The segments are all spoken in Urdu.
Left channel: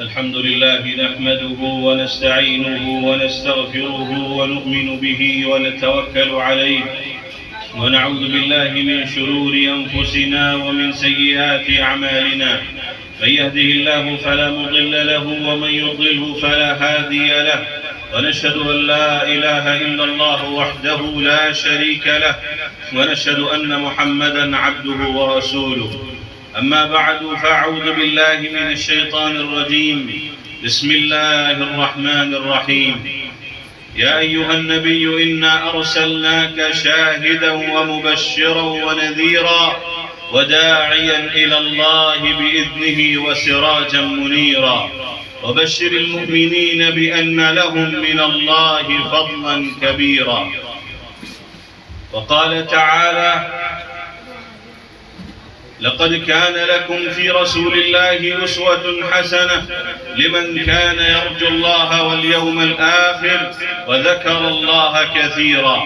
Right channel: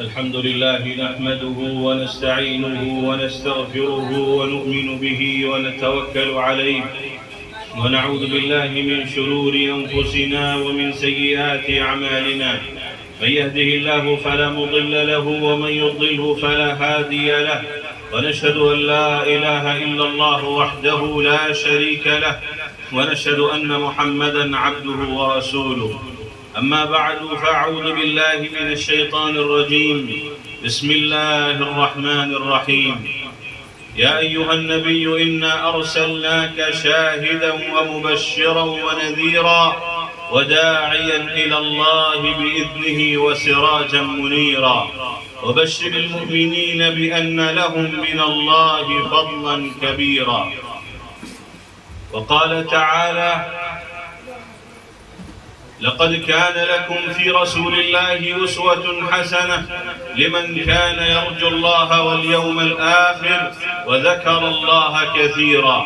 الحمد لله نحمده ونستعينه ونستغفره ونؤمن به ونتوكل عليه ونعوذ بالله من شرور أنفسنا ومن سيئات أعمالنا. من يهده الله فلا مضل له ومن يضلله فلا هادي له، ونشهد أن لا إله إلا الله وحده لا شريك له، ونشهد أن محمدا عبده ورسوله. أما بعد فأعوذ بالله من الشيطان الرجيم. بسم الله الرحمن الرحيم. يا أيها النبي إنا أرسلناك شاهدا ومبشرا ونذيرا وداعيا إلى الله بإذنه وسراجا منيرا وبشر المؤمنين بأن لهم من الله فضلا كبيرا. وقال تعالى: لقد كان لكم في رسول الله أسوة حسنة لمن كان يرجو الله واليوم الآخر وذكر الله كثيرا.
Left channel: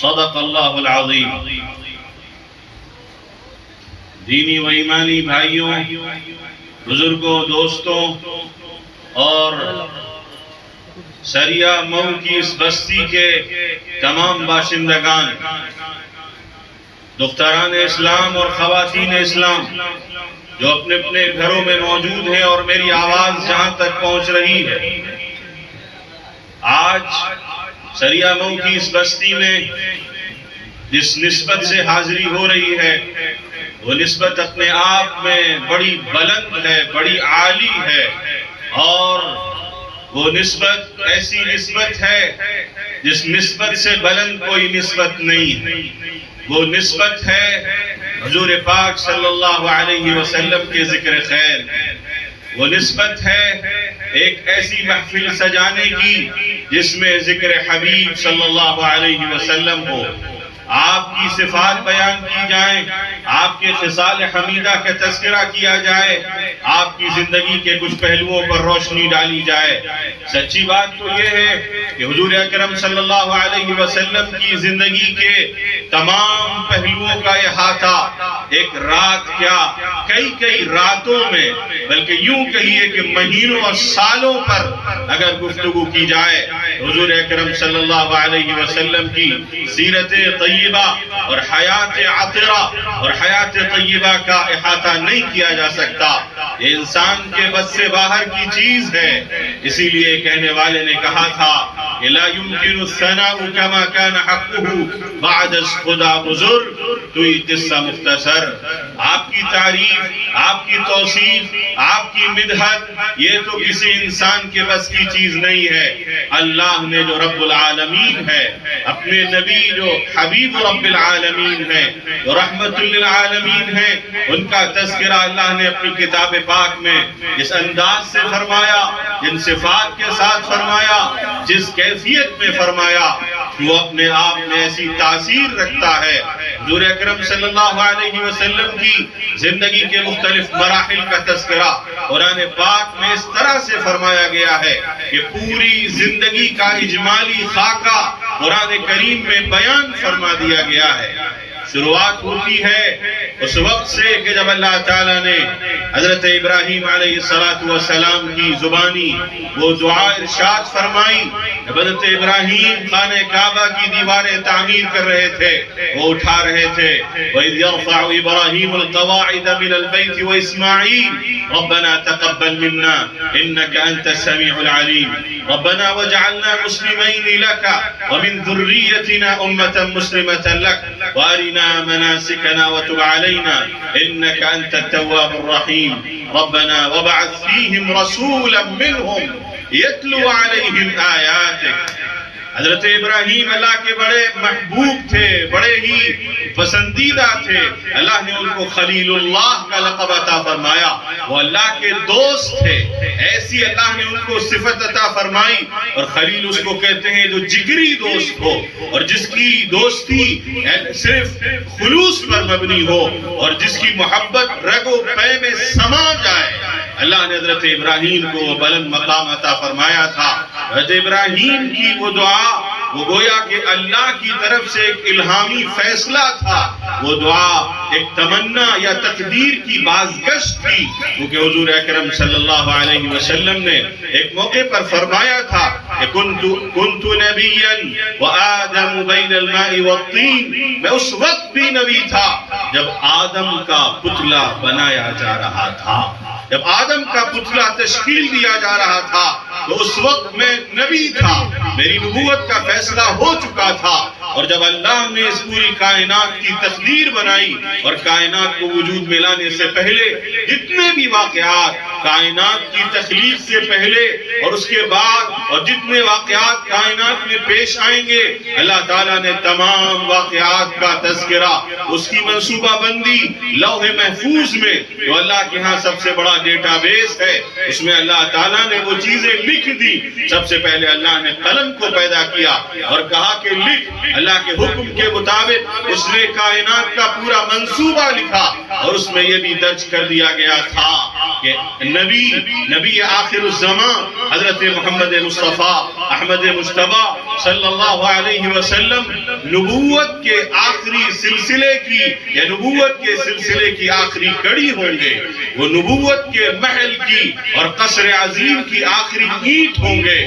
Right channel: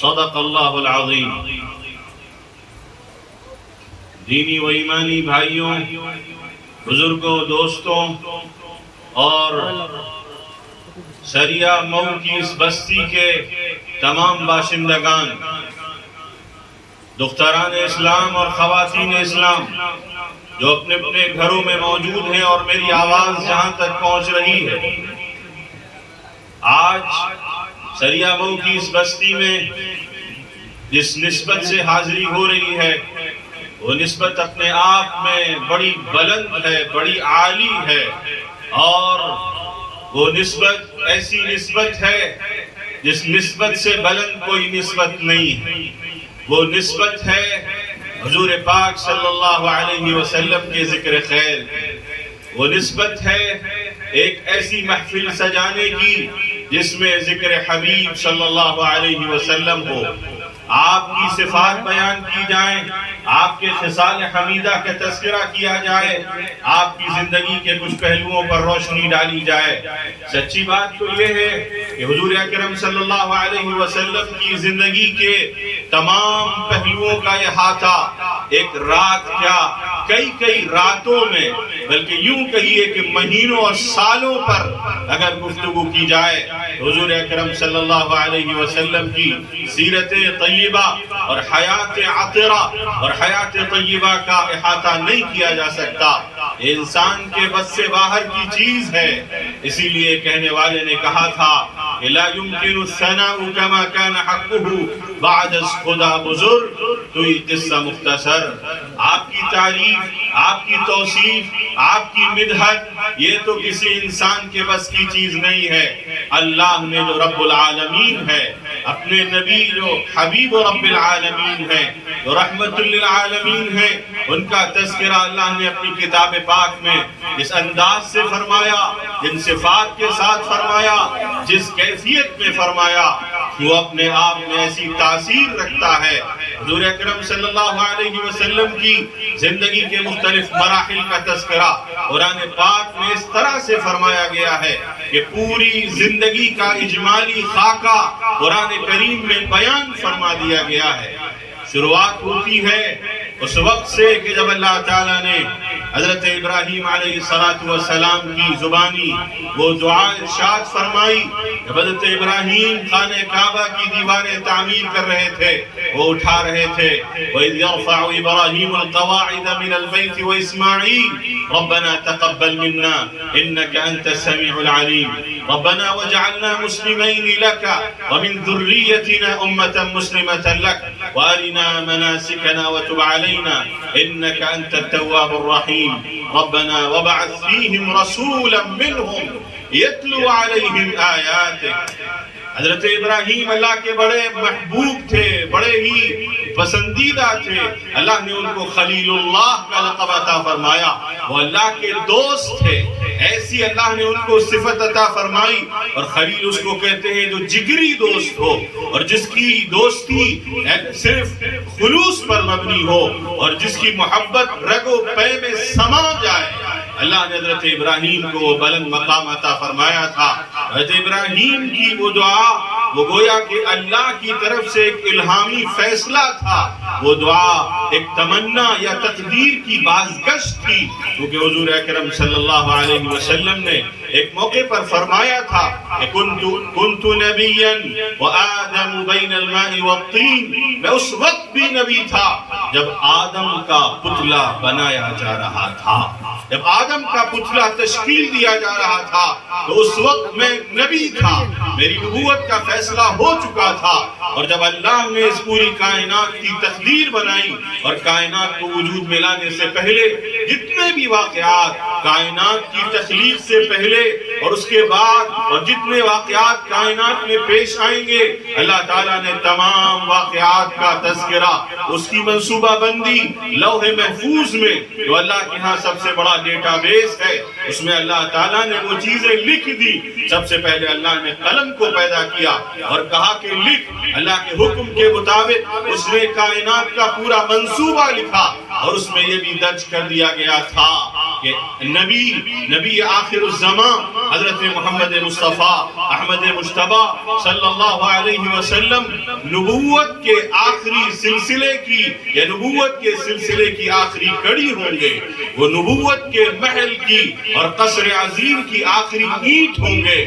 صدق الله العظيم. دینی و ایمانی بھائیوں، بزرگوں، دوستوں اور سریہ مئو کی اس بستی کے تمام باشندگان، دختران اسلام اور خواتین اسلام جو اپنے اپنے گھروں میں موجود ہیں اور میری آواز جہاں تک پہنچ رہی ہے، آج سریہ مئو کی اس بستی میں جس نسبت سے حاضری ہو رہی ہے وہ نسبت اپنے آپ میں بڑی بلند ہے، بڑی عالی ہے، اور وہ نسبت ایسی نسبت ہے جس نسبت سے بلند کوئی نسبت نہیں ہے۔ وہ نسبت ہے حضور پاک صلی اللہ علیہ وسلم کے ذکر خیر۔ وہ نسبت ہے ایک ایسی محفل سجانے کی جس میں ذکر حبیب صلی اللہ علیہ وسلم ہو، آپ کی صفات بیان کی جائیں، آپ کے خصال حمیدہ کا تذکرہ کیا جائے، آپ کی زندگی کے کچھ پہلوؤں پر روشنی ڈالی جائے۔ سچی بات تو یہ ہے کہ حضور اکرم صلی اللہ علیہ وسلم کی زندگی کے تمام پہلوؤں کا احاطہ ایک رات کیا، کئی راتوں میں، بلکہ یوں کہیے کہ مہینوں اور سالوں پر اگر گفتگو کی جائے، حضور اکرم صلی اللہ علیہ وسلم کی سیرت طیبہ اور حیات عطرہ اور حیات طیبہ کا احاطہ نہیں کیا جا سکتا۔ یہ انسان کے بس سے باہر کی چیز ہے۔ اسی لیے کہنے والے نے کہا تھا کہ لا يمكن الثناء كما كان حقه بعد خدا بزرگ توئی قصہ مختصر۔ آپ کی تعریف، آپ کی توصیف، آپ کی مدحت یہ تو کسی انسان کے بس کی چیز نہیں ہے۔ اللہ نے جو رب العالمین ہے، اپنے نبی جو حبیب رب العالمین ہے، جو رحمت للعالمین ہے، ان کا تذکرہ اللہ نے اپنی کتاب پاک میں جس انداز سے فرمایا، جن صفات کے ساتھ فرمایا، جس کیفیت میں فرمایا، وہ اپنے آپ میں ایسی تاثیر رکھتا ہے۔ حضور اکرم صلی اللہ علیہ وسلم کی زندگی کے مختلف مراحل کا تذکرہ قرآن پاک میں اس طرح سے فرمایا گیا ہے کہ پوری زندگی کا اجمالی خاکہ قرآن کریم میں بیان فرما دیا گیا ہے۔ شروعات ہوتی ہے اس وقت سے کہ جب اللہ تعالیٰ نے حضرت ابراہیم علیہ السلام کی زبانی وہ دعا ارشاد فرمائی۔ جب حضرت ابراہیم خانہ کعبہ کی دیواریں تعمیر کر رہے تھے، وہ اٹھا رہے تھے، وَإِذْ يَرْفَعُ إِبْرَاهِيمُ الْقَوَاعِدَ مِنَ الْبَيْتِ وَإِسْمَاعِيلُ رَبَّنَا تَقَبَّلْ مِنَّا إِنَّكَ أَنْتَ السَّمِيعُ الْعَلِيمُ رَبَّنَا وَاجْعَلْنَا مُسْلِمَيْنِ لَكَ وَمِنْ ذُرِّيَّتِنَا أُمَّةً مُسْلِمَةً لَكَ وَأَرِنَا مَنَاسِكَنَا وَتُبْ عَلَيْنَا إِنَّكَ أَنْتَ التَّوَّابُ الرَّحِيمُ رَبَّنَا وَابْعَثْ فِيهِمْ رَسُولًا مِّنْهُمْ يَتْلُو عَلَيْهِمْ آيَاتِكَ۔ حضرت ابراہیم اللہ کے بڑے محبوب تھے، بڑے ہی پسندیدہ تھے۔ اللہ نے ان کو خلیل اللہ کا لقب عطا فرمایا، وہ اللہ کے دوست تھے۔ ایسی اللہ نے ان کو صفت عطا فرمائی، اور خلیل اس کو کہتے ہیں جو جگری دوست ہو، اور جس کی دوستی صرف خلوص پر مبنی ہو، اور جس کی محبت رگ و پے میں سما جائے۔ اللہ نے حضرت ابراہیم کو بلند مقام عطا فرمایا تھا۔ حضرت ابراہیم کی وہ دعا وہ گویا کہ اللہ کی طرف سے ایک الہامی فیصلہ تھا، وہ دعا ایک تمنا یا تقدیر کی بازگشت تھی، کیونکہ حضور اکرم صلی اللہ علیہ وسلم نے ایک موقع پر فرمایا تھا کہ کنت نبیا وآدم بین الماء والطین، میں اس وقت بھی نبی تھا جب آدم کا پتلا بنایا جا رہا تھا، جب آدم کا پتلا تشکیل دیا جا رہا تھا تو اس وقت میں نبی تھا، میری نبوت کا فیصلہ ہو چکا تھا۔ اور جب اللہ نے اس پوری کائنات کی تقدیر بنائی اور کائنات کو وجود میں لانے سے پہلے جتنے بھی واقعات کائنات کی تخلیق سے پہلے اور اس کے بعد اور جتنے واقعات کائنات میں پیش آئیں گے، اللہ تعالیٰ نے تمام واقعات کا تذکرہ، اس کی منصوبہ بندی لوح محفوظ میں جو اللہ کے ہاں سب سے بڑا ڈیٹا بیس ہے، اس میں اللہ تعالیٰ نے وہ چیزیں لکھ دی۔ سب سے پہلے اللہ نے قلم کو پیدا کیا اور کہا کہ لکھ، اللہ کے حکم کے مطابق اس نے کائنات کا پورا منصوبہ لکھا اور اس میں یہ بھی درج کر دیا گیا تھا کہ نبی آخر الزمان حضرت محمد مصطفیٰ احمد مجتبیٰ صلی اللہ علیہ وسلم نبوت کے آخری سلسلے کی یا نبوت کے سلسلے کی آخری کڑی ہوں گے، وہ نبوت کے محل کی اور قصر عظیم کی آخری اینٹ ہوں گے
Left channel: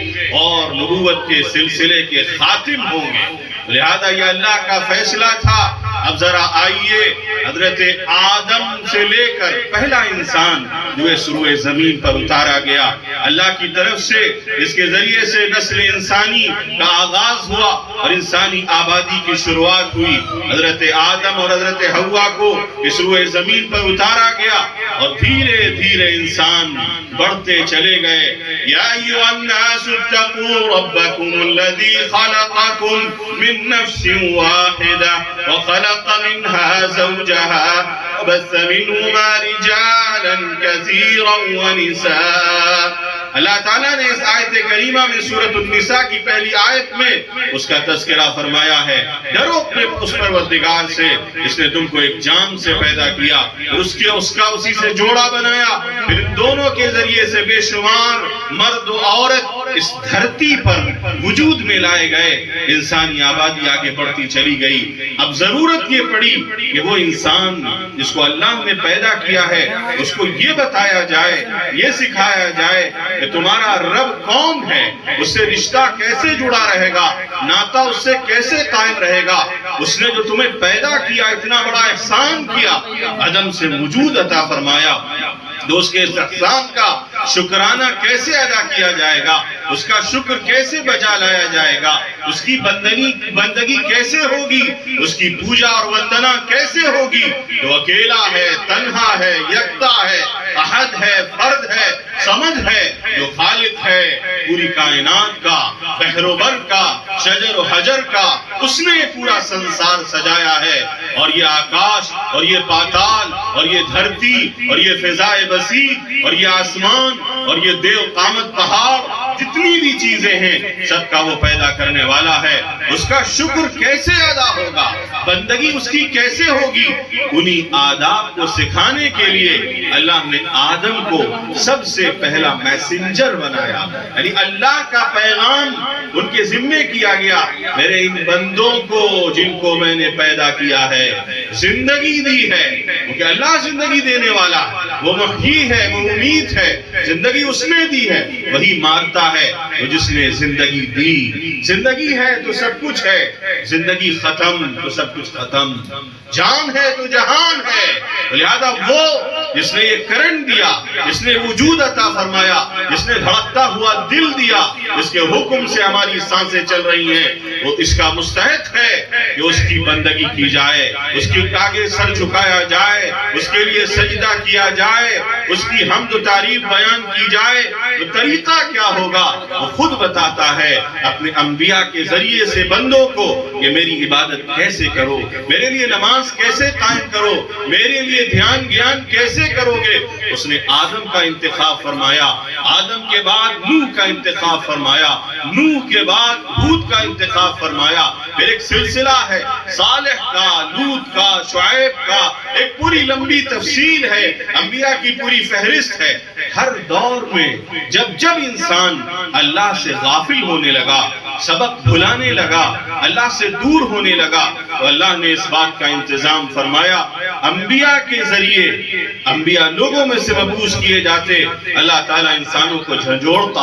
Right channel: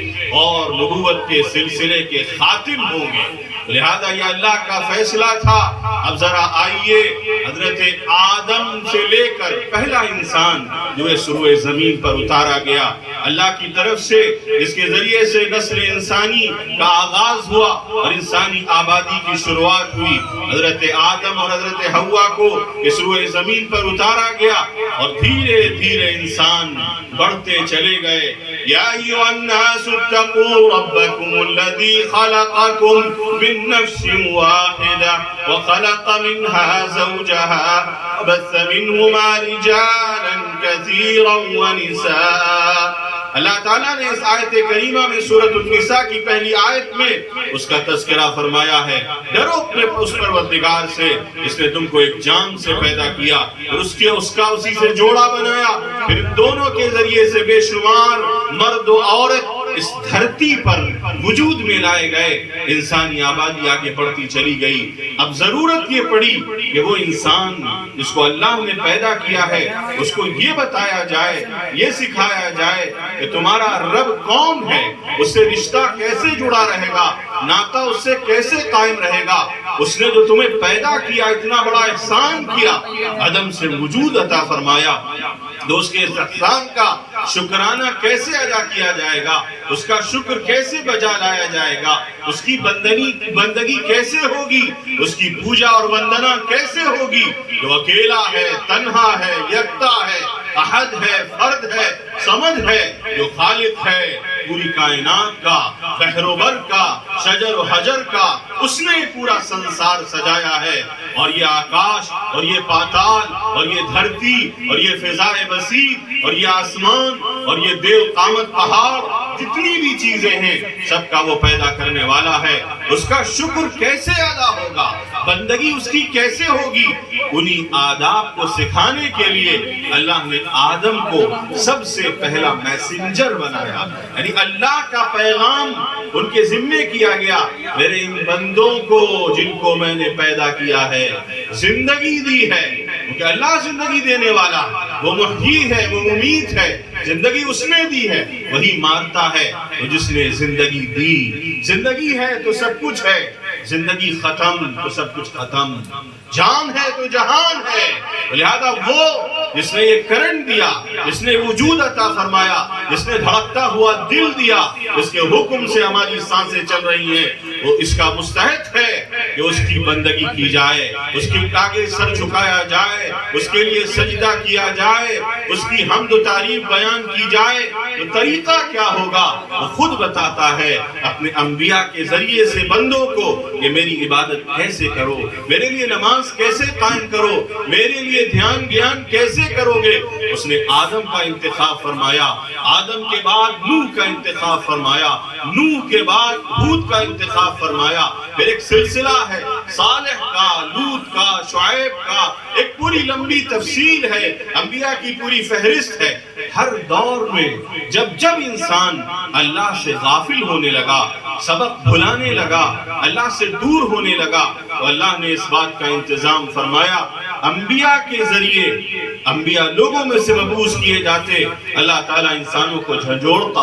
اور نبوت کے سلسلے کے خاتم ہوں گے۔ لہذا یہ اللہ کا فیصلہ تھا۔ اب ذرا آئیے، حضرت آدم سے لے کر پہلا انسان جو اس روئے زمین پر اتارا گیا اللہ کی طرف سے، جس کے ذریعے سے نسل انسانی کا آغاز ہوا اور انسانی آبادی کی شروعات ہوئی، حضرت آدم اور حضرت حوا کو اس روئے زمین پر اتارا گیا اور دھیرے دھیرے انسان بڑھتے چلے گئے۔ یا ایھا الناس اتقوا ربکم الذی خلقکم من نفس واحدہ وخلق منها زوجها وبث منهما رجالا كثيرا ونساء۔ اللہ تعالیٰ نے اس آیت کریمہ میں سورۃ النساء کی پہلی آیت میں اس کا تذکرہ فرمایا ہے، ڈرو اپنے اس پروردگار سے جس نے تم کو ایک جان سے پیدا کیا اور اس کا اسی سے جوڑا بنایا، پھر دونوں کے ذریعے سے بے شمار مرد و عورت اس دھرتی پر وجود میں لائے گئے، انسانی آبادی آگے بڑھتی چلی گئی۔ اب ضرورت یہ پڑی کہ وہ انسان جس کو اللہ نے پیدا کیا ہے اس کو یہ بتایا جائے، یہ سکھایا جائے کہ تمہارا رب کون ہے، اس سے رشتہ کیسے جڑا رہے گا، ناطہ اس سے کیسے قائم رہے گا، اس نے جو تمہیں پیدا کیا، اتنا بڑا احسان کیا، عدم سے وجود عطا فرمایا، تو اس کے احسان کا شکرانہ کیسے ادا کیا جائے گا، اس کا شکر کیسے بجا لایا جائے گا، اس کی بندگی کیسے ہوگی، اس کی پوجا اور وندنا کیسے ہوگی، جو اکیلا ہے، تنہا ہے، یکتا ہے، احد ہے، فرد ہے، سمد ہے، جو خالق ہے پوری کائنات کا، بحر و بر کا، شجر و حجر کا، اس نے پورا سنسار سجایا ہے، اور یہ آکاش اور یہ پاتال اور یہ دھرتی اور یہ فضائے وسیع اور یہ آسمان اور یہ دیو قامت پہاڑ، جتنی بھی چیزیں ہیں سب کا وہ پیدا کرنے والا ہے، اس کا شکر کیسے ادا ہوگا، بندگی اس کی کیسے ہوگی، انہی آداب کو سکھانے کے لیے اللہ نے آدم کو سب سے پہلا میسنجر بنایا، یعنی اللہ کا پیغام ان کے ذمے کیا گیا، میرے ان بندوں کو جن کو میں نے پیدا کیا ہے، زندگی دی ہے، کیونکہ اللہ زندگی دینے والا، وہ محیی ہے، وہ ممیت ہے، زندگی اس نے دی ہے، وہی مارتا ہے وہ جس نے زندگی دی، زندگی ہے تو سب کچھ ہے، زندگی ختم تو سب کچھ ختم، جان ہے تو جہان ہے، لہذا وہ جس نے یہ کرنٹ دیا، جس نے وجود عطا فرمایا، جس نے دھڑکتا ہوا دل دیا، جس کے حکم سے ہماری سانسیں چل رہی ہیں، وہ اس کا مستحق ہے کہ اس کی بندگی کی جائے، اس کے آگے سر جھکایا جائے، اس کے لیے سجدہ کیا جائے، اس کی حمد و تعریف بیان کی جائے، تو طریقہ کیا ہوگا وہ خود بتاتا ہے اپنے انبیاء کے ذریعے سے بندوں کو کہ میری عبادت کیسے کرو، میرے لیے نماز کیسے قائم کرو، میرے لیے دھیان گیان کیسے کیسے کرو گے؟ اس نے آدم کا انتخاب فرمایا، آدم کے بعد نوح کا انتخاب فرمایا، نوح کے بعد ہود کا انتخاب فرمایا، پھر ایک سلسلہ ہے صالح کا، لوط کا، شعیب کا، ایک پوری لمبی تفصیل ہے، انبیاء کی پوری فہرست ہے۔ ہر دور میں جب انسان اللہ سے غافل ہونے لگا، سبق بھلانے لگا، اللہ سے دور ہونے لگا، تو اللہ نے اس بات کا انتظام فرمایا، انبیاء کے ذریعے، انبیاء لوگوں میں سے مبعوث کیے جاتے، اللہ تعالیٰ انسانوں کو جھنجھوڑتا،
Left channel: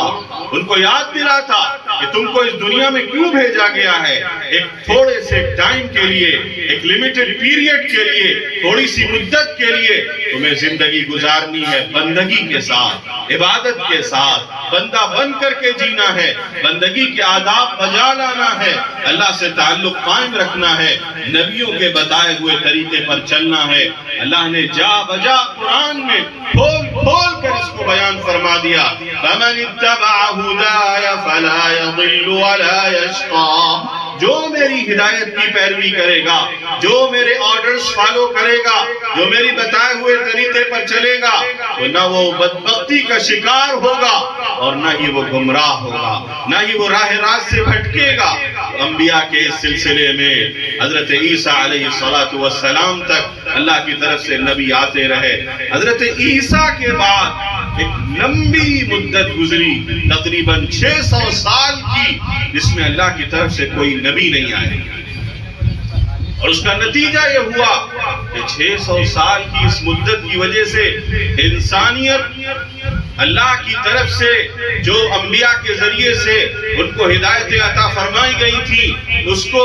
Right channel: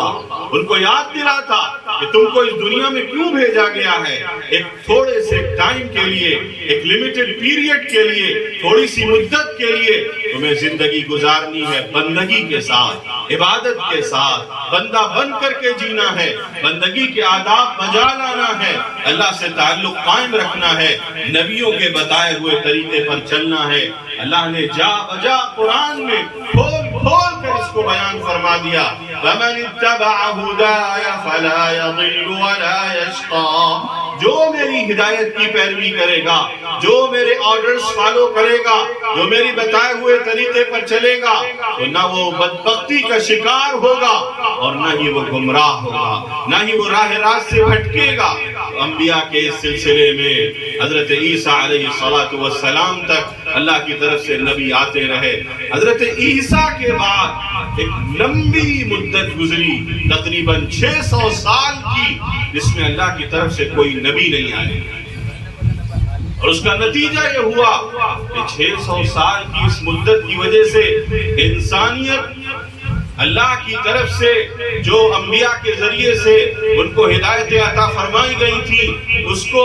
ان کو یاد دلاتا کہ تم کو اس دنیا میں کیوں بھیجا گیا ہے؟ ایک تھوڑے سے ٹائم کے لیے، ایک لیمیٹڈ پیریڈ کے لیے، تھوڑی سی مدت کے لیے تمہیں زندگی گزارنی ہے، بندگی کے ساتھ، عبادت کے ساتھ، بندہ بن کر کے جینا ہے، بندگی کے آداب بجا لانا ہے، اللہ سے تعلق قائم رکھنا ہے، نبیوں کے بتائے ہوئے طریقے پر چلنا ہے۔ اللہ نے جا بجا قرآن میں کھول کر اس کو بیان فرما دیا، فَمَنِ اتَّبَعَ هُدَايَ فَلَا يَضِلُّ وَلَا يَشْقَى، جو میری ہدایت کی پیروی کرے گا، جو میرے آرڈرز فالو کرے گا، جو میری بتائے ہوئے طریقے پر چلے گا، تو نہ وہ بدبختی کا شکار ہوگا اور نہ ہی وہ گمراہ ہوگا، نہ ہی وہ راہ راست سے بھٹکے گا۔ انبیاء کے اس سلسلے میں حضرت عیسیٰ علیہ السلام تک اللہ کی طرف سے نبی آتے رہے۔ حضرت عیسیٰ کے بعد ایک لمبی مدت گزری، تقریباً 600 سال کی، جس میں اللہ کی طرف سے کوئی نبی نہیں آئے، اور اس کا نتیجہ یہ ہوا کہ 600 سال کی اس مدت کی وجہ سے انسانیت اللہ کی طرف سے جو انبیاء کے ذریعے سے ان کو ہدایت عطا فرمائی گئی تھی، اس کو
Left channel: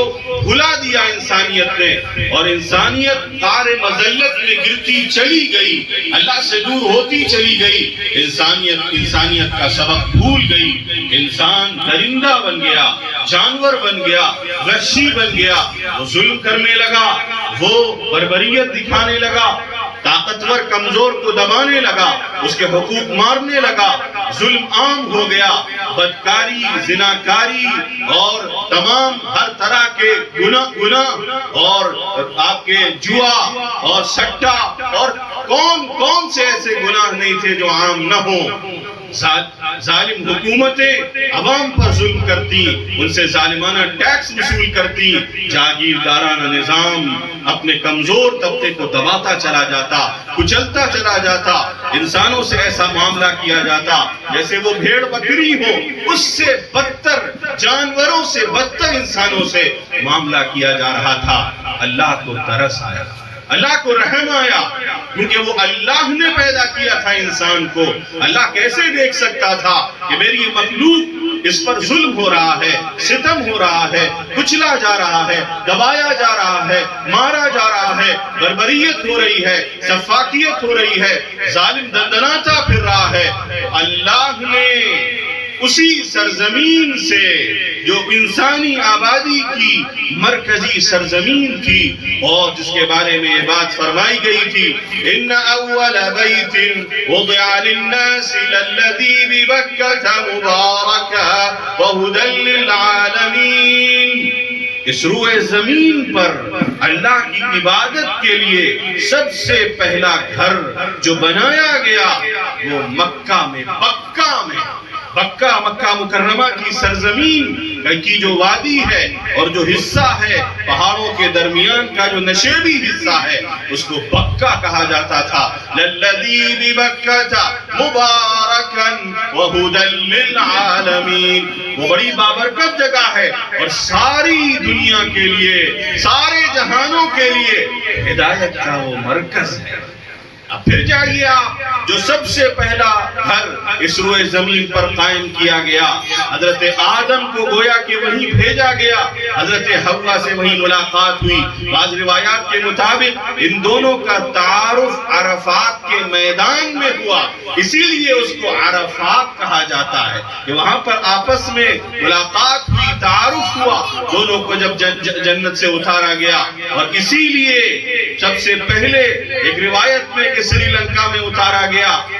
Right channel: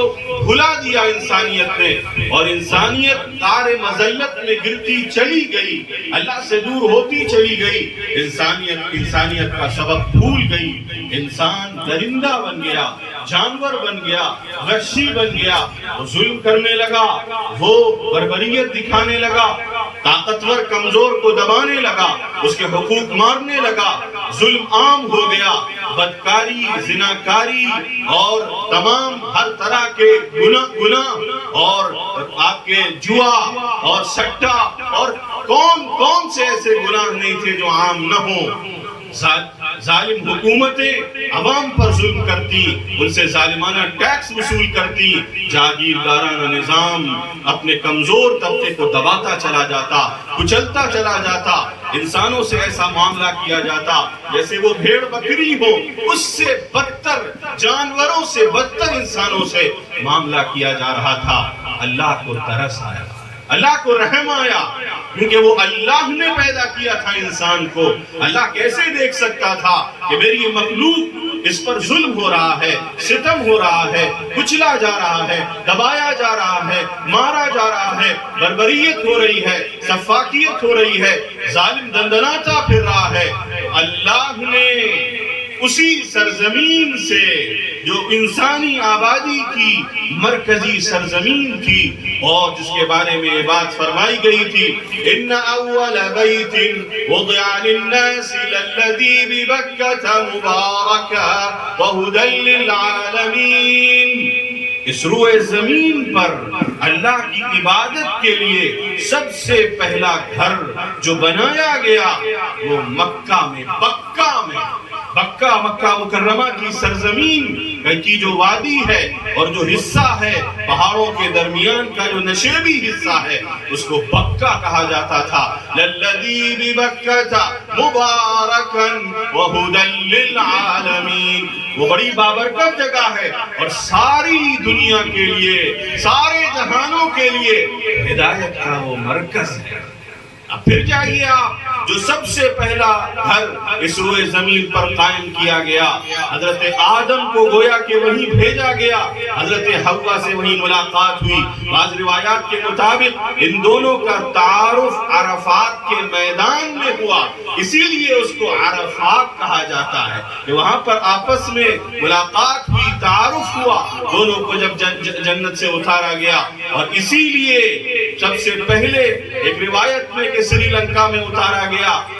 بھلا دیا انسانیت نے، اور انسانیت غار مذلت میں گرتی چلی گئی، اللہ سے دور ہوتی چلی گئی، انسانیت کا سبق بھول گئی، انسان درندہ بن گیا، جانور بن گیا، وحشی بن گیا، وہ ظلم کرنے لگا، وہ بربریت دکھانے لگا، طاقتور کمزور کو دبانے لگا، اس کے حقوق مارنے لگا، ظلم عام ہو گیا، بدکاری، زناکاری اور تمام ہر طرح کے گناہ اور آپ کے جوا اور سٹا اور کون سے ایسے گناہ نہیں تھے جو عام نہ ہوں۔ ظالم حکومتیں عوام پر ظلم کرتی، ان سے ظالمانہ ٹیکس وصول کرتی، جاگیردارانہ نظام اپنے کمزور طبقے کو دباتا چلا جاتا، کچلتا چلا جاتا، انسانوں سے ایسا معاملہ کیا جاتا جیسے وہ بھیڑ بکری ہو، اس سے بدتر، جانوروں سے بدتر انسانوں سے معاملہ کیا جا رہا تھا۔ اللہ کو ترس آیا، اللہ کو رحم آیا، کیونکہ وہ اللہ نے پیدا کیا تھا انسان کو۔ اللہ کیسے دیکھ سکتا تھا کہ میری یہ مخلوق، اس پر ظلم ہو رہا ہے، ستم ہو رہا ہے، کچلا جا رہا ہے، دبایا جا رہا ہے، مارا جا رہا ہے، بربریت ہو رہی ہے، سفاکیت ہو رہی ہے، ظالم دندناتا پھر رہا ہے۔ اللہ نے اسی سرزمین سے جو انسانی آبادی کی مرکزی سرزمین تھی اور جس کے بارے میں یہ بات فرمائی گئی تھی، ان اول بیت وضع للناس للذی ببکۃ مبارکا وہدی للعالمین، اس روئے زمین پر اللہ کی عبادت کے لیے سب سے پہلا گھر جو بنایا گیا وہ مکہ میں، مکہ مکرمہ کی سرزمین کی جو وادی ہے اور جو حصہ ہے پہاڑوں کے درمیان کا جو نشیبی حصہ ہے، اس کو بکہ کہا جاتا تھا۔ للذی ببکۃ مبارکا وہدی للعالمین، وہ بڑی بابرکت جگہ ہے اور ساری دنیا کے لیے، سارے جہانوں کے لیے ہدایت کا وہ مرکز ہے۔ اب پھر جائیے آپ، جو سب سے پہلا گھر اس روئے زمین پر قائم کیا گیا، حضرت آدم کو گویا کہ وہیں بھیجا گیا، حضرت حوا سے وہیں ملاقات ہوئی۔ بعض روایات کے مطابق ان دونوں کا تعارف عرفات کے میدان میں ہوا، اسی لیے اس کو عرفات کہا جاتا ہے کہ وہاں پر آپس میں ملاقات ہوئی، تعارف ہوا، دونوں کو جب جنت سے اتارا گیا، اور اسی لیے سب سے پہلے ایک روایت میں کہ سری لنکا میں اتارا گیا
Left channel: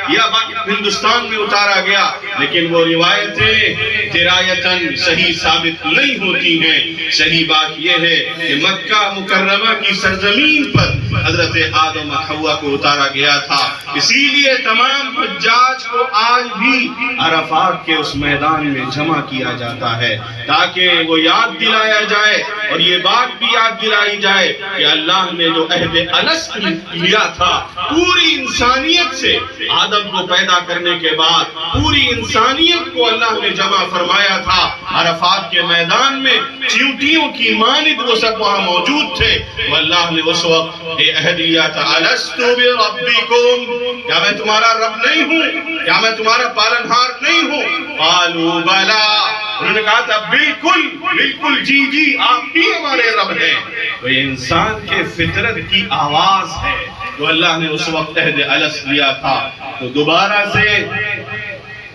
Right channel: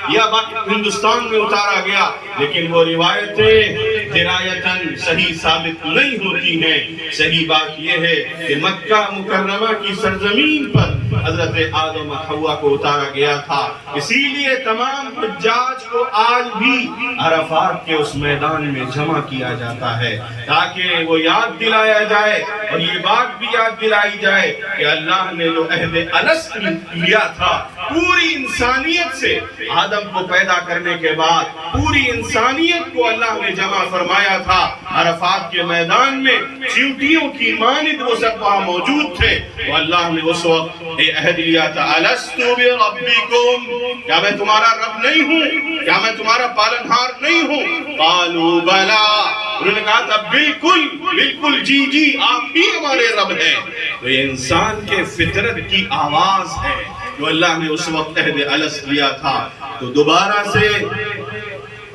یا ہندوستان میں اتارا گیا، لیکن وہ روایتیں درایتاً صحیح ثابت نہیں ہوتی ہیں۔ صحیح بات یہ ہے کہ مکہ مکرمہ کی سرزمین پر حضرت آدم و حوا کو اتارا گیا تھا، اسی لیے تمام حجاج کو آج بھی عرفات کے اس میدان میں جمع کیا جاتا ہے تاکہ وہ یاد دلایا جائے اور یہ بات بھی یاد دلائی جائے کہ اللہ نے جو عہد الست لیا تھا پوری انسانیت سے، آدم کو پیدا کرنے کے بعد پوری انسانیت کو اللہ نے جمع فرمایا تھا عرفات کے میدان میں، چیونٹیوں کی مانند وہ سب وہاں موجود تھے۔ وہ اللہ نے اس وقت یہ عہد لیا تھا، الست بربکم، کیا میں تمہارا رب نہیں ہوں؟ کیا میں تمہارا پالنہار نہیں ہوں؟ قالوا بلا، انہوں نے کہا تھا بالکل بالکل، جی جی آپ ہی ہمارے رب ہیں۔ وہ انسان کے فطرت کی آواز ہے جو اللہ نے اس وقت عہد الست لیا تھا۔ تو دوبارہ سے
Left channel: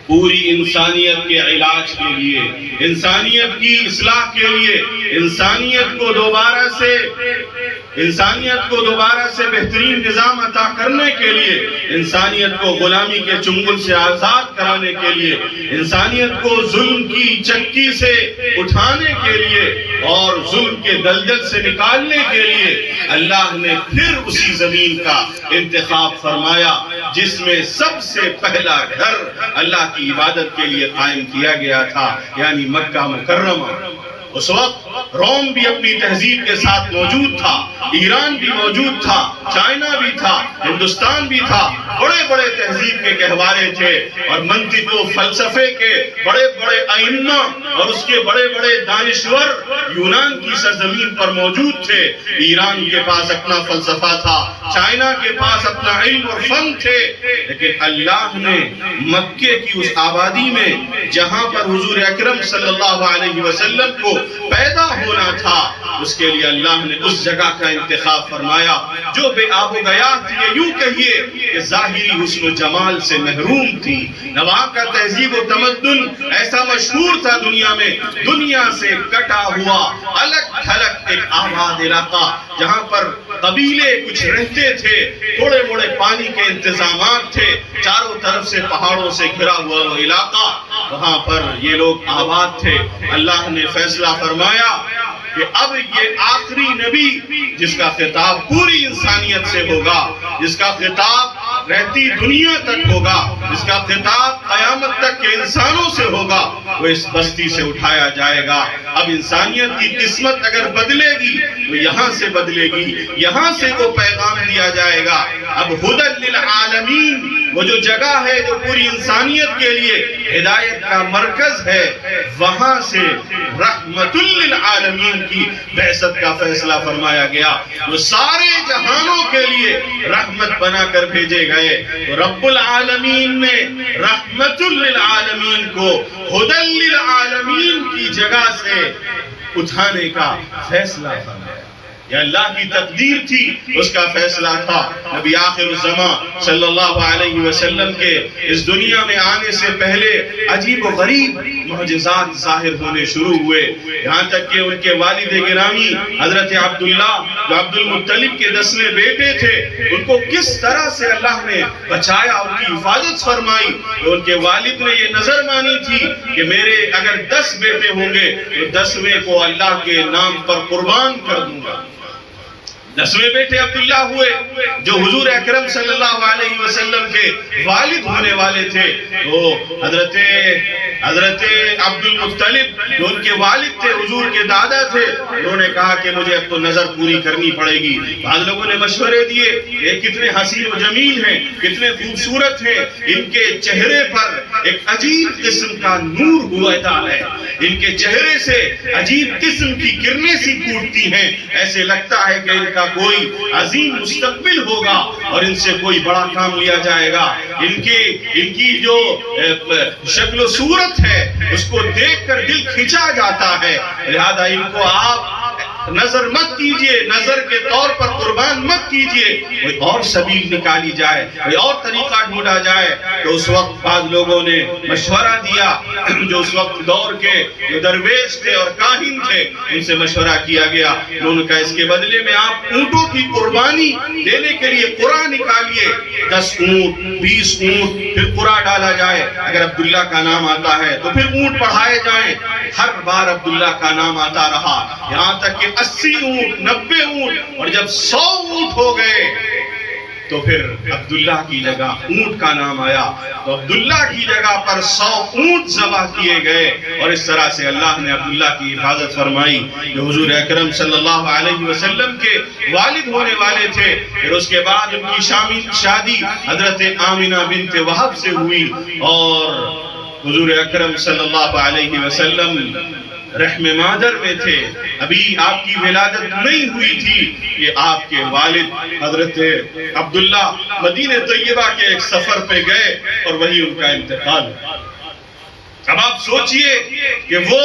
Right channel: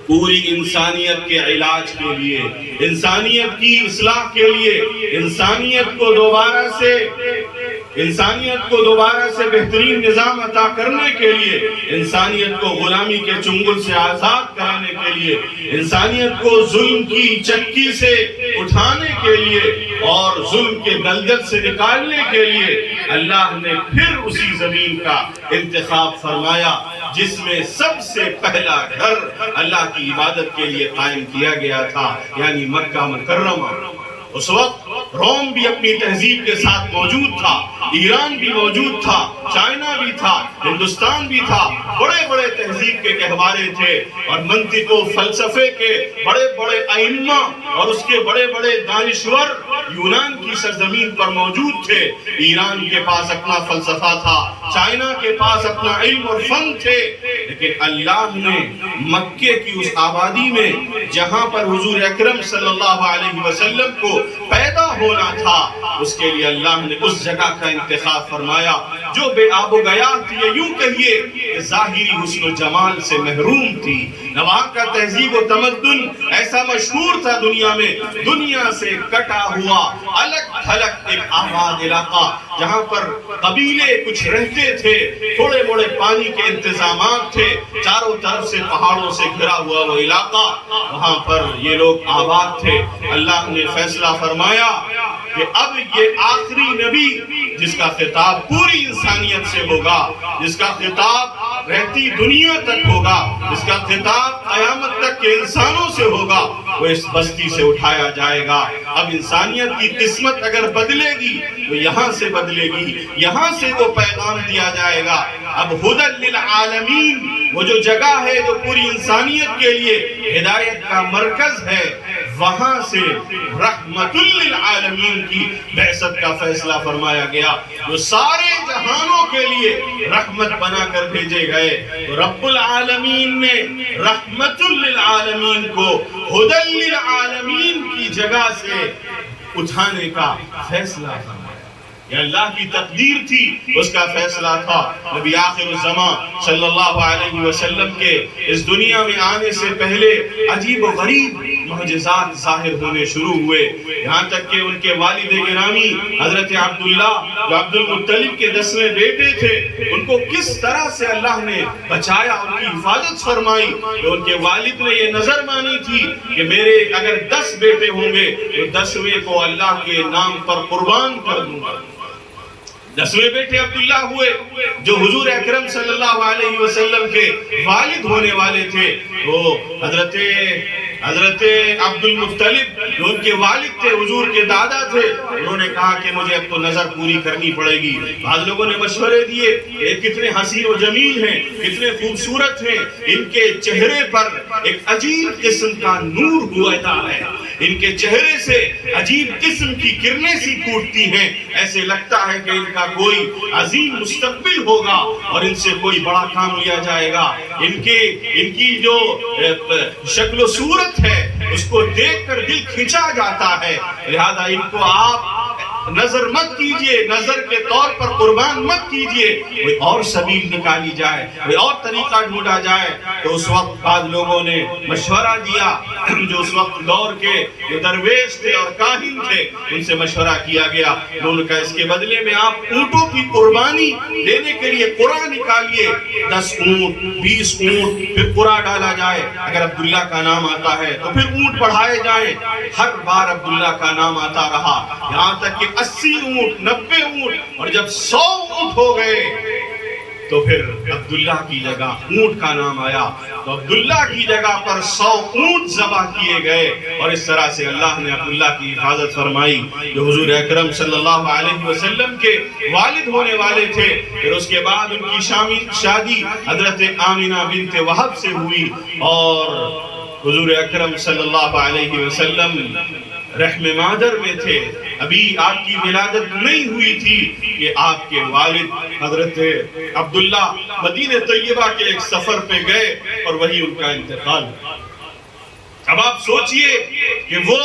پوری انسانیت کے علاج کے لیے، انسانیت کی اصلاح کے لیے، انسانیت کو دوبارہ سے بہترین نظام عطا کرنے کے لیے، انسانیت کو غلامی کے چنگل سے آزاد کرانے کے لیے، انسانیت کو ظلم کی چکی سے اٹھانے کے لیے اور ظلم کے دلدل سے نکالنے کے لیے اللہ نے پھر اسی زمین کا انتخاب فرمایا جس میں سب سے پہلا گھر اللہ کی عبادت کے لیے قائم کیا گیا تھا، یعنی مکہ مکرمہ۔ اس وقت روم بھی اپنی تہذیب کے ساتھ موجود تھا، ایران بھی موجود تھا، چائنا بھی تھا، ہندوستان بھی تھا، بڑے بڑے تہذیب کے گہوارے تھے اور منطق و فلسفے کے بڑے بڑے ائمہ اور اس کے بڑے بڑے دانشور یونان کی سرزمین پر موجود تھے۔ ایران کے پاس اپنا فلسفہ تھا، چائنا کے پاس اپنا علم اور فن تھے، لیکن اللہ نے مکے کی اس آبادی میں جہاں پر حضور اکرم صلی اللہ علیہ وسلم کو پیدا ہونا تھا، اس کے لیے اللہ نے اس جگہ کا انتخاب فرمایا جو بے آب و گیا تھی، یوں کہیے کہ ظاہری حسن و جمال سے محروم تھی۔ وہاں کا تہذیب و تمدن ایسا مشہور تھا دنیا میں، دنیا سے کٹا ہوا الگ تھلگ ایک آباد علاقہ جہاں پر قبیلے کچھ رہتے تھے، تھوڑے موڑے پانی کے انتظامات تھے، چاروں طرف سے پہاڑوں سے گھرا ہوا وہ علاقہ، وہاں پر یہ لوگ آباد تھے۔ اللہ نے فیصلہ فرمایا کہ اب یہ آخری نبی جس کا خطاب پوری انسانیت سے ہوگا، جس کا خطاب رہتی دنیا تک ہوگا، جس کا خطاب قیامت تک کے انسانوں سے ہوگا، وہ اس بستی سے اٹھایا جائے گا۔ اب انسانیت کی قسمت اگر بدلے گی تو یہاں سے بدلے گی، یہاں سے وہ پیغام دیا جائے گا۔ اب ہدی للعالمین، وہ جو جگہ ہے جو پوری انسانیت کے لیے ہدایت کا مرکز ہے، وہاں سے رحمت للعالمین کی بعثت کا فیصلہ فرمایا گیا، جو سارے جہانوں کے لیے رحمت بنا کر بھیجے گئے۔ تو رب العالمین نے رحمت للعالمین کو ہدی للعالمین کی جگہ سے اٹھانے کا فیصلہ فرمایا۔ یہ اللہ کی تقدیر تھی، اس کا فیصلہ تھا۔ نبی آخر الزمان صلی اللہ علیہ وسلم کے اس دنیا میں آنے سے پہلے عجیب و غریب معجزات ظاہر ہونے شروع ہوئے، یہاں تک کہ ان کے والد گرامی حضرت عبداللہ جو عبد المطلب کے 10ویں بیٹے تھے، ان کو کس طرح سے اللہ نے بچایا، ان کی حفاظت فرمائی۔ تو ان کے والد نے یہ نظر مانی تھی کہ میرے اگر 10 بیٹے ہوں گے تو 10ویں کو اللہ کے نام پر قربان کر دوں گا۔ 10ویں بیٹے عبداللہ ہوئے جو حضور اکرم صلی اللہ علیہ وسلم کے والد ہونے والے تھے، وہ حضرت عبد المطلب جو ان کے والد تھے، حضور کے دادا تھے، انہوں نے کہا کہ مجھے اب تو نظر پوری کرنی پڑے گی۔ بعض لوگوں نے مشورے دیے کہ کتنے حسین و جمیل ہیں، کتنے خوبصورت ہیں، ان کے چہرے پر ایک عجیب قسم کا نور ہوتا ہے، ان کے چہرے سے عجیب قسم کی کرنیں سی پھوٹتی ہیں، ایسے لگتا ہے کہ ان کا کوئی عظیم مستقبل ہوگا اور ان سے کوئی بڑا کام لیا جائے گا۔ ان کی جو شکل و صورت ہے اس کو دیکھ کر دل کھنچا جاتا ہے، لہذا ان کو آپ نظر مت کیجئے، نظر کے طور پر قربان مت کیجئے، کوئی اور سبیل نکالی جائے، کوئی اور طریقہ ڈھونڈا جائے۔ تو اس وقت بعض لوگوں نے مشورہ دیا، جو اس وقت دور کے جو درویش تھے اور کاہن تھے، ان سے مشورہ کیا گیا۔ انہوں نے کہا اس کے بدلے میں آپ اونٹوں کی قربانی دینے کے لیے قرعہ نکالیے، 10 اونٹ 20 اونٹ، پھر قرعہ ڈالا جائے، اگر عبداللہ کا نام آتا ہے تو پھر اونٹ بڑھائے جائیں۔ ہر بار عبداللہ کا نام آتا رہا، یہاں تک کہ 80 اونٹ 90 اونٹ، اور جب 100 اونٹ ہو گئے تو پھر عبداللہ کی جگہ اونٹ کا نام آیا، تو عبداللہ کی جگہ پر 100 اونٹ ذبح کیے گئے، اور اس طرح سے اللہ نے عبداللہ کی حفاظت فرمائی جو حضور اکرم صلی اللہ علیہ وسلم کے والد ہونے والے تھے۔ پھر اس کے بعد ان کی شادی حضرت آمنہ بنت وہب سے ہوئی، اور حضور اکرم صلی اللہ علیہ وسلم رحم مادر میں تھے، ابھی آپ کی ولادت نہیں ہوئی تھی کہ آپ کے والد حضرت عبداللہ مدینہ طیبہ کے ایک سفر پہ گئے اور وہی ان کا انتقال۔ اب آپ سوچئے کہ وہ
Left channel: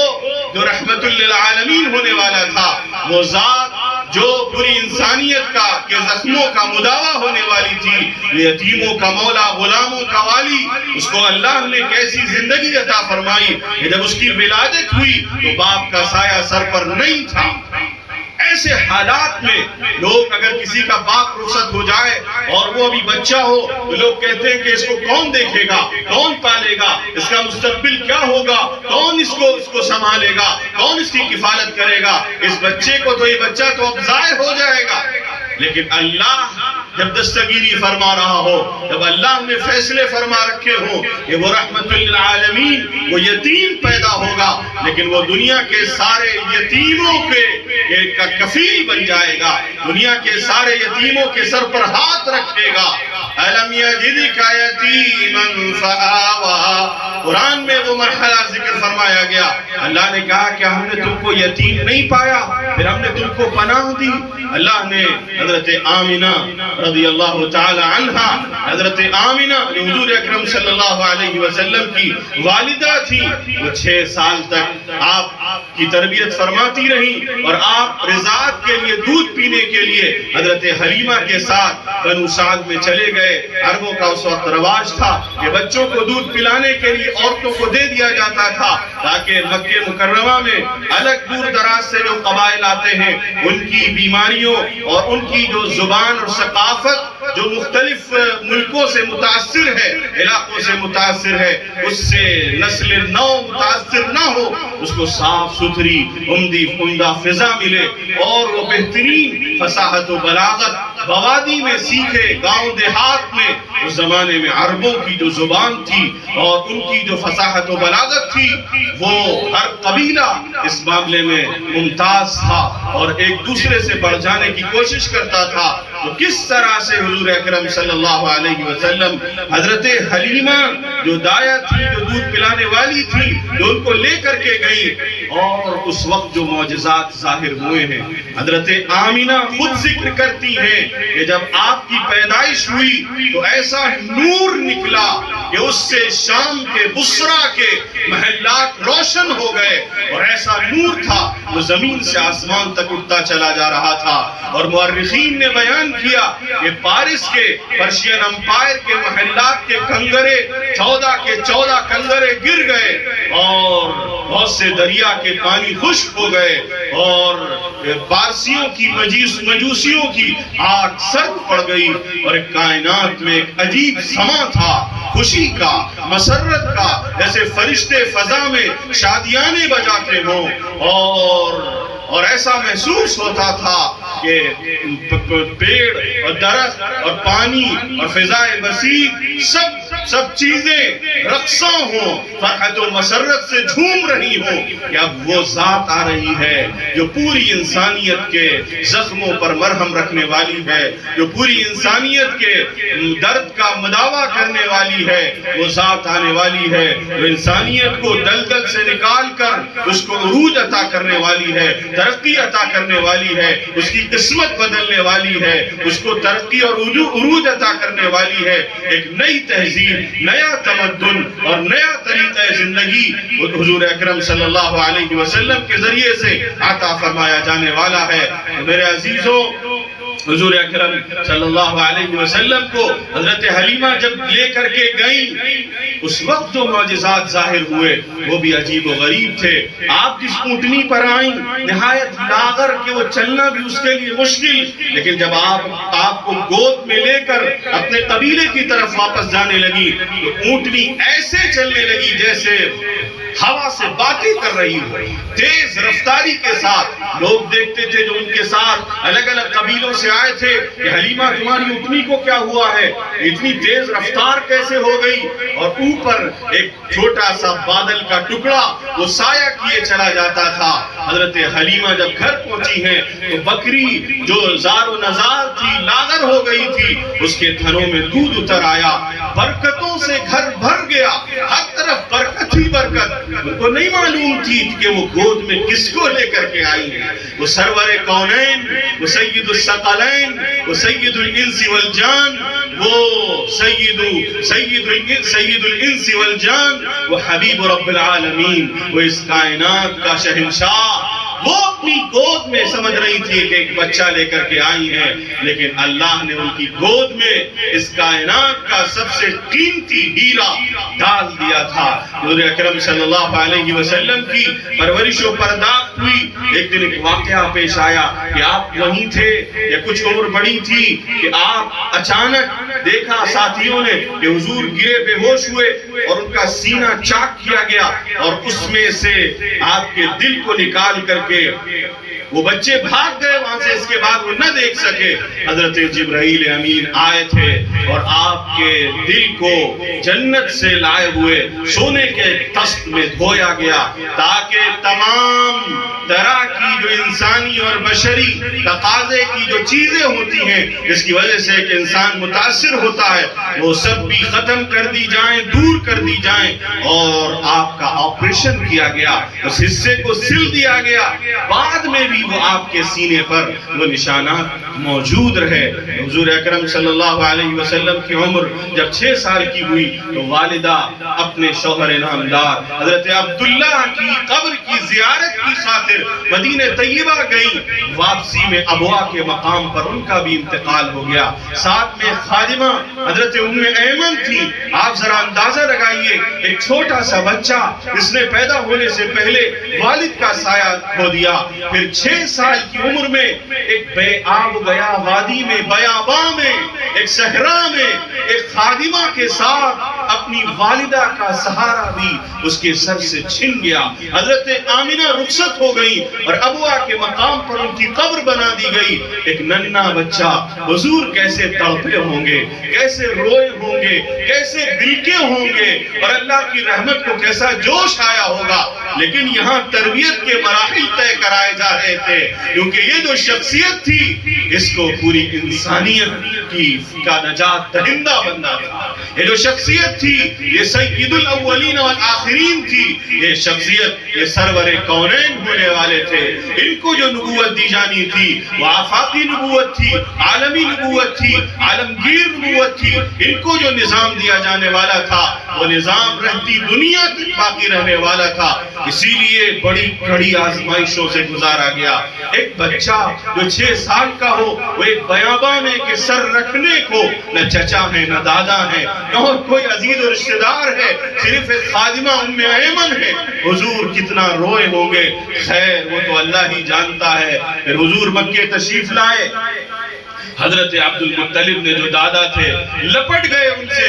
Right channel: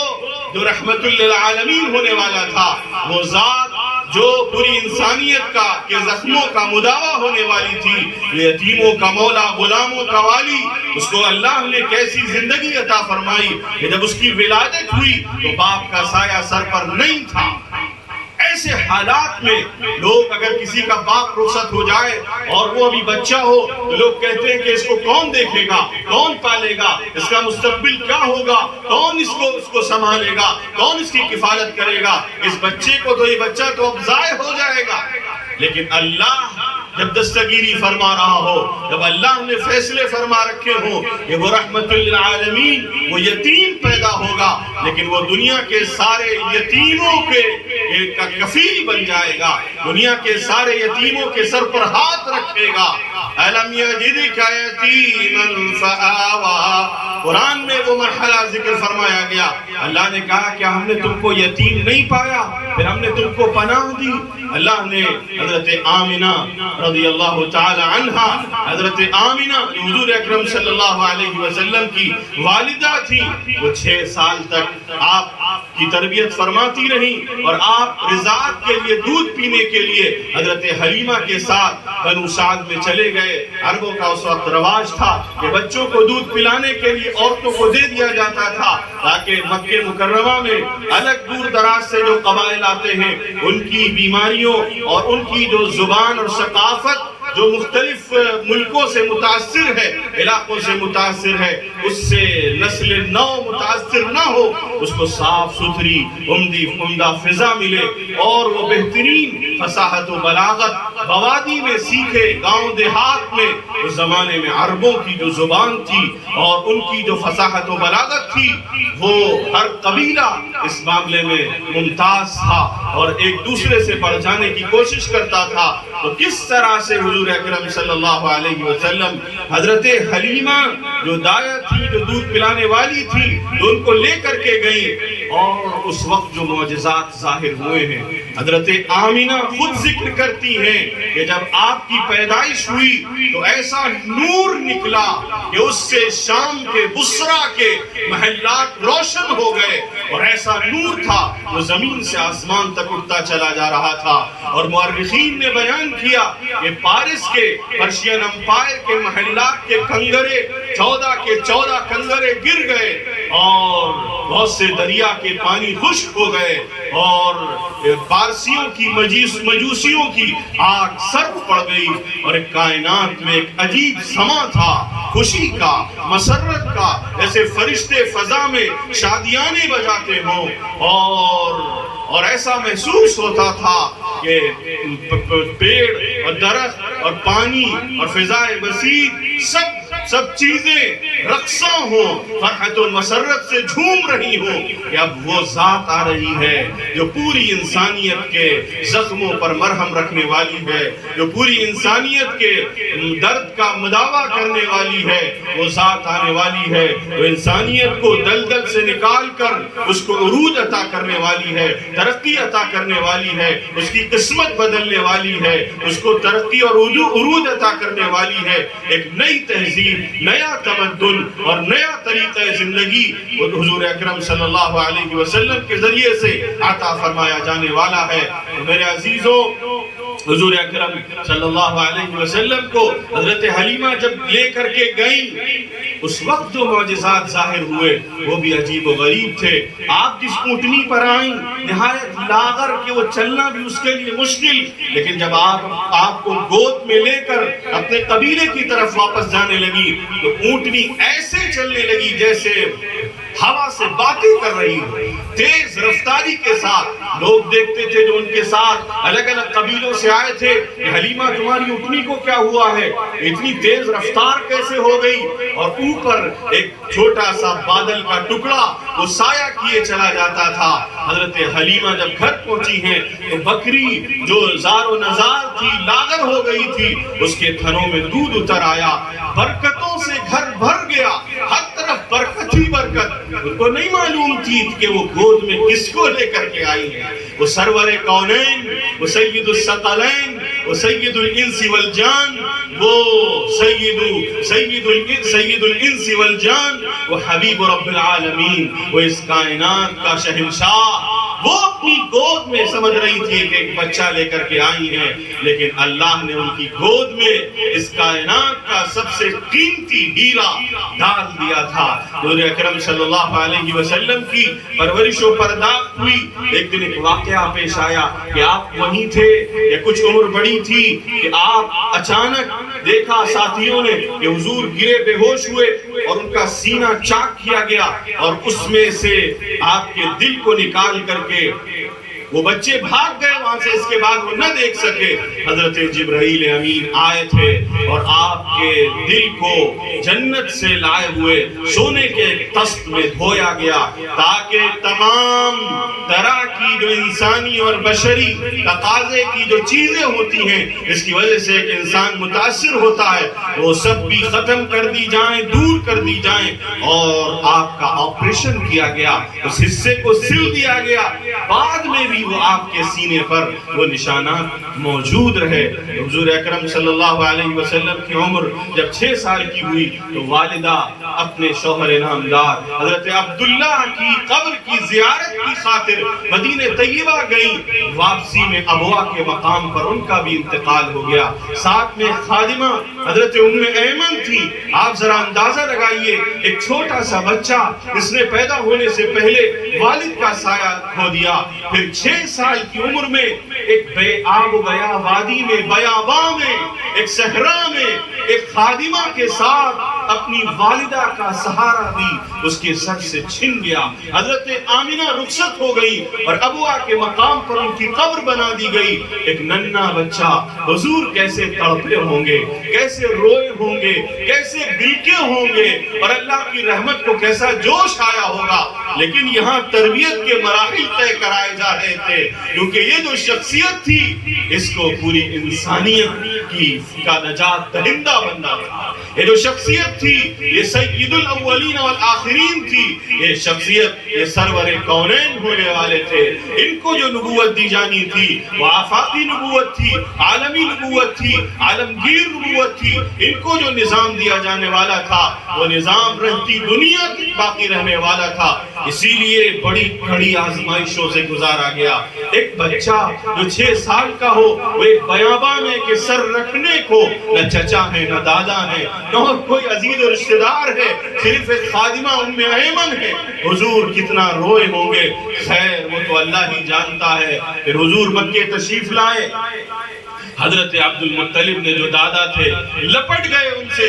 جو رحمت للعالمین ہونے والا تھا، وہ ذات جو پوری انسانیت کا کے زخموں کا مداوا ہونے والی تھی، یتیموں کا مولا، غلاموں کا والی، اس کو اللہ نے کیسی زندگی عطا فرمائی کہ جب اس کی ولادت ہوئی تو باپ کا سایہ سر پر نہیں تھا۔ ایسے حالات میں لوگ اگر کسی کا باپ رخصت ہو جائے اور وہ ابھی بچہ ہو تو لوگ کہتے ہیں کہ اس کو کون دیکھے گا، کون پالے گا، اس کا مستقبل کیا ہوگا، کون اس کو سنبھالے گا، کون اس کی کفالت کرے گا، اس بچے کو تو یہ بچہ تو اب ضائع ہو جائے گا۔ لیکن اللہ جب دستگیری فرما رہا ہو، جب اللہ نے فیصلے فرما رکھے ہوں کہ وہ رحمت للعالمین، وہ یتیم پیدا ہوگا، لیکن وہ دنیا کے سارے یتیموں کے کفیل بن جائے گا، دنیا کے سارے یتیموں کے سر پر ہاتھ رکھے گا۔ أَلَمْ يَجِدْكَ يَتِيمًا فَآوَىٰ، قرآن میں وہ مرحلہ ذکر فرمایا گیا۔ اللہ نے کہا کہ ہم نے تم کو یتیم نہیں پایا، پھر ہم نے تم کو پناہ دی۔ اللہ نے حضرت آمنہ رضی اللہ تعالی عنہ، حضرت آمنہ جو حضور اکرم صلی اللہ علیہ وسلم کی والدہ تھی، وہ 6 سال تک آپ کی تربیت فرماتی رہی، اور آپ رضاعت کے لیے دودھ پینے کے لیے حضرت حلیمہ کے ساتھ بنو سعد میں چلے گئے۔ عربوں کا اس وقت رواج تھا کہ بچوں کو دودھ پلانے کے لیے عورتوں کو دے دیا جاتا تھا، تاکہ مکہ مکرمہ میں الگ دور دراز سے جو قبائل آتے ہیں ان کی بیماریوں اور ان کی جو زبان اور ثقافت جو مختلف ملکوں سے متاثر ہے، علاقوں سے متاثر ہے، اس سے نسل نو متاثر نہ ہو، اس کو صاف ستھری عمدہ فضا ملے، اور وہ بہترین فصاحت و بلاغت بوادی میں سیکھے، گاؤں دیہات میں۔ اس زمانے میں عربوں کی جو زبان تھی اور ان کی جو فصاحت و بلاغت تھی، وہ ہر قبیلہ اس معاملے میں ممتاز تھا اور ایک دوسرے سے بڑھ جانے کی کوشش کرتا تھا۔ تو کس طرح سے حضور اکرم صلی اللہ علیہ وسلم حضرت حلیمہ جو دایا تھی، جو دودھ پلانے والی تھی، جو ان کو لے کر کے گئی، اور اس وقت جو معجزات ظاہر ہوئے ہیں، حضرت آمنہ خود ذکر کرتی ہیں کہ جب آپ کی پیدائش ہوئی تو ایسا نور نکلا کہ اس سے شام کے بصرہ کے محلات روشن ہو گئے، اور ایسا نور تھا وہ زمین سے آسمان تک اٹھتا چلا جا رہا تھا۔ اور مورخین نے بیان کیا کہ پارس کے پرشین امپائر کے محلات کے کنگرے 14 کے 14 کنگرے گر گئے، اور بہت سے دریا کے پانی خشک ہو گئے، اور پارسیوں کی مجوسیوں کی آگ سرد پڑ گئی، اور ایک کائنات میں ایک عجیب سما تھا، خوشی کا، مسرت کا، جیسے فرشتے فضا میں شادیانے بجاتے ہوں، اور ایسا محسوس ہوتا تھا کہ پیڑ اور درخت اور پانی اور فضائے وسیع سب چیزیں رقصاں ہوں، فرحت و مسرت سے جھوم رہی ہوں کہ اب وہ ذات آ رہی ہے جو پوری انسانیت کے زخموں پر مرہم رکھنے والی ہے، جو پوری انسانیت کے درد کا مداوا کرنے والی ہے۔ وہ ذات آنے والی ہے، وہ انسانیت کو دلدل سے نکال کر اس کو عروج عطا کرنے والی ہے، ترقی عطا کرنے والی ہے، اس کی قسمت بدلنے والی ہے، اس کو ترقی اور عروج عطا کرنے والی ہے، ایک نئی تہذیب نیا تمدن اور نیا طریقہ زندگی حضور اکرم صلی اللہ علیہ وسلم کے ذریعے سے عطا فرمایا جانے والا ہے۔ میرے عزیزوں، حضور اکرم صلی اللہ علیہ وسلم کو حضرت حلیمہ جب لے کر کے گئیں، اس وقت جو معجزات ظاہر ہوئے وہ بھی عجیب و غریب تھے۔ آپ جس اونٹنی پر آئیں نہایت لاغر کہ وہ چلنا بھی اس کے لیے مشکل، لیکن جب آپ کو گود میں لے کر اپنے قبیلے کی طرف واپس جانے لگی تو اونٹنی ایسے چلنے لگی جیسے ہوا سے باتیں کر رہی ہو، تیز رفتاری کے ساتھ۔ لوگ دیکھتے تھے جو ان کے ساتھ الگ الگ قبیلوں سے آئے تھے کہ حلیمہ تمہاری اونٹنی کو کیا ہوا ہے، اتنی تیز رفتار کیسے ہو گئی؟ اور اوپر ایک چھوٹا سا بادل کا ٹکڑا وہ سایہ کیے چلا جاتا تھا۔ حضرت حلیمہ جب گھر پہنچی ہیں تو بکری جو زار و نزار تھی، لاغر ہو گئی تھی، اس کے تھنوں میں دودھ اتر آیا، برکتوں سے گھر بھر گیا، ہر طرف برکت ہی برکت۔ ان کو نہیں معلوم تھی کہ وہ گود میں کس کو لے کر کے آئی ہیں۔ وہ سرور کونین، وہ سید الثقلین، وہ سید الانس والجان، وہ سید الانس والجان، وہ حبیب رب العالمین، وہ اس کائنات کا شہنشاہ۔ وہ اپنی گود میں سمجھ رہی تھی کہ ایک بچہ لے کر کے آئی ہیں، لیکن اللہ نے ان کی گود میں اس کائنات کا سب سے قیمتی ہیرا ڈال دیا تھا۔ حضور اکرم صلی اللہ علیہ وسلم کی پرورش و پرداخت ہوئی۔ ایک دن ایک واقعہ پیش آیا کہ آپ وہیں تھے یا کچھ عمر بڑی تھی کہ آپ اچانک دیکھا ساتھیوں نے کہ حضور گرے بے ہوش ہوئے اور ان کا سینہ چاک کیا گیا اور اس میں سے آپ کے دل کو نکال کر کے وہ بچے بھاگ گئے وہاں سے، اس کے بعد وہ نہ دیکھ سکے۔ حضرت جبرائیل امین آئے تھے اور آپ کے دل کو جنت سے لائے ہوئے سونے کے تخت میں دھویا گیا تاکہ تمام طرح کی جو انسانی اور بشری تقاضے کی جو چیزیں ہوتی ہیں اس کی وجہ سے ایک انسان متاثر ہوتا ہے، وہ سب بھی ختم کر دی جائیں، دور کر دی جائیں۔ اور آپ کا آپریشن کیا گیا، اس حصے کو سل دیا گیا، بعد میں بھی وہ آپ کے سینے پر وہ نشانات موجود رہے۔ حضور اکرم صلی اللہ علیہ وسلم کی عمر جب 6 سال کی ہوئی تو والدہ اپنے شوہر نامدار حضرت عبداللہ کی قبر کی زیارت کی خاطر مدینہ طیبہ گئی۔ واپسی میں ابوا کے مقام پر ان کا بھی انتقال ہو گیا۔ ساتھ میں خادمہ حضرت ام ایمن تھی۔ آپ ذرا اندازہ لگائیے، ایک چھوٹا سا بچہ جس نے پیدا ہونے سے پہلے والد کا سایہ کھو دیا، پھر 6 سال کی عمر میں ایک بے آب گیا وادی میں، بیاباں میں، ایک صحرا میں ایک خادمہ کے ساتھ اپنی والدہ کا سہارا بھی اس کے سر سے چھن گیا۔ حضرت آمنہ رخصت ہو گئی اور ابوا کے مقام پر ان کی قبر بنا دی گئی۔ ایک ننھا بچہ، حضور کیسے تڑپے ہوں گے، کیسے روئے ہوں گے، کیسے بلکے ہوں گے اور اللہ کی رحمت کو کیسا جوش آیا ہوگا۔ لیکن یہاں تربیت کے مراحل طے کرائے جا رہے تھے، کیونکہ یہ جو شخصیت تھی اس کو پوری انسانیت کا نجات دہندہ بننا تھا۔ یہ جو شخصیت تھی یہ سید الاولین والآخرین تھی۔ یہ شخصیت یہ سرور کونین ہونے والے تھے۔ ان کو جو نبوت دی جانی تھی وہ آفاقی نبوت تھی، عالمی نبوت تھی، عالمگیر نبوت تھی۔ ان کو جو نظام دیا جانے والا تھا وہ نظام رہتی دنیا تک باقی رہنے والا تھا۔ اسی لیے بڑی کڑی آزمائشوں سے گزارا گیا۔ ایک بچہ جو 6 سال کا ہو وہ ایک بیاباں میں کہ سر رکھنے کو نہ چچا ہے نہ دادا ہے نہ کوئی عزیز و رشتہ دار ہے، صرف ایک خادمہ ام ایمن ہے۔ حضور کتنا روئے ہوں گے، خیر وہ تو اللہ ہی جانتا ہے۔ پھر حضور مکے تشریف لائے، حضرت عبد المطلب نے جو دادا تھے لپٹ گئے ان سے،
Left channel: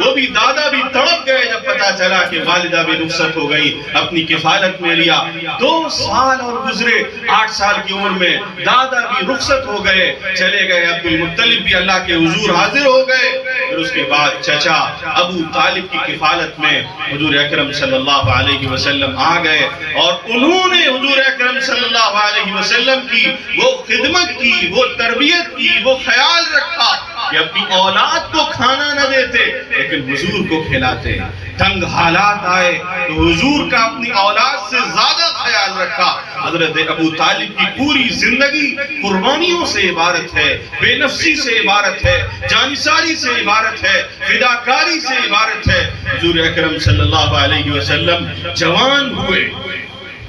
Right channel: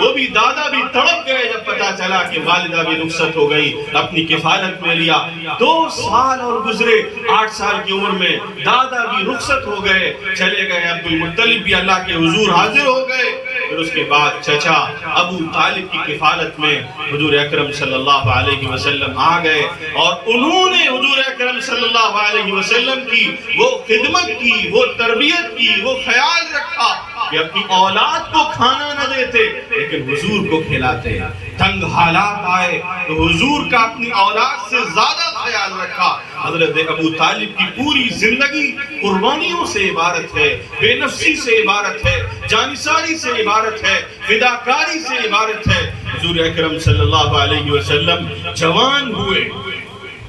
وہ بھی دادا بھی تڑپ گئے جب پتا چلا کہ والدہ بھی رخصت ہو گئی، اپنی کفالت میں لیا۔ 2 سال اور گزرے، 8 سال کی عمر میں دادا بھی رخصت ہو گئے، چلے گئے۔ عبد المطلب بھی اللہ کے حضور حاضر ہو گئے۔ پھر اس کے بعد چچا ابو طالب کی کفالت میں حضور اکرم صلی اللہ علیہ وسلم آ گئے اور انہوں نے حضور اکرم صلی اللہ علیہ وسلم کی وہ خدمت کی، وہ تربیت کی، وہ خیال رکھا کہ اپنی اولاد کو کھانا نہ دیتے لیکن حضور کو کھلاتے۔ تنگ حالات آئے تو حضور کا اپنی اولاد سے زیادہ خیال خیال رکھا. حضرت ابو طالب کی پوری زندگی قربانیوں سے عبارت ہے, بے نفسی سے عبارت ہے, جانثاری سے عبارت ہے, فداکاری سے عبارت ہے. حضور اکرم صلی اللہ علیہ وسلم جوان ہوئے,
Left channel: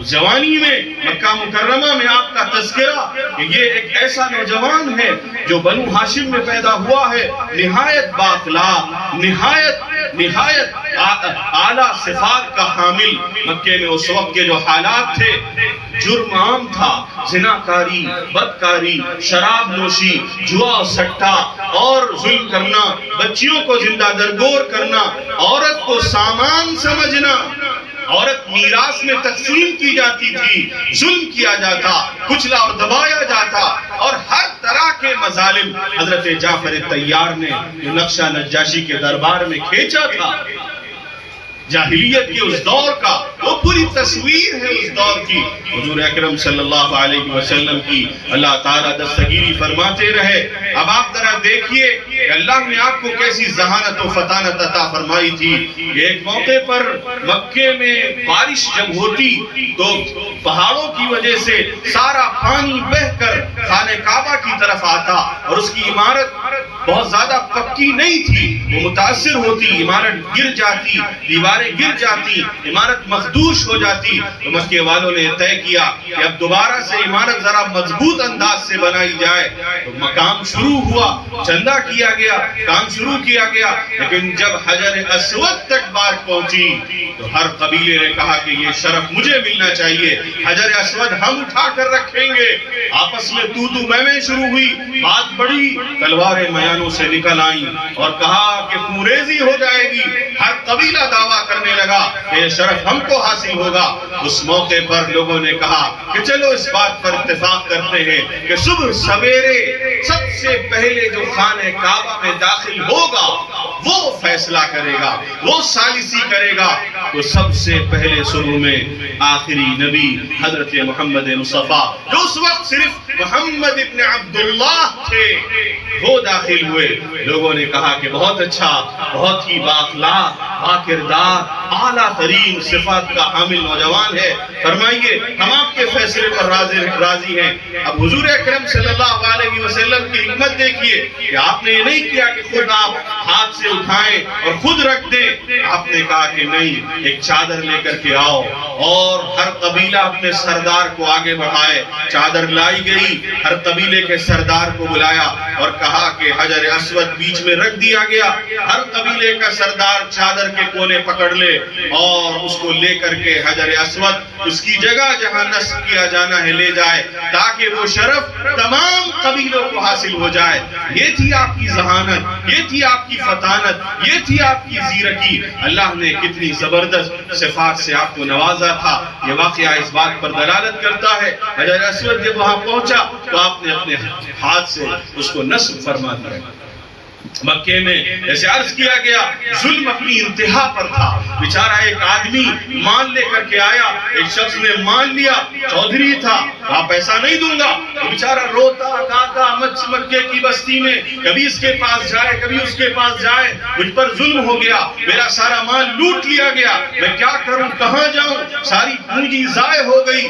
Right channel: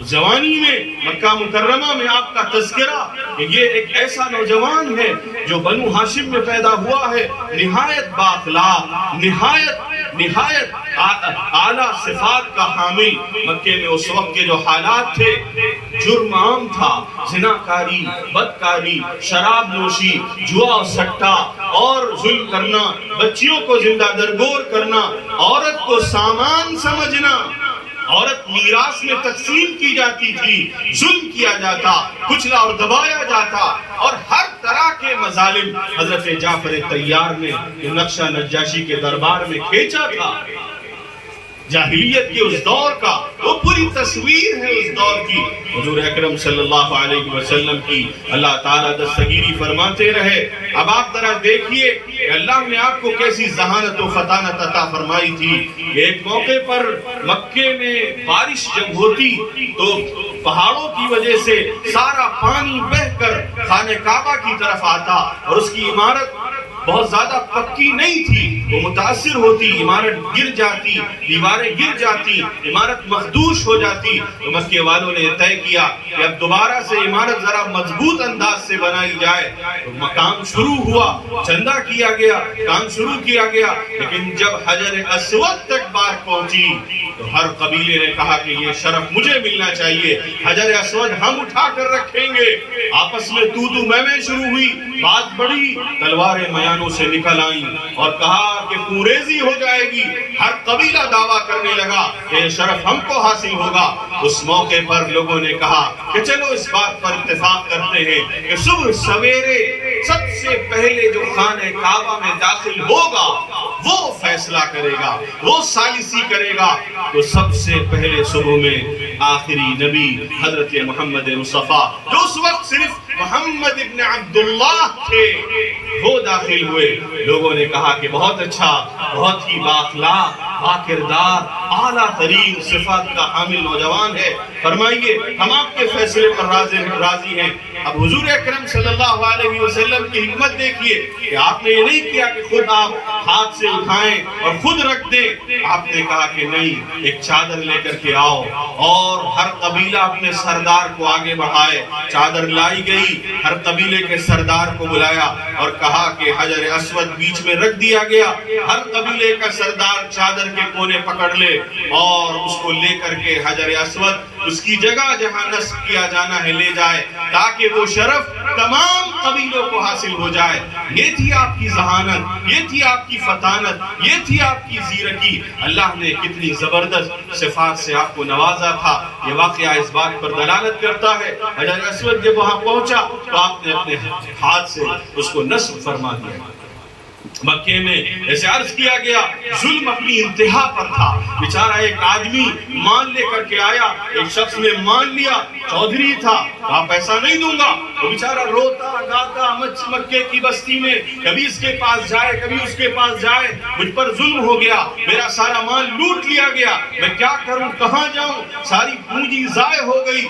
جوانی میں مکہ مکرمہ میں آپ کا تذکرہ کہ یہ ایک ایسا نوجوان ہے جو بنو ہاشم میں پیدا ہوا ہے, نہایت بااخلاق, نہایت اعلیٰ صفات کا حامل. مکے میں اس وقت کے جو حالات تھے, جرم عام تھا, زناکاری, بدکاری, شراب نوشی, جوا سٹا اور ظلم کرنا, بچیوں کو زندہ درگور کرنا, عورت کو سامان سمجھنا, عورت میراث میں تقسیم کی جاتی تھی, ظلم کیا جاتا, کچلا اور دبایا جاتا, اور ہر طرح کے مظالم حضرت جعفر طیار نے نقشہ نجاشی کے دربار میں کھینچا تھا. جاہلیت کے اس دور کا وہ پوری تصویر ہے اس دور کی. حضور اکرم صلی اللہ علیہ وسلم کی اللہ تعالیٰ دستگیری فرماتے رہے. اب آپ ذرا دیکھیے کہ اللہ نے آپ کو کیسی ذہانت و فطانت عطا فرمائی تھی. ایک موقع پر مکے میں بارش جب ہوتی تو پہاڑوں کی وجہ سے سارا پانی بہہ کر خانہ کعبہ کی طرف آتا, اور اس کی عمارت بہت زیادہ پکی نہیں تھی, وہ متاثر ہوتی, عمارت گر جاتی, دیواریں گر جاتی, عمارت مخدوش ہو جاتی. تو مکے والوں نے طے کیا کہ اب دوبارہ سے عمارت ذرا مضبوط انداز سے بنائی جائے. تو کام شروع ہوا, چندہ کیا گیا, کام شروع کیا گیا, لیکن جب حجر اسود تک بات پہنچی تو ہر قبیلے نے کہا کہ یہ شرف مجھے ملنا چاہیے, حجر اسود ہم اٹھا کر رکھیں گے. آپس میں تو میں شروع ہوئی, بات بڑی, تلواریں میانوں سے نکل آئیں اور کہا کہ خوریزی ہو جائے گی. ہر قبیلہ دعویٰ کرنے لگا کہ یہ شرف ہم کو حاصل ہوگا. اس موقع پر لوگوں نے کہا کہ چلو اس بات پر اتفاق کرتے ہیں کہ صبح سویرے سب سے پہلے جو خانہ کعبہ میں داخل ہوگا وہ فیصلہ کرے گا, وہ ثالثی کرے گا. تو سب سے پہلے شروع میں آخری نبی حضرت محمد مصطفیٰ, جو اس وقت صرف محمد ابن عبداللہ تھے, وہ داخل ہوئے. لوگوں نے کہا کہ بہت اچھا, بہت ہی بااخلاق, باکردار, اعلیٰ ترین صفات کا حامل نوجوان ہے, فرمائیے ہم آپ کے فیصلے پر راضی ہیں. اب حضور اکرم صلی اللہ علیہ وسلم کی حکمت دیکھیے کہ آپ نے یہ نہیں کیا کہ خود آپ ہاتھ سے اٹھائیں اور خود رکھ دیں. آپ نے کہا کہ نہیں, ایک چادر لے کر کے آؤ, اور ہر قبیلہ اپنے سردار کو آگے بڑھائے. چادر لائی گئی, ہر قبیلے کے سردار کو بلایا اور کہا کہ حجر اسود بیچ میں رکھ دیا گیا. ہر قبیلے کا سردار چادر کے کونے پکڑ لے اور اس کو لے کر کے حجر اسود اس کی جگہ جہاں نصب کیا جانا ہے لے جائے, تاکہ وہ شرف تمام قبیلوں کو حاصل ہو جائے. یہ تھی آپ کی ذہانت, یہ تھی آپ کی فطانت, یہ تھی آپ کی زیرکی. اللہ نے کتنی زبردست صفات سے آپ کو نوازا تھا. یہ واقعہ اس بات پر دلالت کرتا ہے. حجر اسود جب وہاں پہنچا تو آپ نے اپنے ہاتھ سے اس کو نصب فرما دیا. مکے میں جیسے عرض کیا گیا ظلم اپنی انتہا پر تھا. بیچارہ ایک آدمی مان لے کر کے آیا, ایک شخص نے مان لیا, چودھری تھا, کہا پیسہ نہیں دوں گا. تو بیچارہ روتا گاتا مکے کی بستی میں, کبھی اس کے پاس جائے کبھی اس کے پاس جائے, مجھ پر ظلم ہو گیا, میرا سارا مال لوٹ لیا گیا, میں کیا کروں, کہاں جاؤں, ساری پونجی ضائع ہو گئی.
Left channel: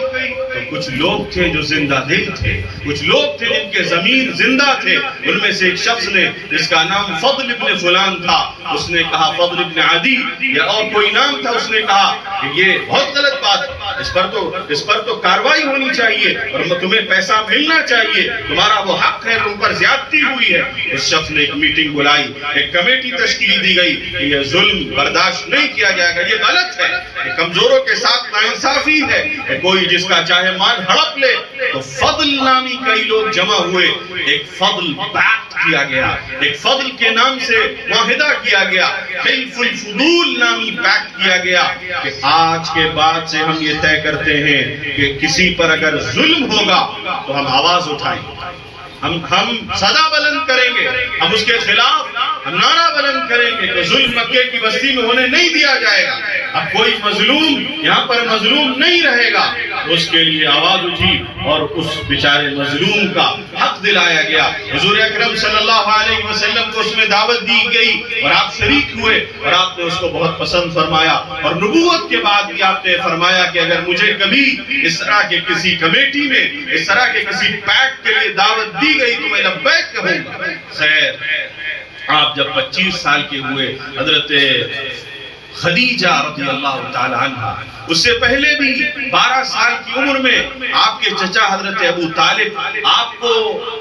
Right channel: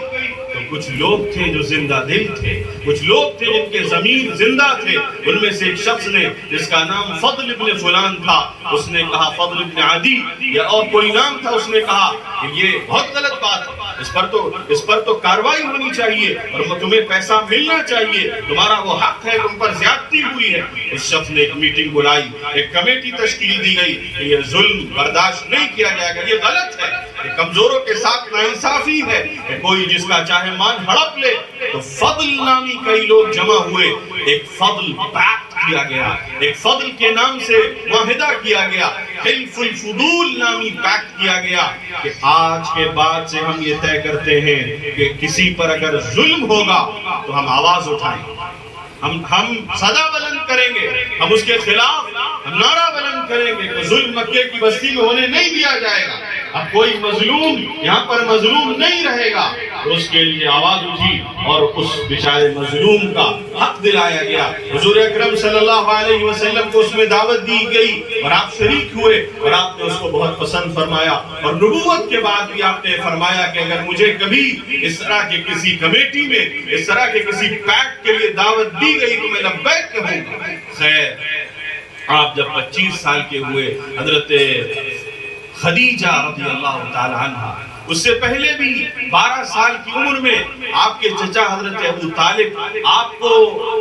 تو کچھ لوگ تھے جو زندہ دل تھے, کچھ لوگ تھے جن کے ضمیر زندہ تھے. ان میں سے ایک شخص نے جس کا نام فضل ابن فلان تھا, اس نے کہا, فضل ابن عدی یا اور کوئی نام تھا, اس نے کہا کہ یہ بہت غلط بات ہے, اس پر تو کاروائی ہونی چاہیے اور تمہیں پیسہ ملنا چاہیے, تمہارا وہ حق ہے, تم پر زیادتی ہوئی ہے. اس شخص نے ایک میٹنگ بلائی, ایک کمیٹی تشکیل دی گئی کہ یہ ظلم برداشت نہیں کیا جائے گا, یہ غلط ہے, یہ کمزوروں کے ساتھ ناانصافی ہے, کہ کوئی جس کا چاہے مال ہڑپ لے. تو فضل نامی کئی لوگ جمع ہوئے, ایک فضل پیکٹ کیا گیا, ایک فضل کے نام سے معاہدہ کیا گیا, حلف الفضول نامی پیکٹ کیا گیا کہ آج کے بعد سے ہم یہ طے کرتے ہیں کہ کسی پر اگر ظلم ہوگا تو ہم آواز اٹھائیں گے, ہم صدا بلند کریں گے, ہم اس کے خلاف ہم نعرہ بلند کریں گے کہ ظلم مکے کی بستی میں ہونے نہیں دیا جائے گا. اب کوئی مظلوم یہاں پر مظلوم نہیں رہے گا. اس کے لیے آواز اٹھی اور اس بیچارے مظلوم کا حق دلایا گیا. حضور اکرم صلی اللہ علیہ وسلم کو اس میں دعوت دی گئی اور آپ شریک ہوئے اور آپ نے اس کو بہت پسند فرمایا. اور نبوت کے بعد بھی آپ نے فرمایا کہ اگر مجھے کبھی اس طرح کے کسی کمیٹی میں اس طرح کے کسی پیک کے لیے دعوت دی گئی تو میں لبیک کہوں گا. خیر، آپ جب 25 سال کے ہوئے، حضرت خدیجہ رضی اللہ تعالی عنہ اس سے پہلے بھی 12 سال کی عمر میں آپ کے چچا حضرت ابو طالب آپ کو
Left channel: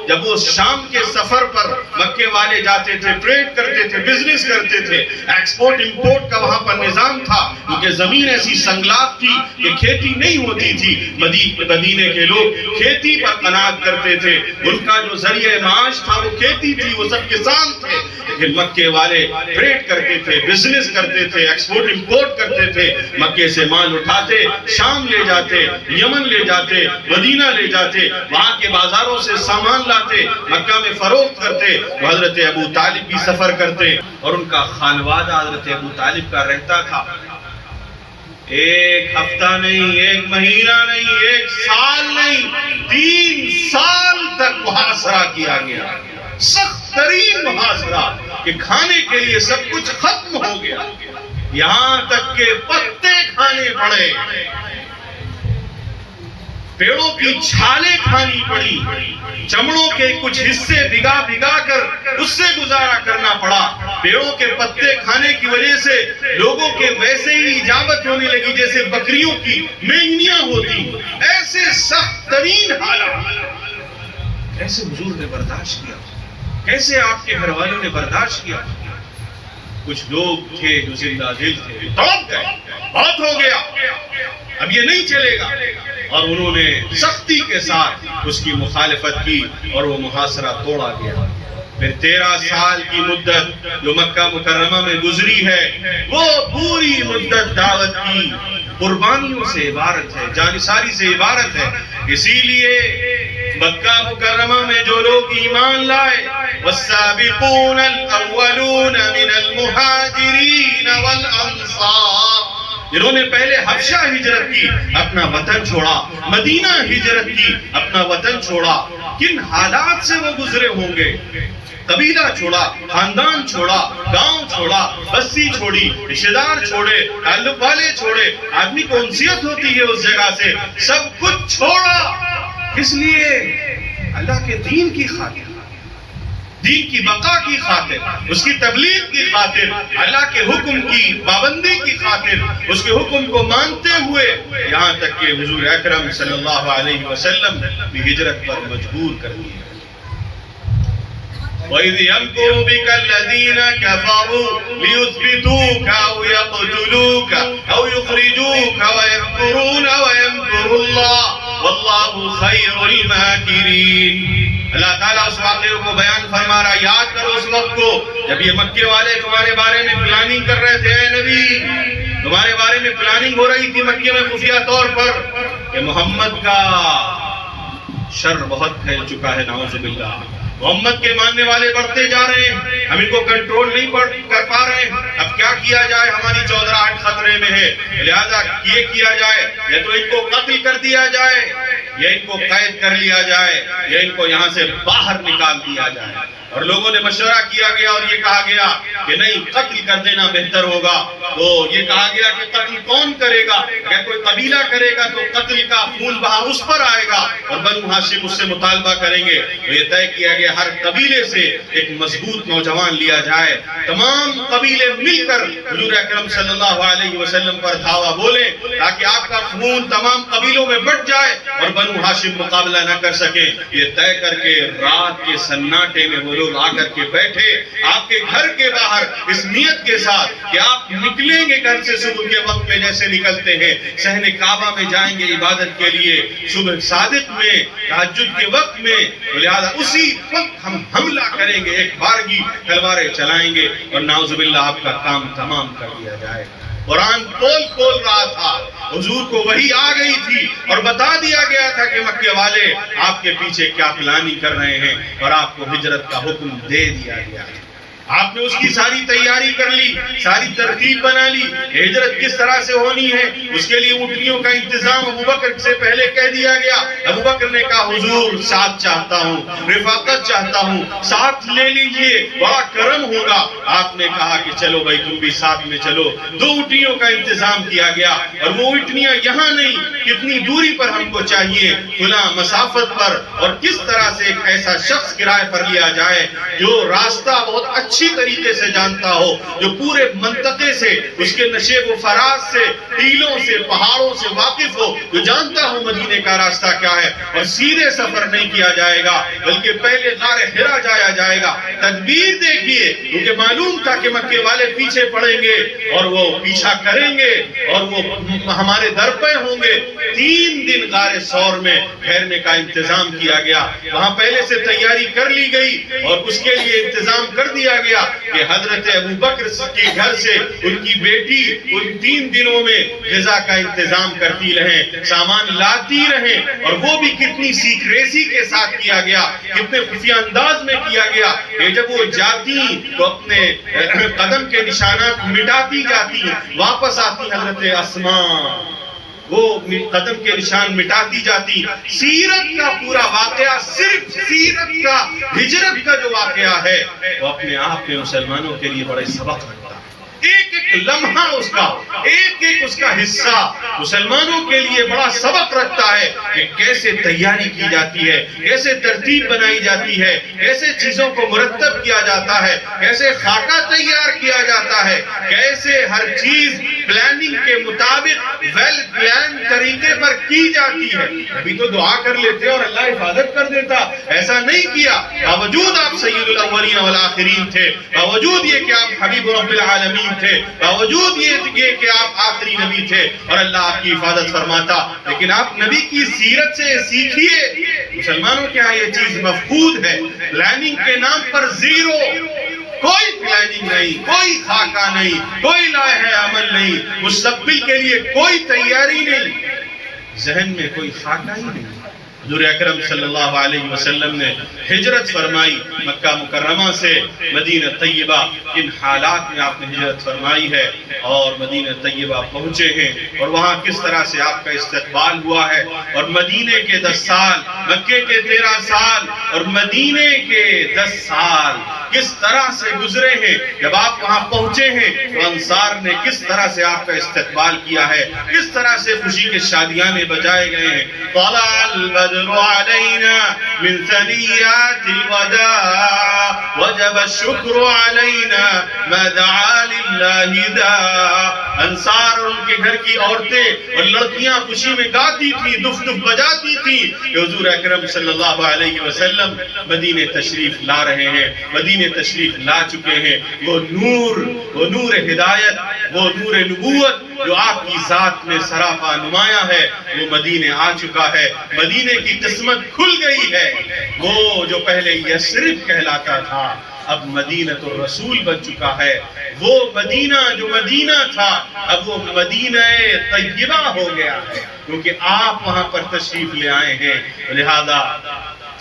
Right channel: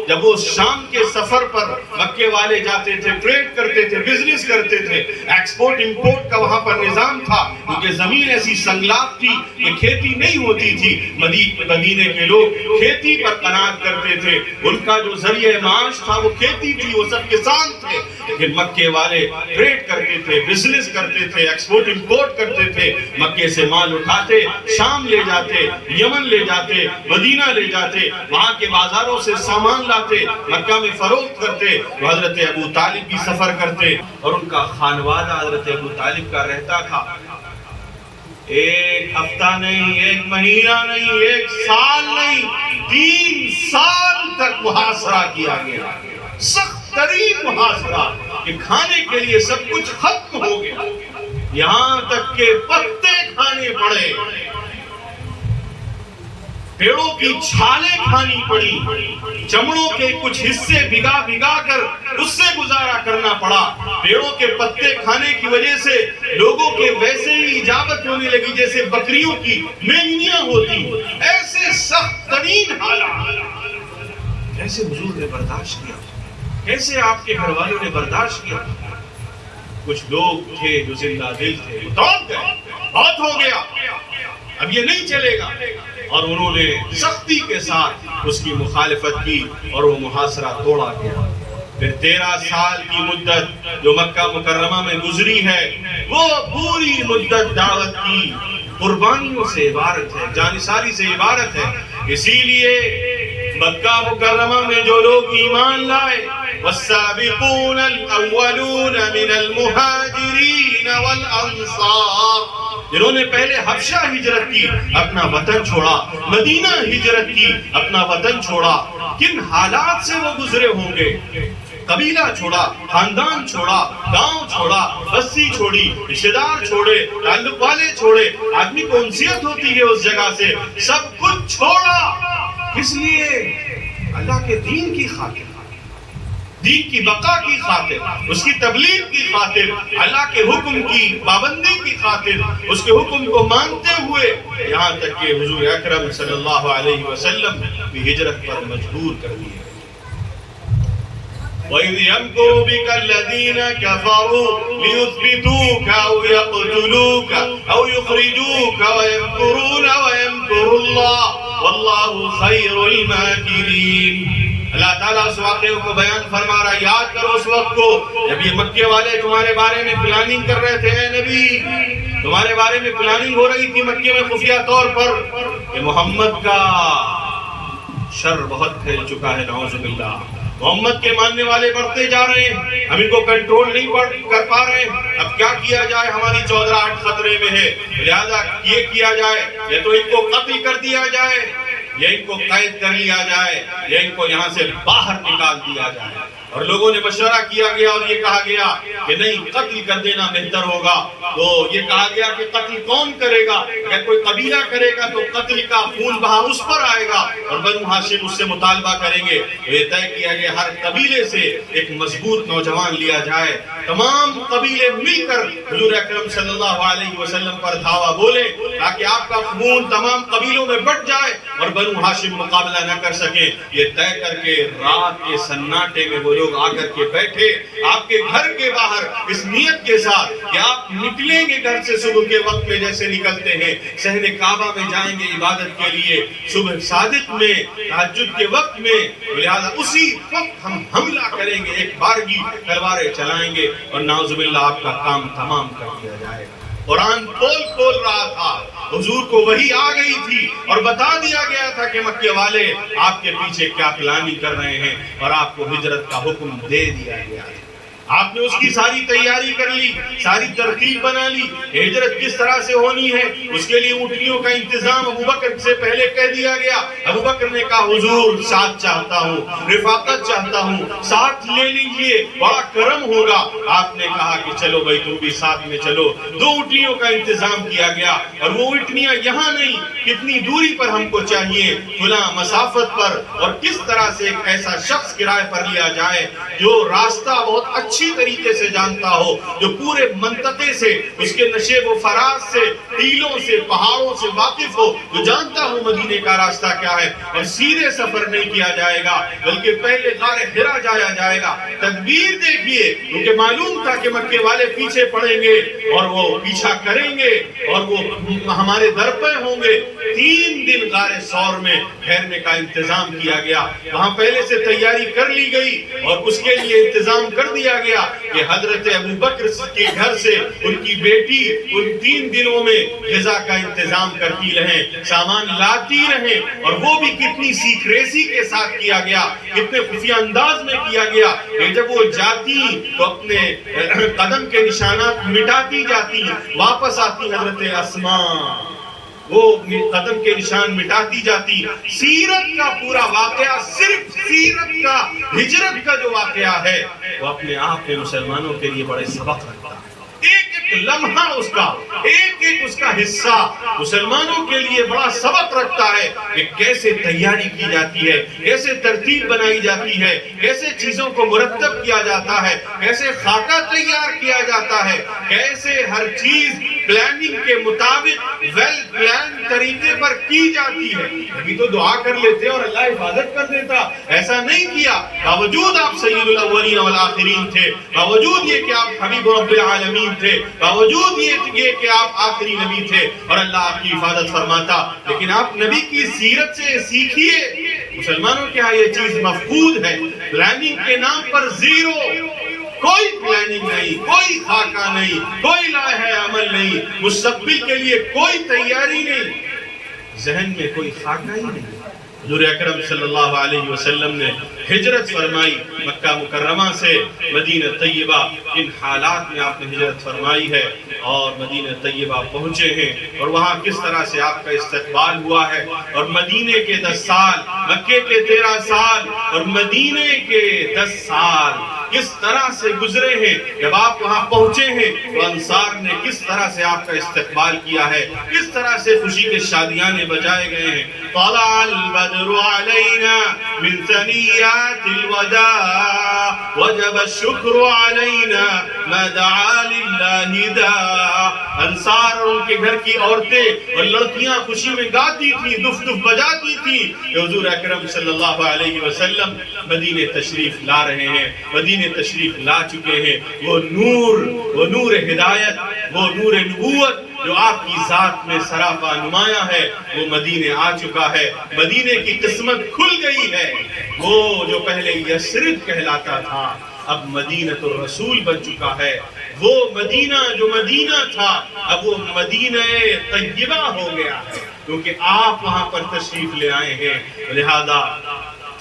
جب وہ شام کے سفر پر مکے والے جاتے تھے، ٹریڈ کرتے تھے، بزنس کرتے تھے، ایکسپورٹ امپورٹ کا وہاں پر نظام تھا کیونکہ زمین ایسی سنگلاف تھی کہ کھیتی نہیں ہوتی تھی. مدینے کے لوگ کھیتی پر قناعت کرتے تھے، ان کا جو ذریعہ معاش تھا وہ کھیتی تھی، وہ سب کسان تھے. لیکن مکے والے ٹریڈ کرتے تھے، بزنس کرتے تھے، ایکسپورٹ امپورٹ کرتے تھے. مکے سے مال اٹھاتے، شام لے جاتے، یمن لے جاتے، مدینہ لے جاتے، وہاں کے بازاروں سے سامان لاتے، مکہ میں فروخت کرتے. تو حضرت ابو طالب بھی سفر کرتے اور ان کا خانوادہ حضرت ابو طالب کا رہتا تھا. ایک ہفتہ نہیں، ایک مہینہ نہیں، ایک سال نہیں، 3 سال تک محاصرہ کیا گیا. سخت ترین محاصرہ کہ کھانے کے لیے سب کچھ ختم ہو گیا، یہاں تک کہ پتے کھانے پڑے، پیڑوں کی چھالیں کھانی پڑی، چمڑوں کے کچھ حصے بھگا بھگا کر اس سے گزارا کرنا پڑا. پیڑوں کے پتے کھانے کی وجہ سے لوگوں کے ویسے ہی اجابت ہونے لگی جیسے بکریوں کی مینگنیاں ہوتی. ایسے سخت ترین حالات کیسے حضور نے برداشت کیا، کیسے آپ کے گھر والوں نے برداشت کیا. کچھ لوگ تھے جو زندہ دل تھے، توڑ گئے، بہت ہو گیا، اب یہ نہیں چلے گا، اور انہوں نے سختی کے ساتھ اس کی مخالفت کی اور وہ محاصرہ توڑا گیا. پھر 13 سال کی مدت جو مکہ مکرمہ میں گزری ہے وہ پوری مدت دعوت کی قربانیوں سے عبارت ہے، جانثاری سے عبارت ہے. اسی لیے مکہ مکرمہ میں جو لوگ ایمان لائے، والسابقون الاولون من المہاجرین والانصار، جنہوں نے پہلے حبشہ ہجرت کی، اپنا وطن چھوڑا، مدینہ ہجرت کی، اپنا وطن چھوڑا. کن حالات سے وہ گزرے ہوں گے؟ قبیلہ چھوڑا، خاندان چھوڑا، گاؤں چھوڑا، بستی چھوڑی، رشتہ دار چھوڑے، تعلق والے چھوڑے. آدمی کو انسیت ہوتی ہے اس جگہ سے، سب کچھ چھوڑا. کس لیے؟ اللہ کے دین کی خاطر، دین کی بقا کی خاطر، اس کی تبلیغ کی خاطر، اللہ کے حکم کی پابندی کی خاطر، اس کے حکم کو مانتے ہوئے، یہاں تک کہ حضور اکرم صلی اللہ علیہ وسلم بھی ہجرت پر مجبور کر دیے. وَإِذْ يَمْكُرُ بِكَ الَّذِينَ كَفَرُوا لِيُثْبِتُوكَ أَوْ يَقْتُلُوكَ أَوْ يُخْرِجُوكَ وَيَمْكُرُونَ وَيَمْكُرُ اللَّهُ وَاللَّهُ خَيْرُ الْمَاكِرِينَ. اللہ تعالیٰ اس واقعے کو بیان فرما رہا ہے. یاد کرو اس وقت کو جب یہ مکے والے تمہارے بارے میں پلاننگ کر رہے تھے. اے نبی، تمہارے بارے میں پلاننگ ہو رہی تھی مکے میں خفیہ طور پر کہ محمد کا شر بہت پھیل چکا ہے، نعوذ باللہ. محمد کے ماننے والے بڑھتے جا رہے ہیں، ہم ان کو کنٹرول نہیں کر پا رہے ہیں. اب کیا کیا جائے؟ ہماری چودراہٹ خطرے میں ہے، لہذا یہ کیا جائے، یا تو ان کو قتل کر دیا جائے، یا ان کو قید کر لیا جائے، یا ان کو یہاں سے باہر نکال دیا جائے. اور لوگوں نے مشورہ کیا گیا اور یہ کہا گیا کہ نہیں، قتل کر دینا بہتر ہوگا. تو یہ کہا گیا کہ قتل کون کرے گا؟ اگر کوئی قبیلہ کرے گا تو قتل کا خون بہا اس پر آئے گا اور بنو ہاشم اس سے مطالبہ کریں گے. تو یہ طے کیا گیا ہر قبیلے سے ایک مضبوط نوجوان لیا جائے، تمام قبیلے مل کر حضور اکرم صلی اللہ علیہ وسلم پر دھاوا بولے تاکہ آپ کا خون تمام قبیلوں میں بٹ جائے اور بنو ہاشم مقابلہ نہ کر سکے. یہ طے کر کے رات کے سناٹے میں وہ لوگ آ کر کے بیٹھے آپ کے گھر کے باہر اس نیت کے ساتھ کہ آپ نکلیں گے گھر سے صبح کے وقت میں جیسے نکلتے ہیں، صحن کعبہ میں جائیں گے عبادت کے لیے، صبح صادق میں، تہجد کے وقت میں، لہذا اسی وقت ہم حملہ کریں گے، ایک بارگی تلواریں چلائیں گے اور نعوذ باللہ آپ کا کام تمام کر دیا جائے گا. قرآن کھول رہا تھا، حضور کو وحی آ گئی تھی اور بتا دیا گیا تھا کہ مکے والے آپ کے پیچھے کیا پلاننگ کر رہے ہیں اور آپ کو ہجرت کا حکم دے دیا گیا ہے. آپ نے اس کی ساری تیاری کر لی، ساری ترتیب بنا لی، ہجرت کس طرح سے ہونی ہے، اس کے لیے اونٹنیوں کا انتظام ابو بکر سے پہلے کہہ دیا گیا۔ ابو بکر نے کہا حضور ساتھ چاہتا ہوں، رفاقت چاہتا ہوں، ساتھ لے لیجئے، بڑا کرم ہوگا۔ آپ نے کہا کہ چلو بھائی تم بھی ساتھ میں چلو۔ 2 اونٹنیوں کا انتظام کیا گیا، اور وہ اونٹنیاں یہاں نہیں، کتنی دوری پر ہم کو چاہیے، فلاں مسافت پر، اور کس طرح سے ایک ایسا شخص کرائے پر لیا جائے جو راستہ بہت اچھی طریقے سے جانتا ہو، جو پورے منطقے سے، اس کے نشیب و فراز سے، ٹیلوں سے، پہاڑوں سے واقف ہو، جو جانتا ہو مدینے کا راستہ کیا ہے، اور سیدھے سفر نہیں کیا جائے گا بلکہ پہلے غار حرا جایا جائے گا۔ تدبیر دیکھیے، کیونکہ معلوم تھا کہ مکے والے پیچھے پڑیں گے اور وہ پیچھا کریں گے اور وہ ہمارے در پہ ہوں گے۔ 3 دن غار ثور میں ٹھہرنے کا انتظام کیا گیا، وہاں پہلے سے تیاری کر لی گئی، اور اس کے لیے انتظام کر دیا گیا کہ حضرت ابو بکر کے گھر سے ان کی بیٹی ان 3 دنوں میں غذا کا انتظام کرتی رہیں، سامان لاتی رہیں، اور وہ بھی کتنی سیکریسی کے ساتھ کیا گیا، کتنے خفیہ انداز میں کیا گیا کہ جب وہ جاتی تو اپنے قدم کے نشانات مٹاتی جاتی، واپس آتی حضرت اسماء، وہ قدم کے نشان مٹاتی جاتی۔ سیرت کا پورا واقعہ، صرف سیرت کا، ہجرت کا جو واقعہ ہے، وہ اپنے آپ میں مسلمانوں کے لیے بڑے سبق رکھتا ہے۔ ایک ایک لمحہ اس کا، ایک ایک اس کا حصہ مسلمانوں کے لیے بڑا سبق رکھتا ہے کہ کیسے تیاری کی جاتی ہے، کیسے ترتیب بنائی جاتی ہے، کیسے چیزوں کو مرتب کیا جاتا ہے، کیسے خاکہ تیار کیا جاتا ہے، کیسے ہر چیز پلاننگ کے مطابق ویل پلان طریقے پر کی جاتی ہے۔ ابھی تو دعا کر لیتے اور اللہ حفاظت کر دیتا، ایسا نہیں کیا۔ باوجود آپ سید الاولین والآخرین تھے، باوجود یہ کہ آپ حبیب رب العالمین تھے، باوجود یہ کہ آپ آخری نبی تھے، اور اللہ آپ کی حفاظت فرماتا، لیکن آپ نبی کی سیرت سے سیکھیے۔ مسلمانوں کے ہاں یہ چیز مفقود ہے، پلاننگ کے نام پر زیرو، کوئی پلاننگ نہیں، کوئی خاکہ نہیں، کوئی لائحہ عمل نہیں، مستقبل کے لیے کوئی تیاری نہیں، ذہن میں کوئی خاکہ ہی نہیں۔ حضور اکرم صلی اللہ علیہ وسلم نے ہجرت فرمائی مکہ مکرمہ سے مدینہ طیبہ، ان حالات میں آپ نے ہجرت فرمائی ہے اور مدینہ طیبہ پہنچے ہیں، اور وہاں کس طرح سے آپ کا استقبال ہوا ہے، اور مدینے کے 10 سال، مکے کے 13 سال اور مدینے کے 10 سال کس طرح سے گزرے ہیں۔ جب آپ وہاں پہنچے ہیں تو انصار نے کس طرح سے آپ کا استقبال کیا ہے، کس طرح سے خوشی کے شادیانے بجائے گئے ہیں۔ طلع البدر علینا من ثنیات الوداع وجب الشکر علینا ما دعا للہ داع۔ انصار اور ان کے گھر کی عورتیں اور لڑکیاں خوشی میں گاتی تھیں، دف دف بجاتی تھیں کہ حضور اکرم صلی اللہ علیہ وسلم مدینے تشریف لا رہے ہیں، مدینے تشریف لا چکے ہیں۔ وہ نور ہدایت، وہ نور نبوت جو آپ کی ذات میں سراپا نمایاں ہے، وہ مدینے آ چکا ہے۔ مدینے کی قسمت کھل گئی ہے۔ وہ جو پہلے یثرب کہلاتا تھا اب مدینہ الرسول بن چکا ہے۔ وہ مدینہ جو مدینہ تھا اب وہ مدینہ طیبہ ہو گیا ہے، کیونکہ آپ وہاں پر تشریف لے آئے ہیں۔ لہذا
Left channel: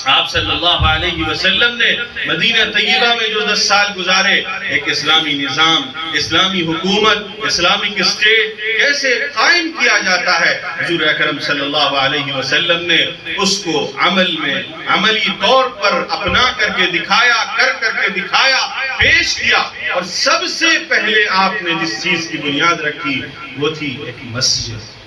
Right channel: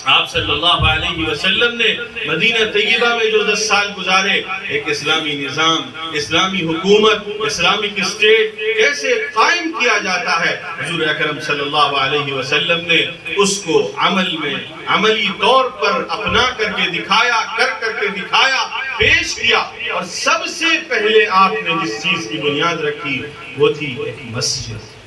آپ صلی اللہ علیہ وسلم نے مدینہ طیبہ میں جو 10 سال گزارے، ایک اسلامی نظام، اسلامی حکومت، اسلامک اسٹیٹ کیسے قائم کیا جاتا ہے، حضور اکرم صلی اللہ علیہ وسلم نے اس کو عملی طور پر اپنا کر کے دکھایا، کر کے دکھایا، پیش کیا۔ اور سب سے پہلے آپ نے جس چیز کی بنیاد رکھی وہ تھی ایک مسجد۔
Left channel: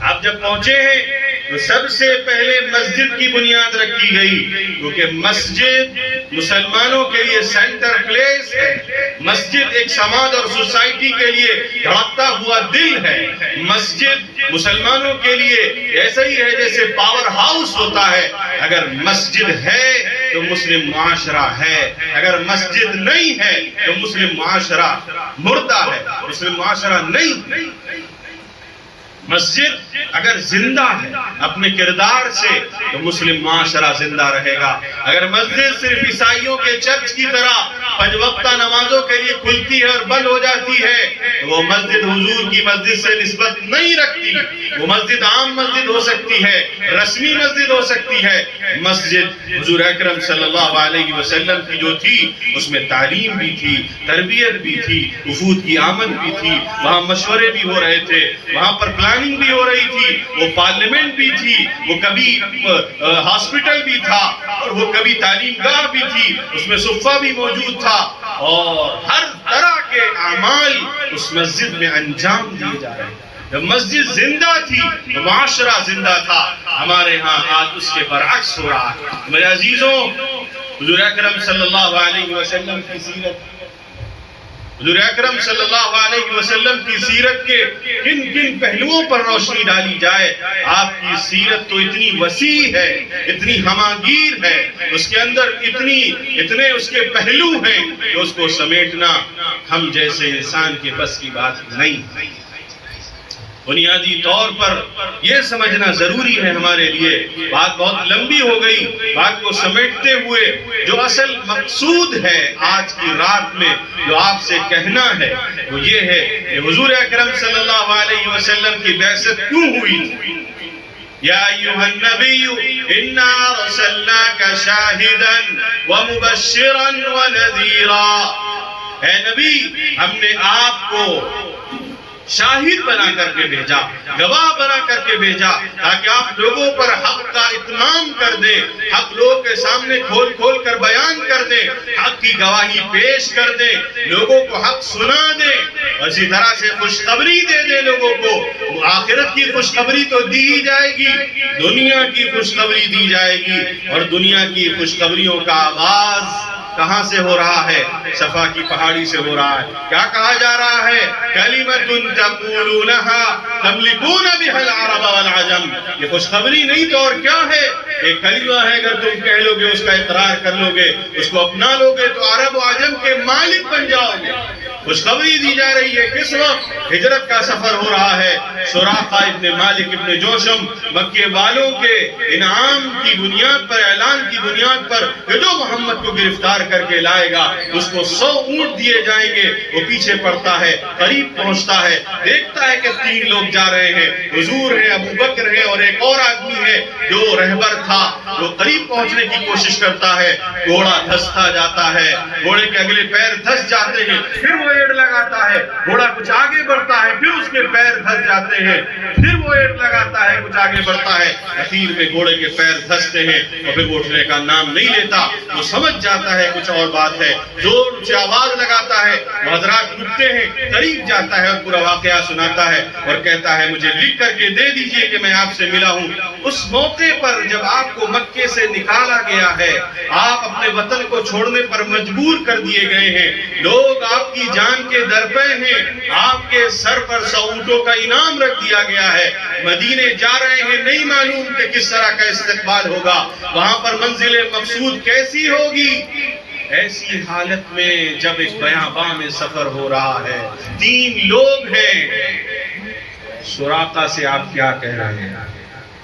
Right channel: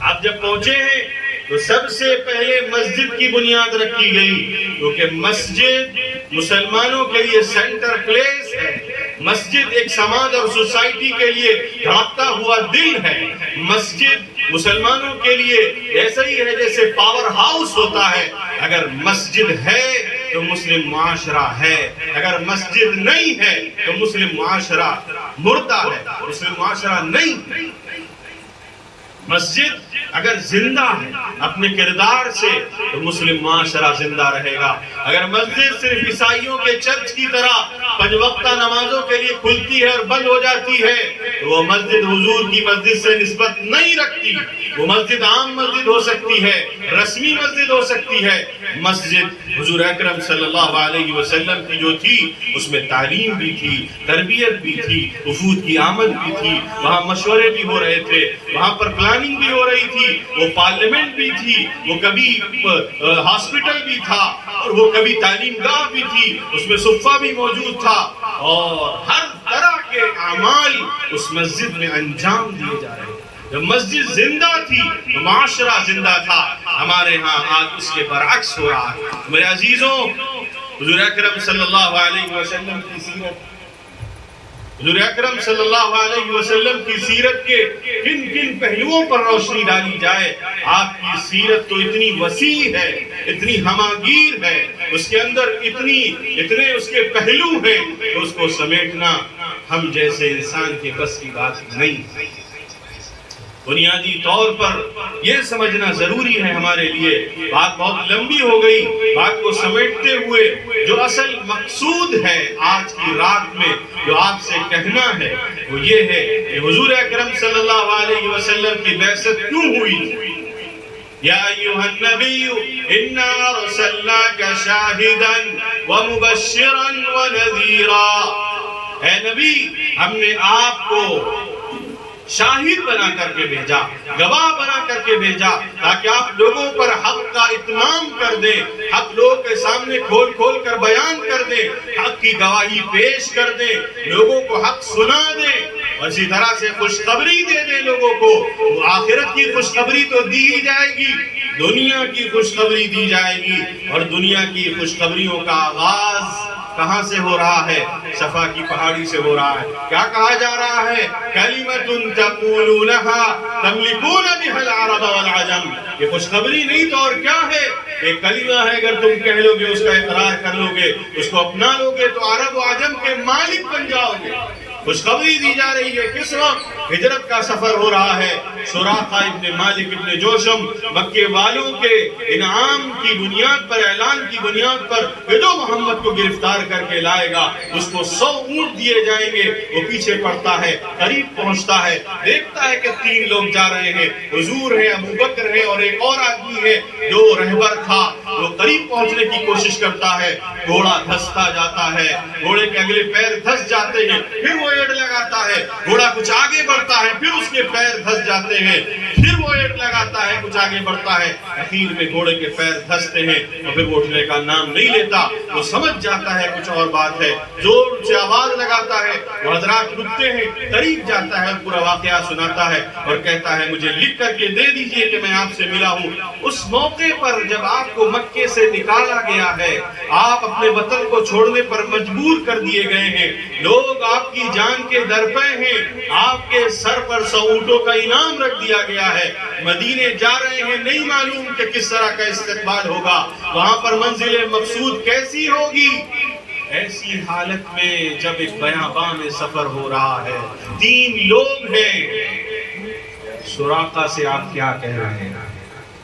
آپ جب پہنچے ہیں تو سب سے پہلے مسجد کی بنیاد رکھی گئی، کیونکہ مسجد مسلمانوں کے لیے سینٹر پلیس ہے۔ مسجد ایک سماج اور سوسائٹی کے لیے دھڑکتا ہوا دل ہے۔ مسجد مسلمانوں کے لیے ایسا ہی ہے جیسے پاور ہاؤس ہوتا ہے۔ اگر مسجد ہے تو مسلم معاشرہ ہے، اگر مسجد نہیں ہے تو مسلم معاشرہ مردہ ہے، مسلم معاشرہ نہیں۔ مسجد اگر زندہ ہے اپنے کردار سے تو مسلم معاشرہ زندہ رہے گا. اگر مسجد صرف عیسائیوں کے چرچ کی طرح 5 وقتہ نمازوں کے لیے کھلتی ہے اور بند ہو جاتی ہے تو وہ مسجد حضور کی مسجد سے نسبت نہیں رکھتی. وہ مسجد عام مسجد ہو سکتی ہے, رسمی مسجد ہو سکتی ہے. مسجد حضور اکرم صلی اللہ علیہ وسلم کی جو تھی اس میں تعلیم بھی تھی, تربیت بھی تھی, وفود کی آمد بھی تھی, وہاں مشورے بھی ہو رہے تھے, وہاں پر پلاننگ بھی ہو رہی تھی, وہ پارلیمنٹ بھی تھی, وہ کبھی ہاسپٹل بھی تھا اور وہ کبھی تعلیم گاہ بھی تھی, اس میں صفہ بھی موجود تھا اور ہر طرح کے اعمال اس مسجد میں انجام دیے جا رہے تھے. جب مسجد زندہ تھی معاشرہ زندہ تھا. ہمارے ہاں آج اس کے برعکس ہو رہا ہے. میرے عزیزوں, حضور اکرم صلی اللہ علیہ وسلم کی سیرت, حضور اکرم صلی اللہ علیہ وسلم کی سیرت کے کن کن پہلوؤں پر روشنی ڈالی جائے. آپ کی سیرت تو اتنی وسیع ہے, اتنی ہماگیر ہے, اس کے اندر اتنے اس کے پہلو ہیں کہ اس کو سمیٹنا ہم جیسے انسان کے بس کی بات نہیں. بنیادی طور پر یہ سمجھنا ضروری ہے ہمارے لیے. بات بہت لمبی ہو گئی. بات کو سمیٹتے ہوئے جو اصل مقصود ہے آج کی رات میں جو آپ سے کہنا ہے وہ یہ ہے کہ حضور اکرم صلی اللہ علیہ وسلم کی بعثت کیوں ہوئی تھی. یا ایھا النبی انا ارسلناک شاہدا ومبشرا ونذیرا. اے نبی, ہم نے آپ کو شاہد بنا کر کے بھیجا, گواہ بنا کر کے بھیجا تاکہ آپ لوگوں پر حق کا اتمام کر دیں, حق لوگوں کے سامنے کھول کھول کر بیان کر دیں, حق کی گواہی پیش کر دیں, لوگوں کو حق سنا دیں اور اسی طرح سے خوشخبری دے دیں لوگوں کو. آخرت کی خوشخبری تو دی ہی جائے گی, دنیا کی خوشخبری دی جائے گی. اور دنیا کی خوشخبریوں کا آغاز کہاں سے ہو رہا ہے؟ صفا کی پہاڑی سے ہو رہا ہے. کیا کہا جا رہا ہے؟ کلمۃ تقولونها تملکون بها العرب والعجم. یہ خوشخبری نہیں تو اور کیا ہے؟ ایک کلمہ ہے, اگر تم کہہ لو گے, اس کا اقرار کر لو گے, اس کو اپنا لو گے تو عرب و عجم کے مالک بن جاؤ گے. خوشخبری دی جا رہی ہے. کس وقت؟ ہجرت کا سفر ہو رہا ہے. سراقہ ابن مالک ابن جوشم مکے والوں کے انعام کی بنیاد پر, اعلان کی بنیاد پر کہ جو محمد کو گرفتار کر کے لائے گا اس کو 100 اونٹ دیے جائیں گے. وہ پیچھے پڑتا ہے, قریب پہنچتا ہے, دیکھتا ہے کہ 3 لوگ جا رہے ہیں, حضور ہے, ابو بکر ہے اور ایک اور آدمی ہے جو رہبر تھا. وہ قریب پہنچنے کی کوشش کرتا ہے, گھوڑا دھستا جاتا ہے, گھوڑے کے اگلے پیر دھس جاتے ہیں, پھر وہ ایڑ لگاتا ہے, گھوڑا کچھ آگے بڑھتا ہے, پھر اس کے پیر دھس جاتے ہیں, پھر وہ ایڑ لگاتا ہے, کچھ آگے بڑھتا ہے, اخیر میں گھوڑے کے پیر دھستے ہیں اور پھر وہ اٹھنے کا نام نہیں لیتا. وہ سمجھ جاتا ہے کچھ اور بات ہے, زور سے آواز لگاتا ہے, وہ حضرات رکتے ہیں, قریب جاتا ہے اور پورا واقعہ سناتا ہے اور کہتا ہے مجھے لکھ کر کے دے دیجئے کہ میں آپ سے ملا ہوں. اس موقع پر جب آپ کو مکے سے نکالا گیا ہے, آپ اپنے وطن کو چھوڑنے پر مجبور کر دیے گئے ہیں, لوگ آپ کی جان کے درپے ہیں, آپ کے سر پر 100 اونٹوں کا انعام رکھ دیا گیا ہے, مدینے جا رہے ہیں, نہیں معلوم کہ کس طرح کا استقبال ہوگا, وہاں پر منزل مقصود کیسی ہوگی. ایسی حالت میں جب ایک بیاباں میں سفر ہو رہا ہے, 3 لوگ ہیں, سراقہ سے آپ کیا کہہ رہے ہیں؟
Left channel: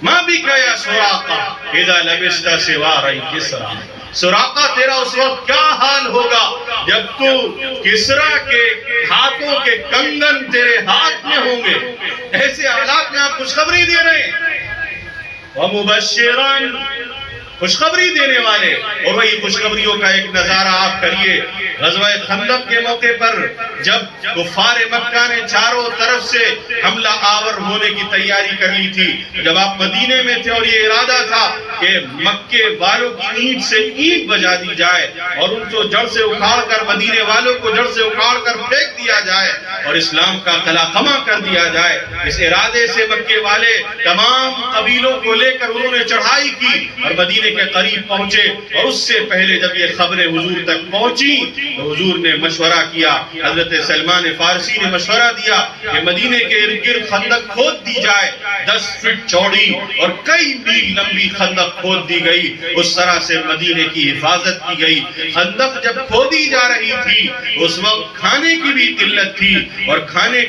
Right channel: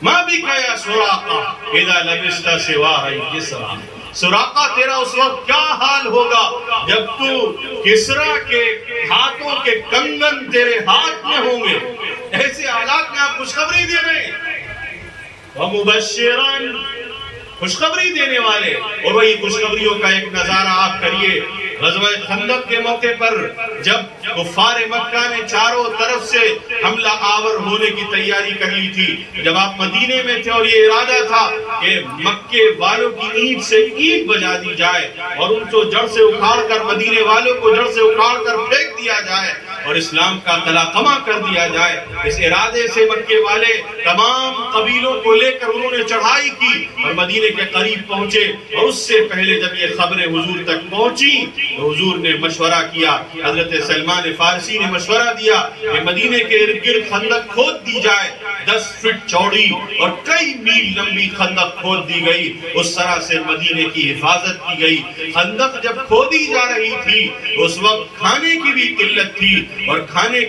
ماں بھی کہا سراقہ اذا لبست سوارِ کسریٰ. سراقہ تیرا اس وقت کیا حال ہوگا جب تو کسریٰ کے ہاتھوں کے کنگن تیرے ہاتھ میں ہوں گے. ایسے حالات میں آپ خوشخبری دے رہے ہیں. وَمُبَشِّرًا, خوشخبری دینے والے. اور وہی خوشخبریوں کا ایک نظارہ آپ کریے. غزوہ خندق کے موقع پر جب کفار مکہ نے چاروں طرف سے حملہ آور ہونے کی تیاری کر لی تھی, جب آپ مدینے میں تھے اور یہ ارادہ تھا کہ مکے والوں کی اینٹ سے اینٹ بجا دی جائے اور ان کو جڑ سے اکھاڑ کر, مدینے والوں کو جڑ سے اکھاڑ کر پھینک دیا جائے اور اسلام کا قلعہ کر دیا جائے, اس ارادے سے مکے والے تمام قبیلوں کو لے کر انہوں نے چڑھائی کی اور مدینے کے قریب پہنچے. اور اس سے پہلے جب یہ خبریں حضور تک پہنچی تو حضور نے مشورہ کیا، حضرت سلمان فارسی نے مشورہ دیا کہ مدینے کے ارد گرد خندق کھود دی جائے، 10 فٹ چوڑی اور کئی میل لمبی خندق کھود دی گئی، اس طرح سے مدینے کی حفاظت کی گئی۔ خندق جب کھودی جا رہی تھی اس وقت کھانے کی بھی قلت تھی اور کھانے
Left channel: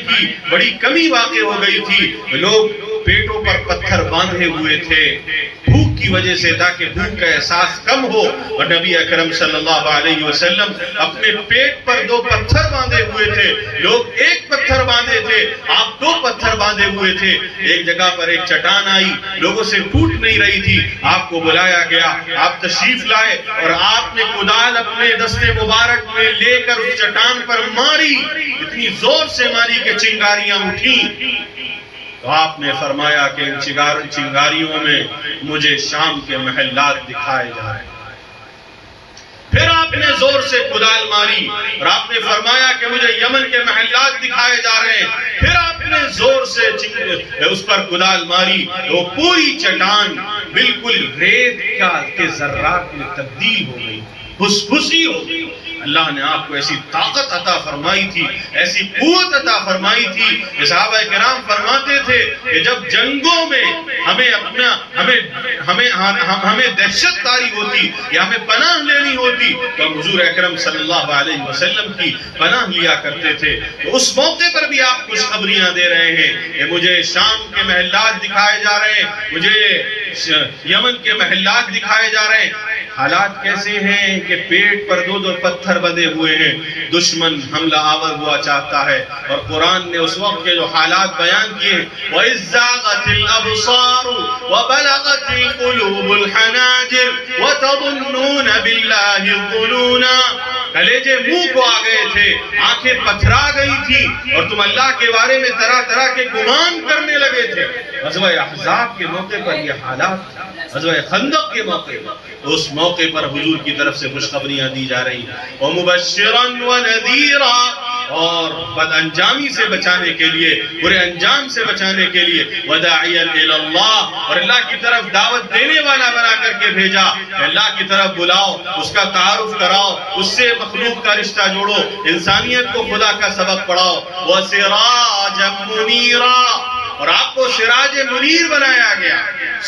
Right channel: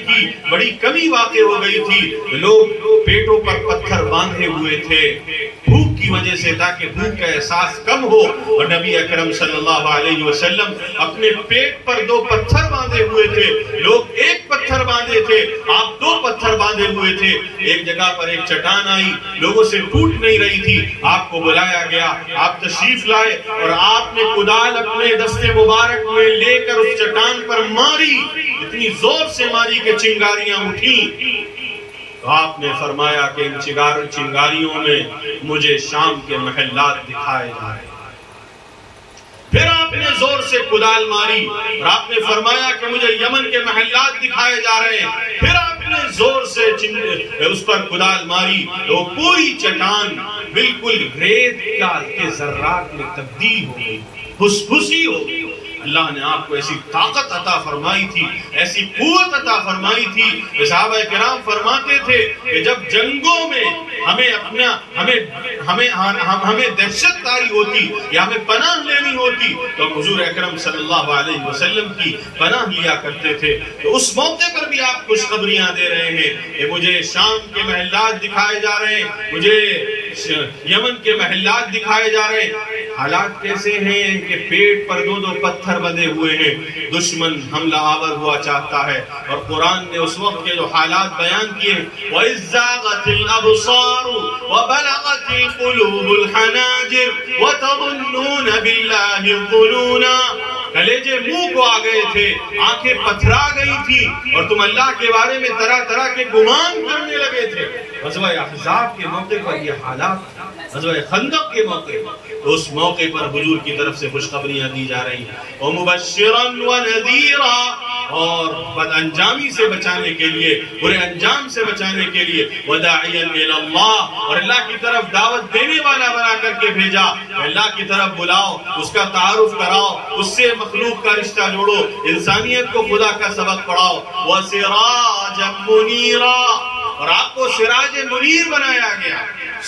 کی بڑی کمی واقع ہو گئی تھی، لوگ پیٹوں پر پتھر باندھے ہوئے تھے بھوک کی وجہ سے، تاکہ بھوک کا احساس کم ہو، اور نبی اکرم صلی اللہ علیہ وسلم اپنے پیٹ پر 2 پتھر باندھے ہوئے تھے، لوگ 1 پتھر باندھے تھے، آپ 2 پتھر باندھے ہوئے تھے۔ ایک جگہ پر ایک چٹان آئی، لوگوں سے ٹوٹ نہیں رہی تھی، آپ کو بلایا گیا، آپ تشریف لائے اور آپ نے کدال اپنے دستے مبارک میں لے کر اس چٹان پر ماری، اتنی زور سے ماری کہ چنگاریاں اٹھیں۔ تو آپ نے فرمایا کہ ان چنگاریوں میں مجھے شام کے محلات دکھائے جا رہے ہیں۔ پھر آپ نے زور سے کدال ماری اور آپ نے فرمایا کہ مجھے یمن کے محلات دکھائے جا رہے ہیں۔ پھر آپ نے زور سے اس پر کدال ماری، وہ پوری چٹان بالکل ریت کے ذرات میں تبدیل ہو گئی، پھسپھسی ہو گئی۔ اللہ نے آپ کو ایسی طاقت عطا فرمائی تھی، ایسی قوت عطا فرمائی تھی کہ صحابہ کرام فرماتے تھے کہ جب جنگوں میں ہمیں دہشت کاری ہوتی یا ہمیں پناہ لینی ہوتی تو ہم حضور اکرم صلی اللہ علیہ وسلم کی پناہ لیا کرتے تھے۔ تو اس موقع پر بھی آپ خوشخبریاں دے رہے ہیں کہ مجھے شام کے محلات دکھائے جا رہے ہیں، مجھے یمن کے محلات دکھائے جا رہے ہیں۔ حالات کیسے ہیں کہ پیٹ پر 2 پتھر بندھے ہوئے ہیں، دشمن حملہ آور ہوا چاہتا ہے، اور قرآن نے اس وقت کے جو حالات بیان کیے ہیں، وَإِذْ زَاغَتِ الْأَبْصَارُ وَبَلَغَتِ الْقُلُوبُ الْحَنَاجِرَ وَتَظُنُّونَ بِاللَّهِ الظُّنُونَ۔ کلیجے منہ کو آ گئے تھے، آنکھیں پتھرا گئی تھی اور تم اللہ کے بارے میں طرح طرح کے گمان کرنے لگے تھے۔ غزوہ احزاب کے موقع پر یہ حالات، غزوہ خندق کے موقع پر، تو اس موقع پر حضور کی طرف سے خوشخبریاں دی جا رہی ہیں، وَمُبَشِّرًا وَنَذِيرًا، اور بد انجامی سے بچانے کے لیے، برے انجام سے بچانے کے لیے، وَدَاعِيًا إِلَى اللَّهِ، اور اللہ کی طرف دعوت دینے والا بنا کر کے بھیجا، اللہ کی طرف بلاؤ، اس کا تعارف کراؤ، اس سے مخلوق کا رشتہ جوڑو، انسانیت کو خدا کا سبق پڑھاؤ، وَسِرَاجًا مُنِيرًا، اور آپ کو سراج منیر بنایا گیا۔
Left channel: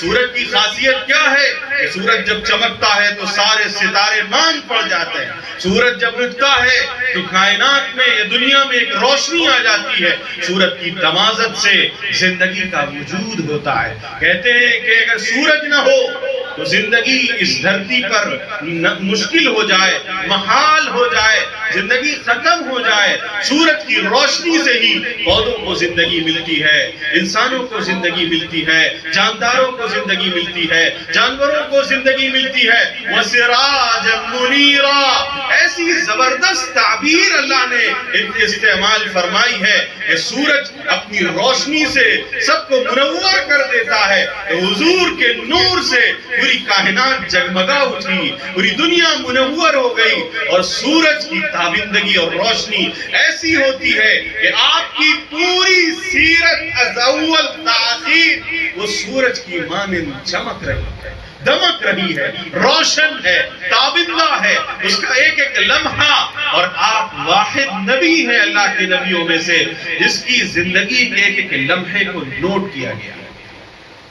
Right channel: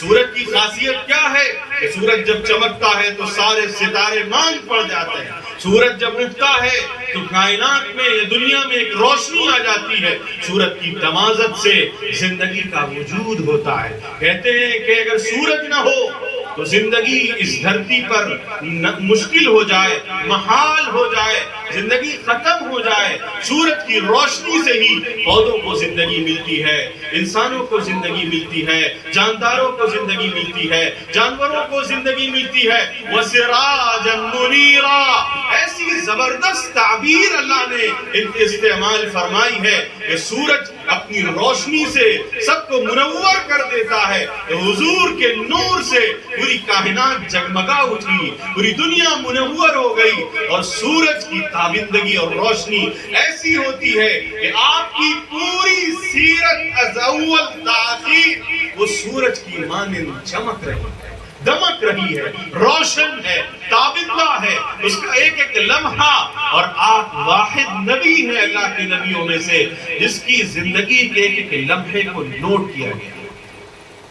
سورج کی خاصیت کیا ہے کہ سورج جب چمکتا ہے تو سارے ستارے مان پڑ جاتے ہیں، سورج جب اٹھتا ہے تو کائنات میں یا دنیا میں ایک روشنی آ جاتی ہے، سورج کی تمازت سے زندگی کا وجود ہوتا ہے۔ کہتے ہیں کہ اگر سورج نہ ہو تو زندگی اس دھرتی پر مشکل ہو جائے، محال ہو جائے، زندگی ختم ہو جائے۔ سورج کی روشنی سے ہی پودوں کو زندگی ملتی ہے، انسانوں کو زندگی ملتی ہے، جانداروں کو زندگی ملتی ہے، جانوروں کو زندگی ملتی ہے۔ وَسِرَاجًا مُنِيرًا، ایسی زبردست تعبیر اللہ نے ان کی استعمال فرمائی ہے کہ سورج اپنی روشنی سے سب کو منور کر دیتا ہے، تو حضور کے نور سے پوری کائنات جگمگا اٹھی، پوری دنیا منور ہو گئی، اور سورج کی تابندگی اور روشنی ایسی ہوتی ہے کہ آپ کی پوری سیرت از اول تاخیر وہ سورج کی مانند چمک رہی ہے، دمک رہی ہے، روشن ہے، تابندہ ہے، اس کا ایک ایک لمحہ، اور آپ واحد نبی ہیں اللہ کے نبیوں میں سے جس کی زندگی کے ایک ایک لمحے کو نوٹ کیا گیا۔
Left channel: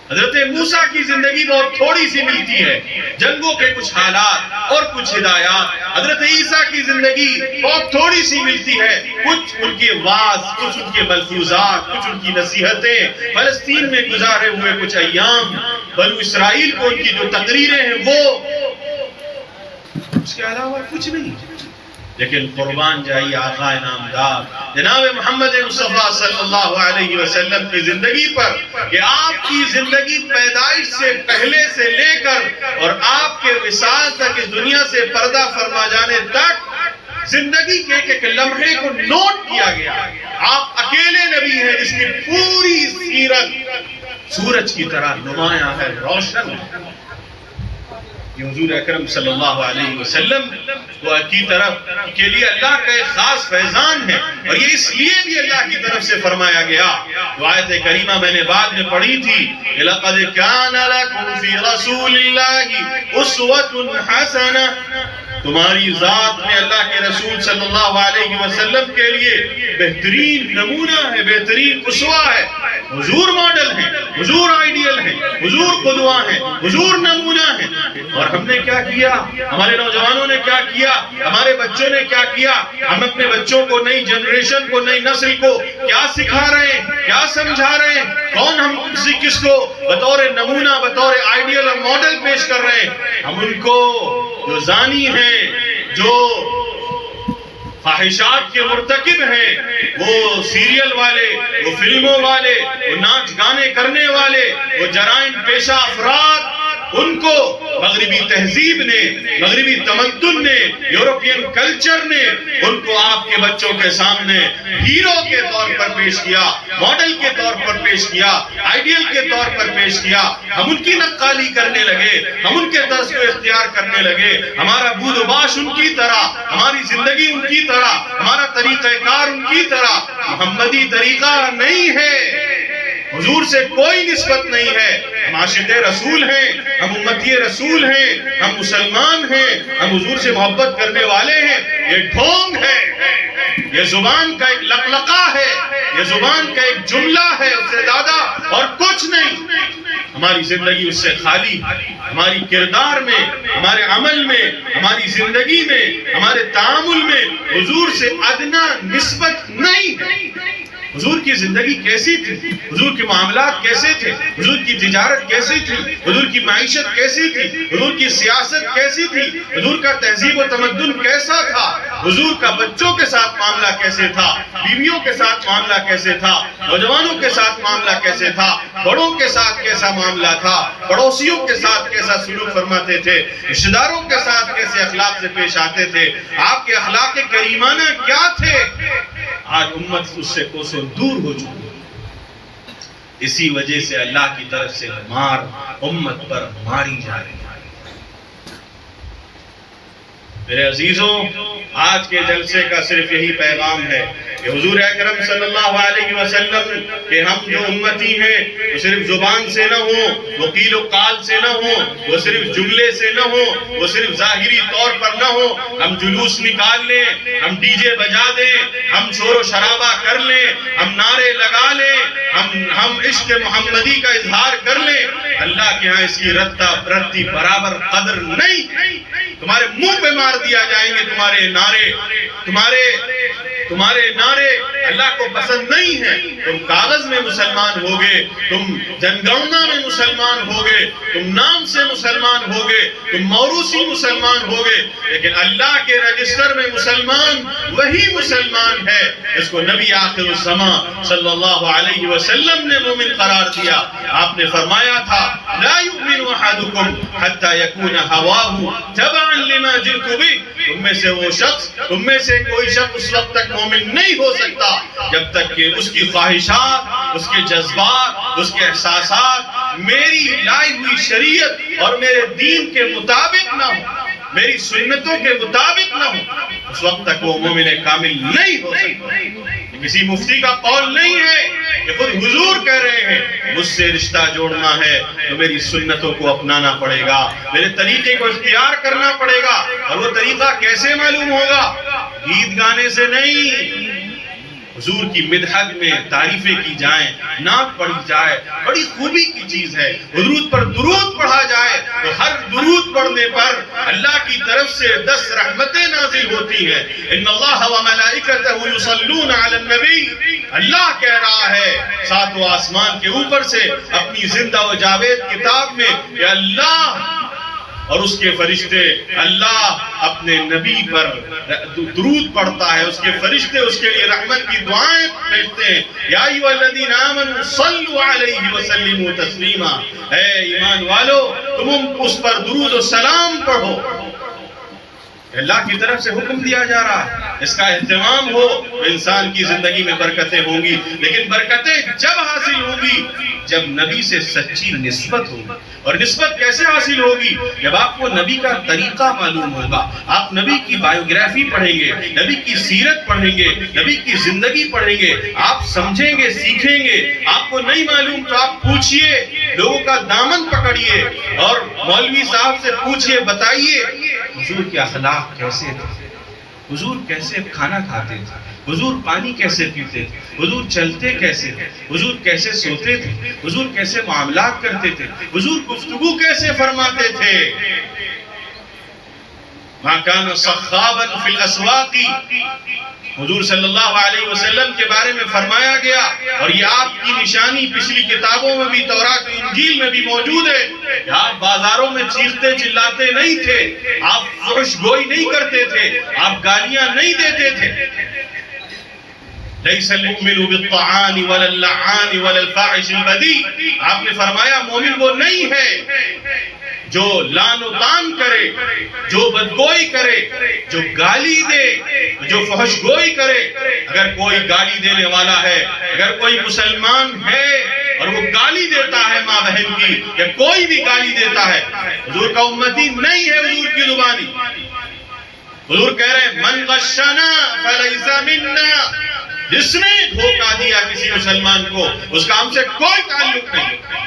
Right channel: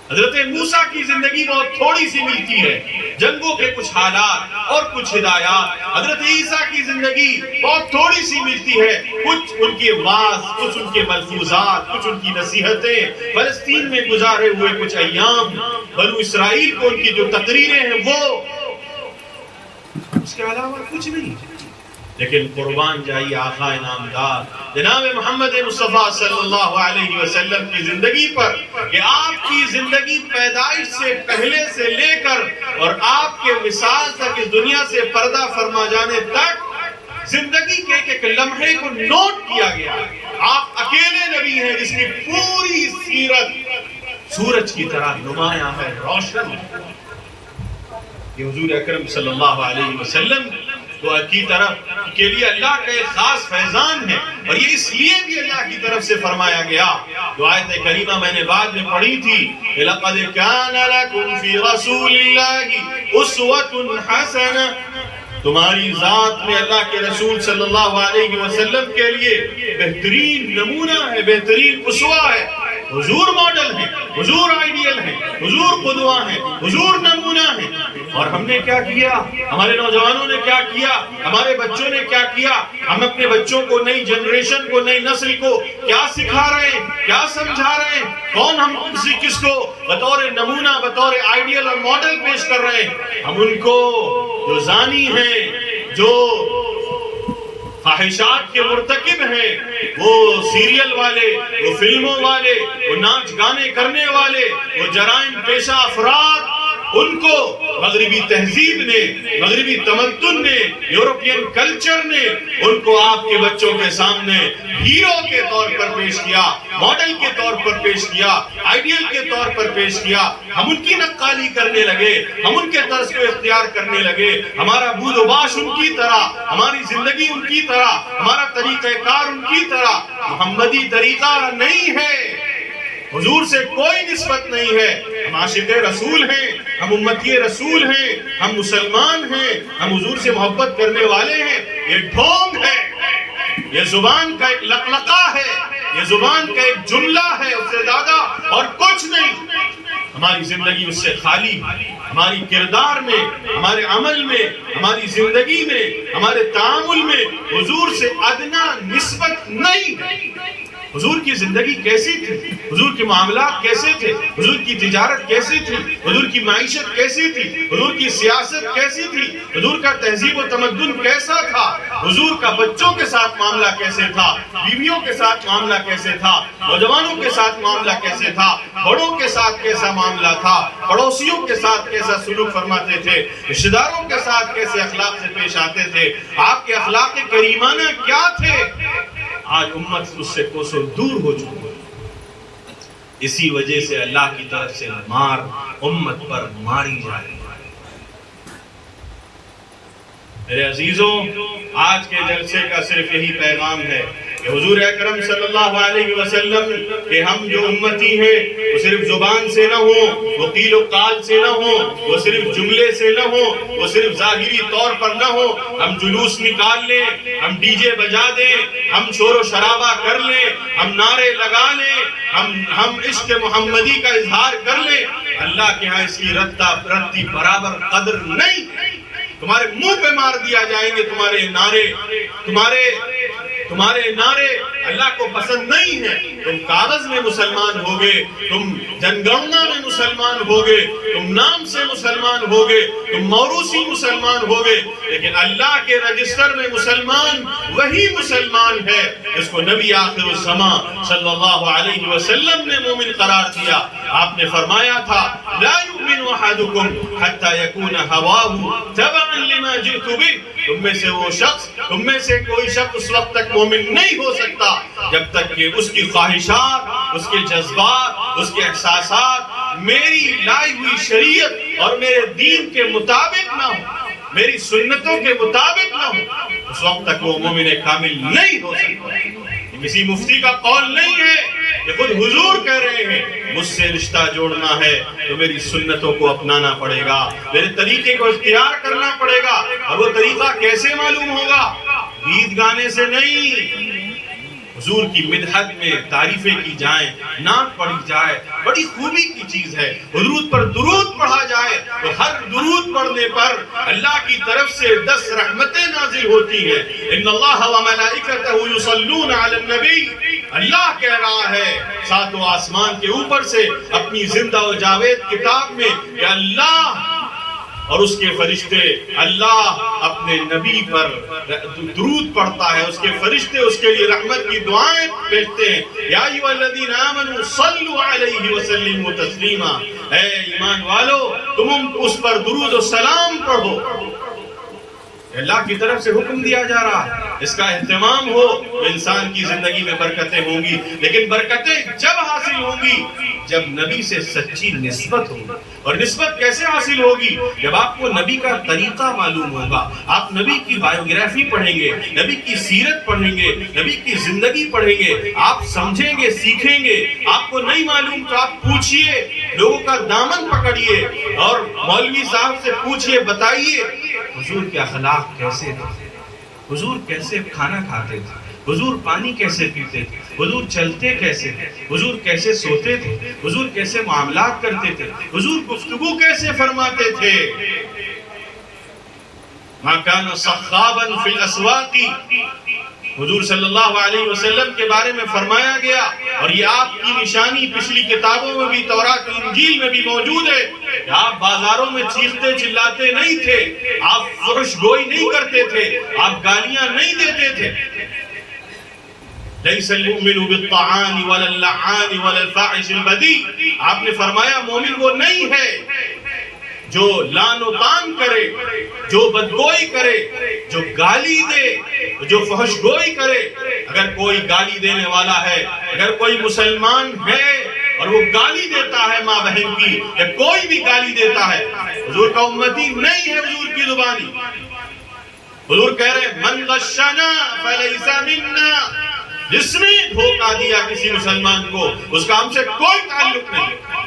حضرت موسیٰ کی زندگی بہت تھوڑی سی ملتی ہے، جنگوں کے کچھ حالات اور کچھ ہدایات۔ حضرت عیسیٰ کی زندگی بہت تھوڑی سی ملتی ہے، کچھ ان کے واعظ، کچھ ان کے ملفوظات، کچھ ان کی نصیحتیں، فلسطین میں گزارے ہوئے کچھ ایام، بنو اسرائیل کو ان کی جو تقریریں ہیں وہ، اس کے علاوہ کچھ نہیں۔ لیکن قربان جائیے آقا نامدار جناب محمد مصطفیٰ صلی اللہ علیہ وسلم کی زندگی پر کہ آپ کی زندگی پیدائش سے پہلے سے لے کر اور آپ کے وصال تک اس دنیا سے پردہ فرما جانے تک زندگی کے ایک لمحے کو نوٹ کیا گیا۔ آپ اکیلے نبی ہیں جس کی پوری سیرت سورج کی طرح نمایاں ہے، روشن ہے۔ یہ حضور اکرم صلی اللہ علیہ وسلم کی طرف کے لیے اللہ کا ایک خاص فیضان ہے، اور یہ اس لیے بھی اللہ کی طرف سے فرمایا گیا۔ جو آیت کریمہ میں نے بعد میں پڑھی تھی، لَقَدْ كَانَ لَكُمْ فِي رَسُولِ اللَّهِ أُسْوَةٌ حَسَنَةٌ، تمہاری ذات میں اللہ کے رسول صلی اللہ علیہ وسلم کے لیے بہترین نمونہ ہے، بہترین اسوہ ہے۔ حضور ماڈل ہیں، حضور آئیڈیل ہیں، حضور قدوہ ہیں، حضور نمونہ ہیں۔ اور ہم نے کیا کیا؟ ہمارے نوجوانوں نے کیا کیا؟ ہمارے بچوں نے کیا کیا؟ ہم اپنے بچوں کو، نئی جنریشن کو، نئی نسل کو کیا سکھا رہے ہیں، کیا سمجھا رہے ہیں؟ کون ہم کس کو بطور نمونہ، بطور آئیڈیل اور ماڈل پیش کر رہے ہیں؟ ہم ان کو جو زانی ہیں، جو فاحشات کے مرتکب ہیں، وہ سیریل والے، وہ فلموں والے، وہ ناچ گانے کرنے والے، وہ جرائم پیشہ افراد، ان کو مغربی تہذیب نے، مغربی تمدن نے، یورپین کلچر نے ان کو آپ کے بچوں کے سامنے ہیرو کے طور پر پیش کیا، ماڈل کے طور پر پیش کیا، آئیڈیل کے طور پر پیش کیا۔ ہم ان کی نقالی کرنے لگے، ہم ان کے طرز کو اختیار کرنے لگے۔ ہمارا بود و باش ان کی طرح، ہماری زندگی ان کی طرح، ہمارا طریقہ کار ان کی طرح محمدی طریقہ نہیں ہے۔ حضور سے کوئی نسبت نہیں ہے۔ ہم عاشق رسول ہیں، ہم امتی رسول ہیں، ہم مسلمان ہیں، ہم حضور سے محبت کرنے والے ہیں۔ یہ ڈھونگ ہے، یہ زبان کا ایک لقلقہ ہے، یہ زبان کا ایک جملہ ہے، اس سے زیادہ اور کچھ نہیں۔ ہماری زندگی اس سے خالی، ہماری کردار میں، ہمارے عمل میں، ہماری زندگی میں، ہمارے تعامل میں حضور سے ادنا نسبت نہیں ہے۔ حضور کی زندگی کیسی تھی؟ حضور کے معاملات کیسے تھے؟ حضور کی تجارت کیسی تھی؟ حضور کی معیشت کیسی تھی؟ حضور کی سیاست کیسی تھی؟ حضور کا تہذیب و تمدن کیسا تھا؟ حضور کا بچوں کے ساتھ معاملہ کیسے تھا؟ بیویوں کے ساتھ معاملہ کیسے تھا؟ نوجوانوں کے ساتھ معاملہ کیسے تھا؟ بڑوں کے ساتھ کیسا معاملہ تھا؟ پڑوسیوں کے ساتھ کیسا سلوک فرماتے تھے؟ رشتہ داروں کے ساتھ کیسے اخلاق سے پیش آتے تھے؟ آپ کے اخلاق کریمانہ کیا تھے؟ آج امت اس سے کوسوں دور ہو چکی۔ اسی وجہ سے اللہ کی طرف سے مار امت پر ماری جا رہی ہے۔ میرے عزیزوں، آج کے جلسے کا صرف یہی پیغام ہے کہ حضور اکرم صلی اللہ علیہ وسلم کہ ہم جو امتی ہیں وہ صرف زبان سے نہ ہوں، وہ قیل و قال سے نہ ہوں، وہ صرف جملے سے نہ ہوں، وہ صرف ظاہری طور پر نہ ہوں۔ ہم جلوس نکال لیں، ہم ڈی جے بجا دیں، ہم شور و شرابہ کر لیں، ہم نعرے لگا لیں، ہم عشق محمدی کا اظہار کر لیں، اللہ کے ہاں اس کی رتی برابر قدر نہیں۔ تمہارے منہ پہ مار دیا جائیں گے تمہارے نعرے، تمہارے نعرے اللہ کو پسند نہیں ہیں۔ تم کاغذ میں مسلمان ہوگے، تم جنگننا میں مسلمان ہوگے، تم نام سے مسلمان ہوگے، تم موروثی مسلمان ہوگے، لیکن اللہ کے رجسٹر میں مسلمان وہی مسلمان ہے جس کو نبی آخر الزمان صلی اللہ علیہ وسلم نے مومن قرار دیا۔ آپ نے فرمایا تھا لا یؤمن احدکم حتی یکون ہواہ تبعا لما جئت بہ۔ تم میں سے کوئی شخص اس وقت تک مومن نہیں ہو سکتا جب تک کہ اس کی خواہشات، اس کے جذبات، اس کے احساسات میری لائی ہوئی شریعت اور میرے دین کے مطابق نہ ہو، میری سنتوں کے مطابق نہ ہو، اس وقت تک وہ مومن کامل نہیں ہو سکتا۔ کسی مفتی کا قول نہیں ہے، یہ خود حضور کہہ رہے ہیں مجھ سے رشتہ جوڑنا ہے تو میری سنتوں کو اپنانا پڑے گا، میرے طریقے کو اختیار کرنا پڑے گا۔ اور وہ طریقہ کیسے معلوم ہوگا؟ گیت گانے سے نہیں، حضور کی مدحت میں تعریفیں کی جائیں، نعت پڑھی جائے، بڑی خوبی کی چیز ہے۔ حضور پر درود پڑھا جائے تو ہر درود پڑھنے پر اللہ کی طرف سے 10 رحمتیں نازل ہوتی ہیں۔ ان اللہ و ملائکتہ یصلون علی النبی، اللہ کہہ رہا ہے ساتوں آسمان کے اوپر سے اپنی زندہ و جاوید کتاب میں کہ اللہ اور اس کے فرشتے، اللہ اپنے نبی پر درود پڑھتا ہے، اس کے فرشتے اس کے لیے رحمت کی دعائیں بھیجتے ہیں۔ یا ایھا الذین آمنوا صلوا علیہ وسلموا تسلیما، اے ایمان والو تم اس پر درود و سلام پڑھو۔ اللہ کی طرف سے حکم دیا جا رہا ہے، اس کا اہتمام ہو تو انسان کی زندگی میں برکتیں ہوں گی، لیکن برکتیں جب حاصل ہوں گی جب نبی سے سچی نسبت ہوگی۔ اور نسبت کیسے حاصل ہوگی؟ جب آپ کو نبی کا طریقہ معلوم ہوگا، آپ نبی کی بائیوگرافی پڑھیں گے، نبی کی سیرت پڑھیں گے، نبی کی زندگی پڑھیں گے، آپ سمجھیں گے، سیکھیں گے۔ آپ کو نہیں معلوم تو آپ پوچھئے، لوگوں کا دامن پکڑیے اور مولوی صاحب سے پوچھئے، بتائیے۔ حضور کے اخلاق کیسے تھے، حضور کیسے کھانا کھاتے تھے، حضور پانی کیسے پیتے تھے، حضور چلتے کیسے تھے، حضور کیسے سوتے تھے، حضور کیسے معاملات کرتے تھے، حضور گفتگو کیسے فرماتے تھے۔ مَا كَانَ صَخَّابًا فِي الْأَسْوَاقِ، حضور صلی اللہ علیہ وسلم کے بارے میں فرمایا گیا، اور یہ آپ کی نشانی پچھلی کتابوں میں بھی، تورات و انجیل میں بھی موجود ہے کہ آپ بازاروں میں چیختے چلاتے نہیں تھے، آپ فحش گوئی نہیں کرتے تھے، آپ گالیاں نہیں دیتے تھے۔ لَيْسَ الْمُؤْمِنُ بِالطَّعَانِ وَلَا اللَّعَانِ وَلَا الْفَاحِشِ الْبَذِيءِ، آپ نے فرمایا مومن وہ نہیں ہے جو لعن و طعن کرے، جو بدگوئی کرے، جو گالی دے، جو فحش گوئی کرے۔ اگر کوئی گالی دینے والا ہے، اگر کوئی مسلمان ہے اور وہ گالی دیتا ہے ماں بہن کی، یا کوئی بھی گالی دیتا ہے، حضور کا امتی نہیں ہے حضور کی زبانی۔ حضور کہہ رہے ہیں من غشنا فلیس منا، جس نے دھوکہ دیا کسی مسلمان کو، اس کا ہم سے کوئی تعلق نہیں۔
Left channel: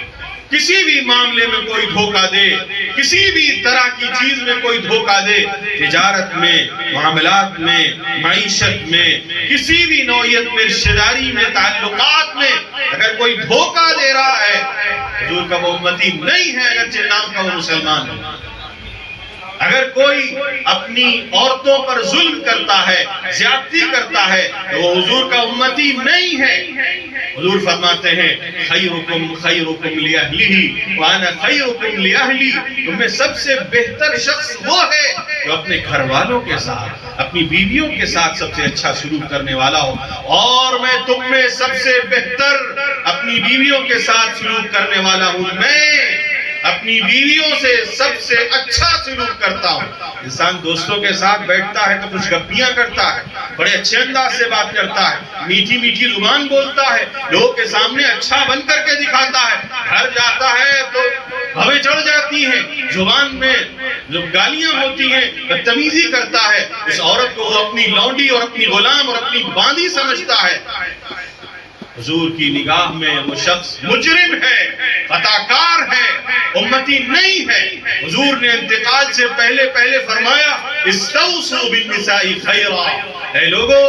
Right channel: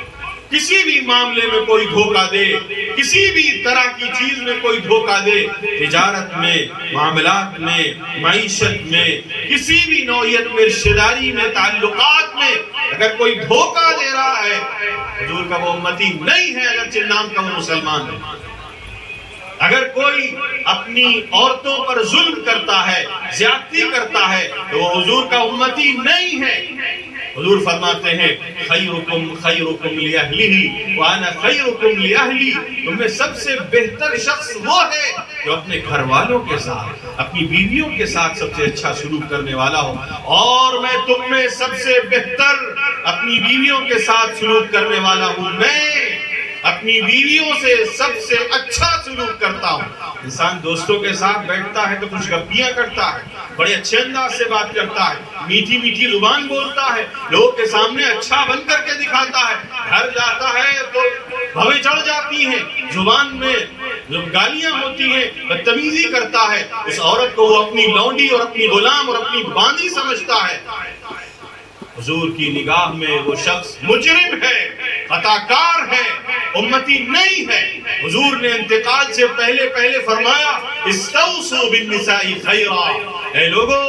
کسی بھی معاملے میں کوئی دھوکہ دے، کسی بھی طرح کی چیز میں کوئی دھوکہ دے، تجارت میں، معاملات میں، معیشت میں، کسی بھی نوعیت میں، رشتہ داری میں، تعلقات میں اگر کوئی دھوکہ دے رہا ہے، حضور کا وہ امتی نہیں ہے، اگرچہ نام کا وہ مسلمان ہے۔ اگر کوئی اپنی عورتوں پر ظلم کرتا ہے، زیادتی کرتا ہے، تو وہ حضور کا امتی نہیں ہے۔ حضور فرماتے ہیں خیرکم خیرکم لأہلہ وانا خیرکم لأہلی، تم میں سب سے بہتر شخص وہ ہے جو اپنے گھر والوں کے ساتھ، اپنی بیویوں کے ساتھ سب سے اچھا سلوک کرنے والا ہو، اور میں تم میں سب سے بہتر اپنی بیویوں کے ساتھ سلوک کرنے والا ہوں۔ میں اپنی بیویوں سے سب سے اچھا سلوک کرتا ہوں۔ انسان دوستوں کے ساتھ بیٹھتا ہے تو کچھ گپیاں کرتا ہے، بڑے اچھے انداز سے بات کرتا ہے، میٹھی میٹھی زبان بولتا ہے، لوگوں کے سامنے اچھا بن کر کے دکھاتا ہے، گھر جاتا ہے تو بھویں چڑھ جاتی ہیں، زبان میں جو گالیاں ہوتی ہیں بدتمیزی کرتا ہے، اس عورت کو وہ اپنی لونڈی اور اپنی غلام اور اپنی باندی سمجھتا ہے۔ حضور کی نگاہ میں وہ شخص مجرم ہے، خطاکار ہے، امتی نہیں ہے۔ حضور نے انتقال سے پہلے فرمایا استوصوا بالنساء خیرا، اے لوگو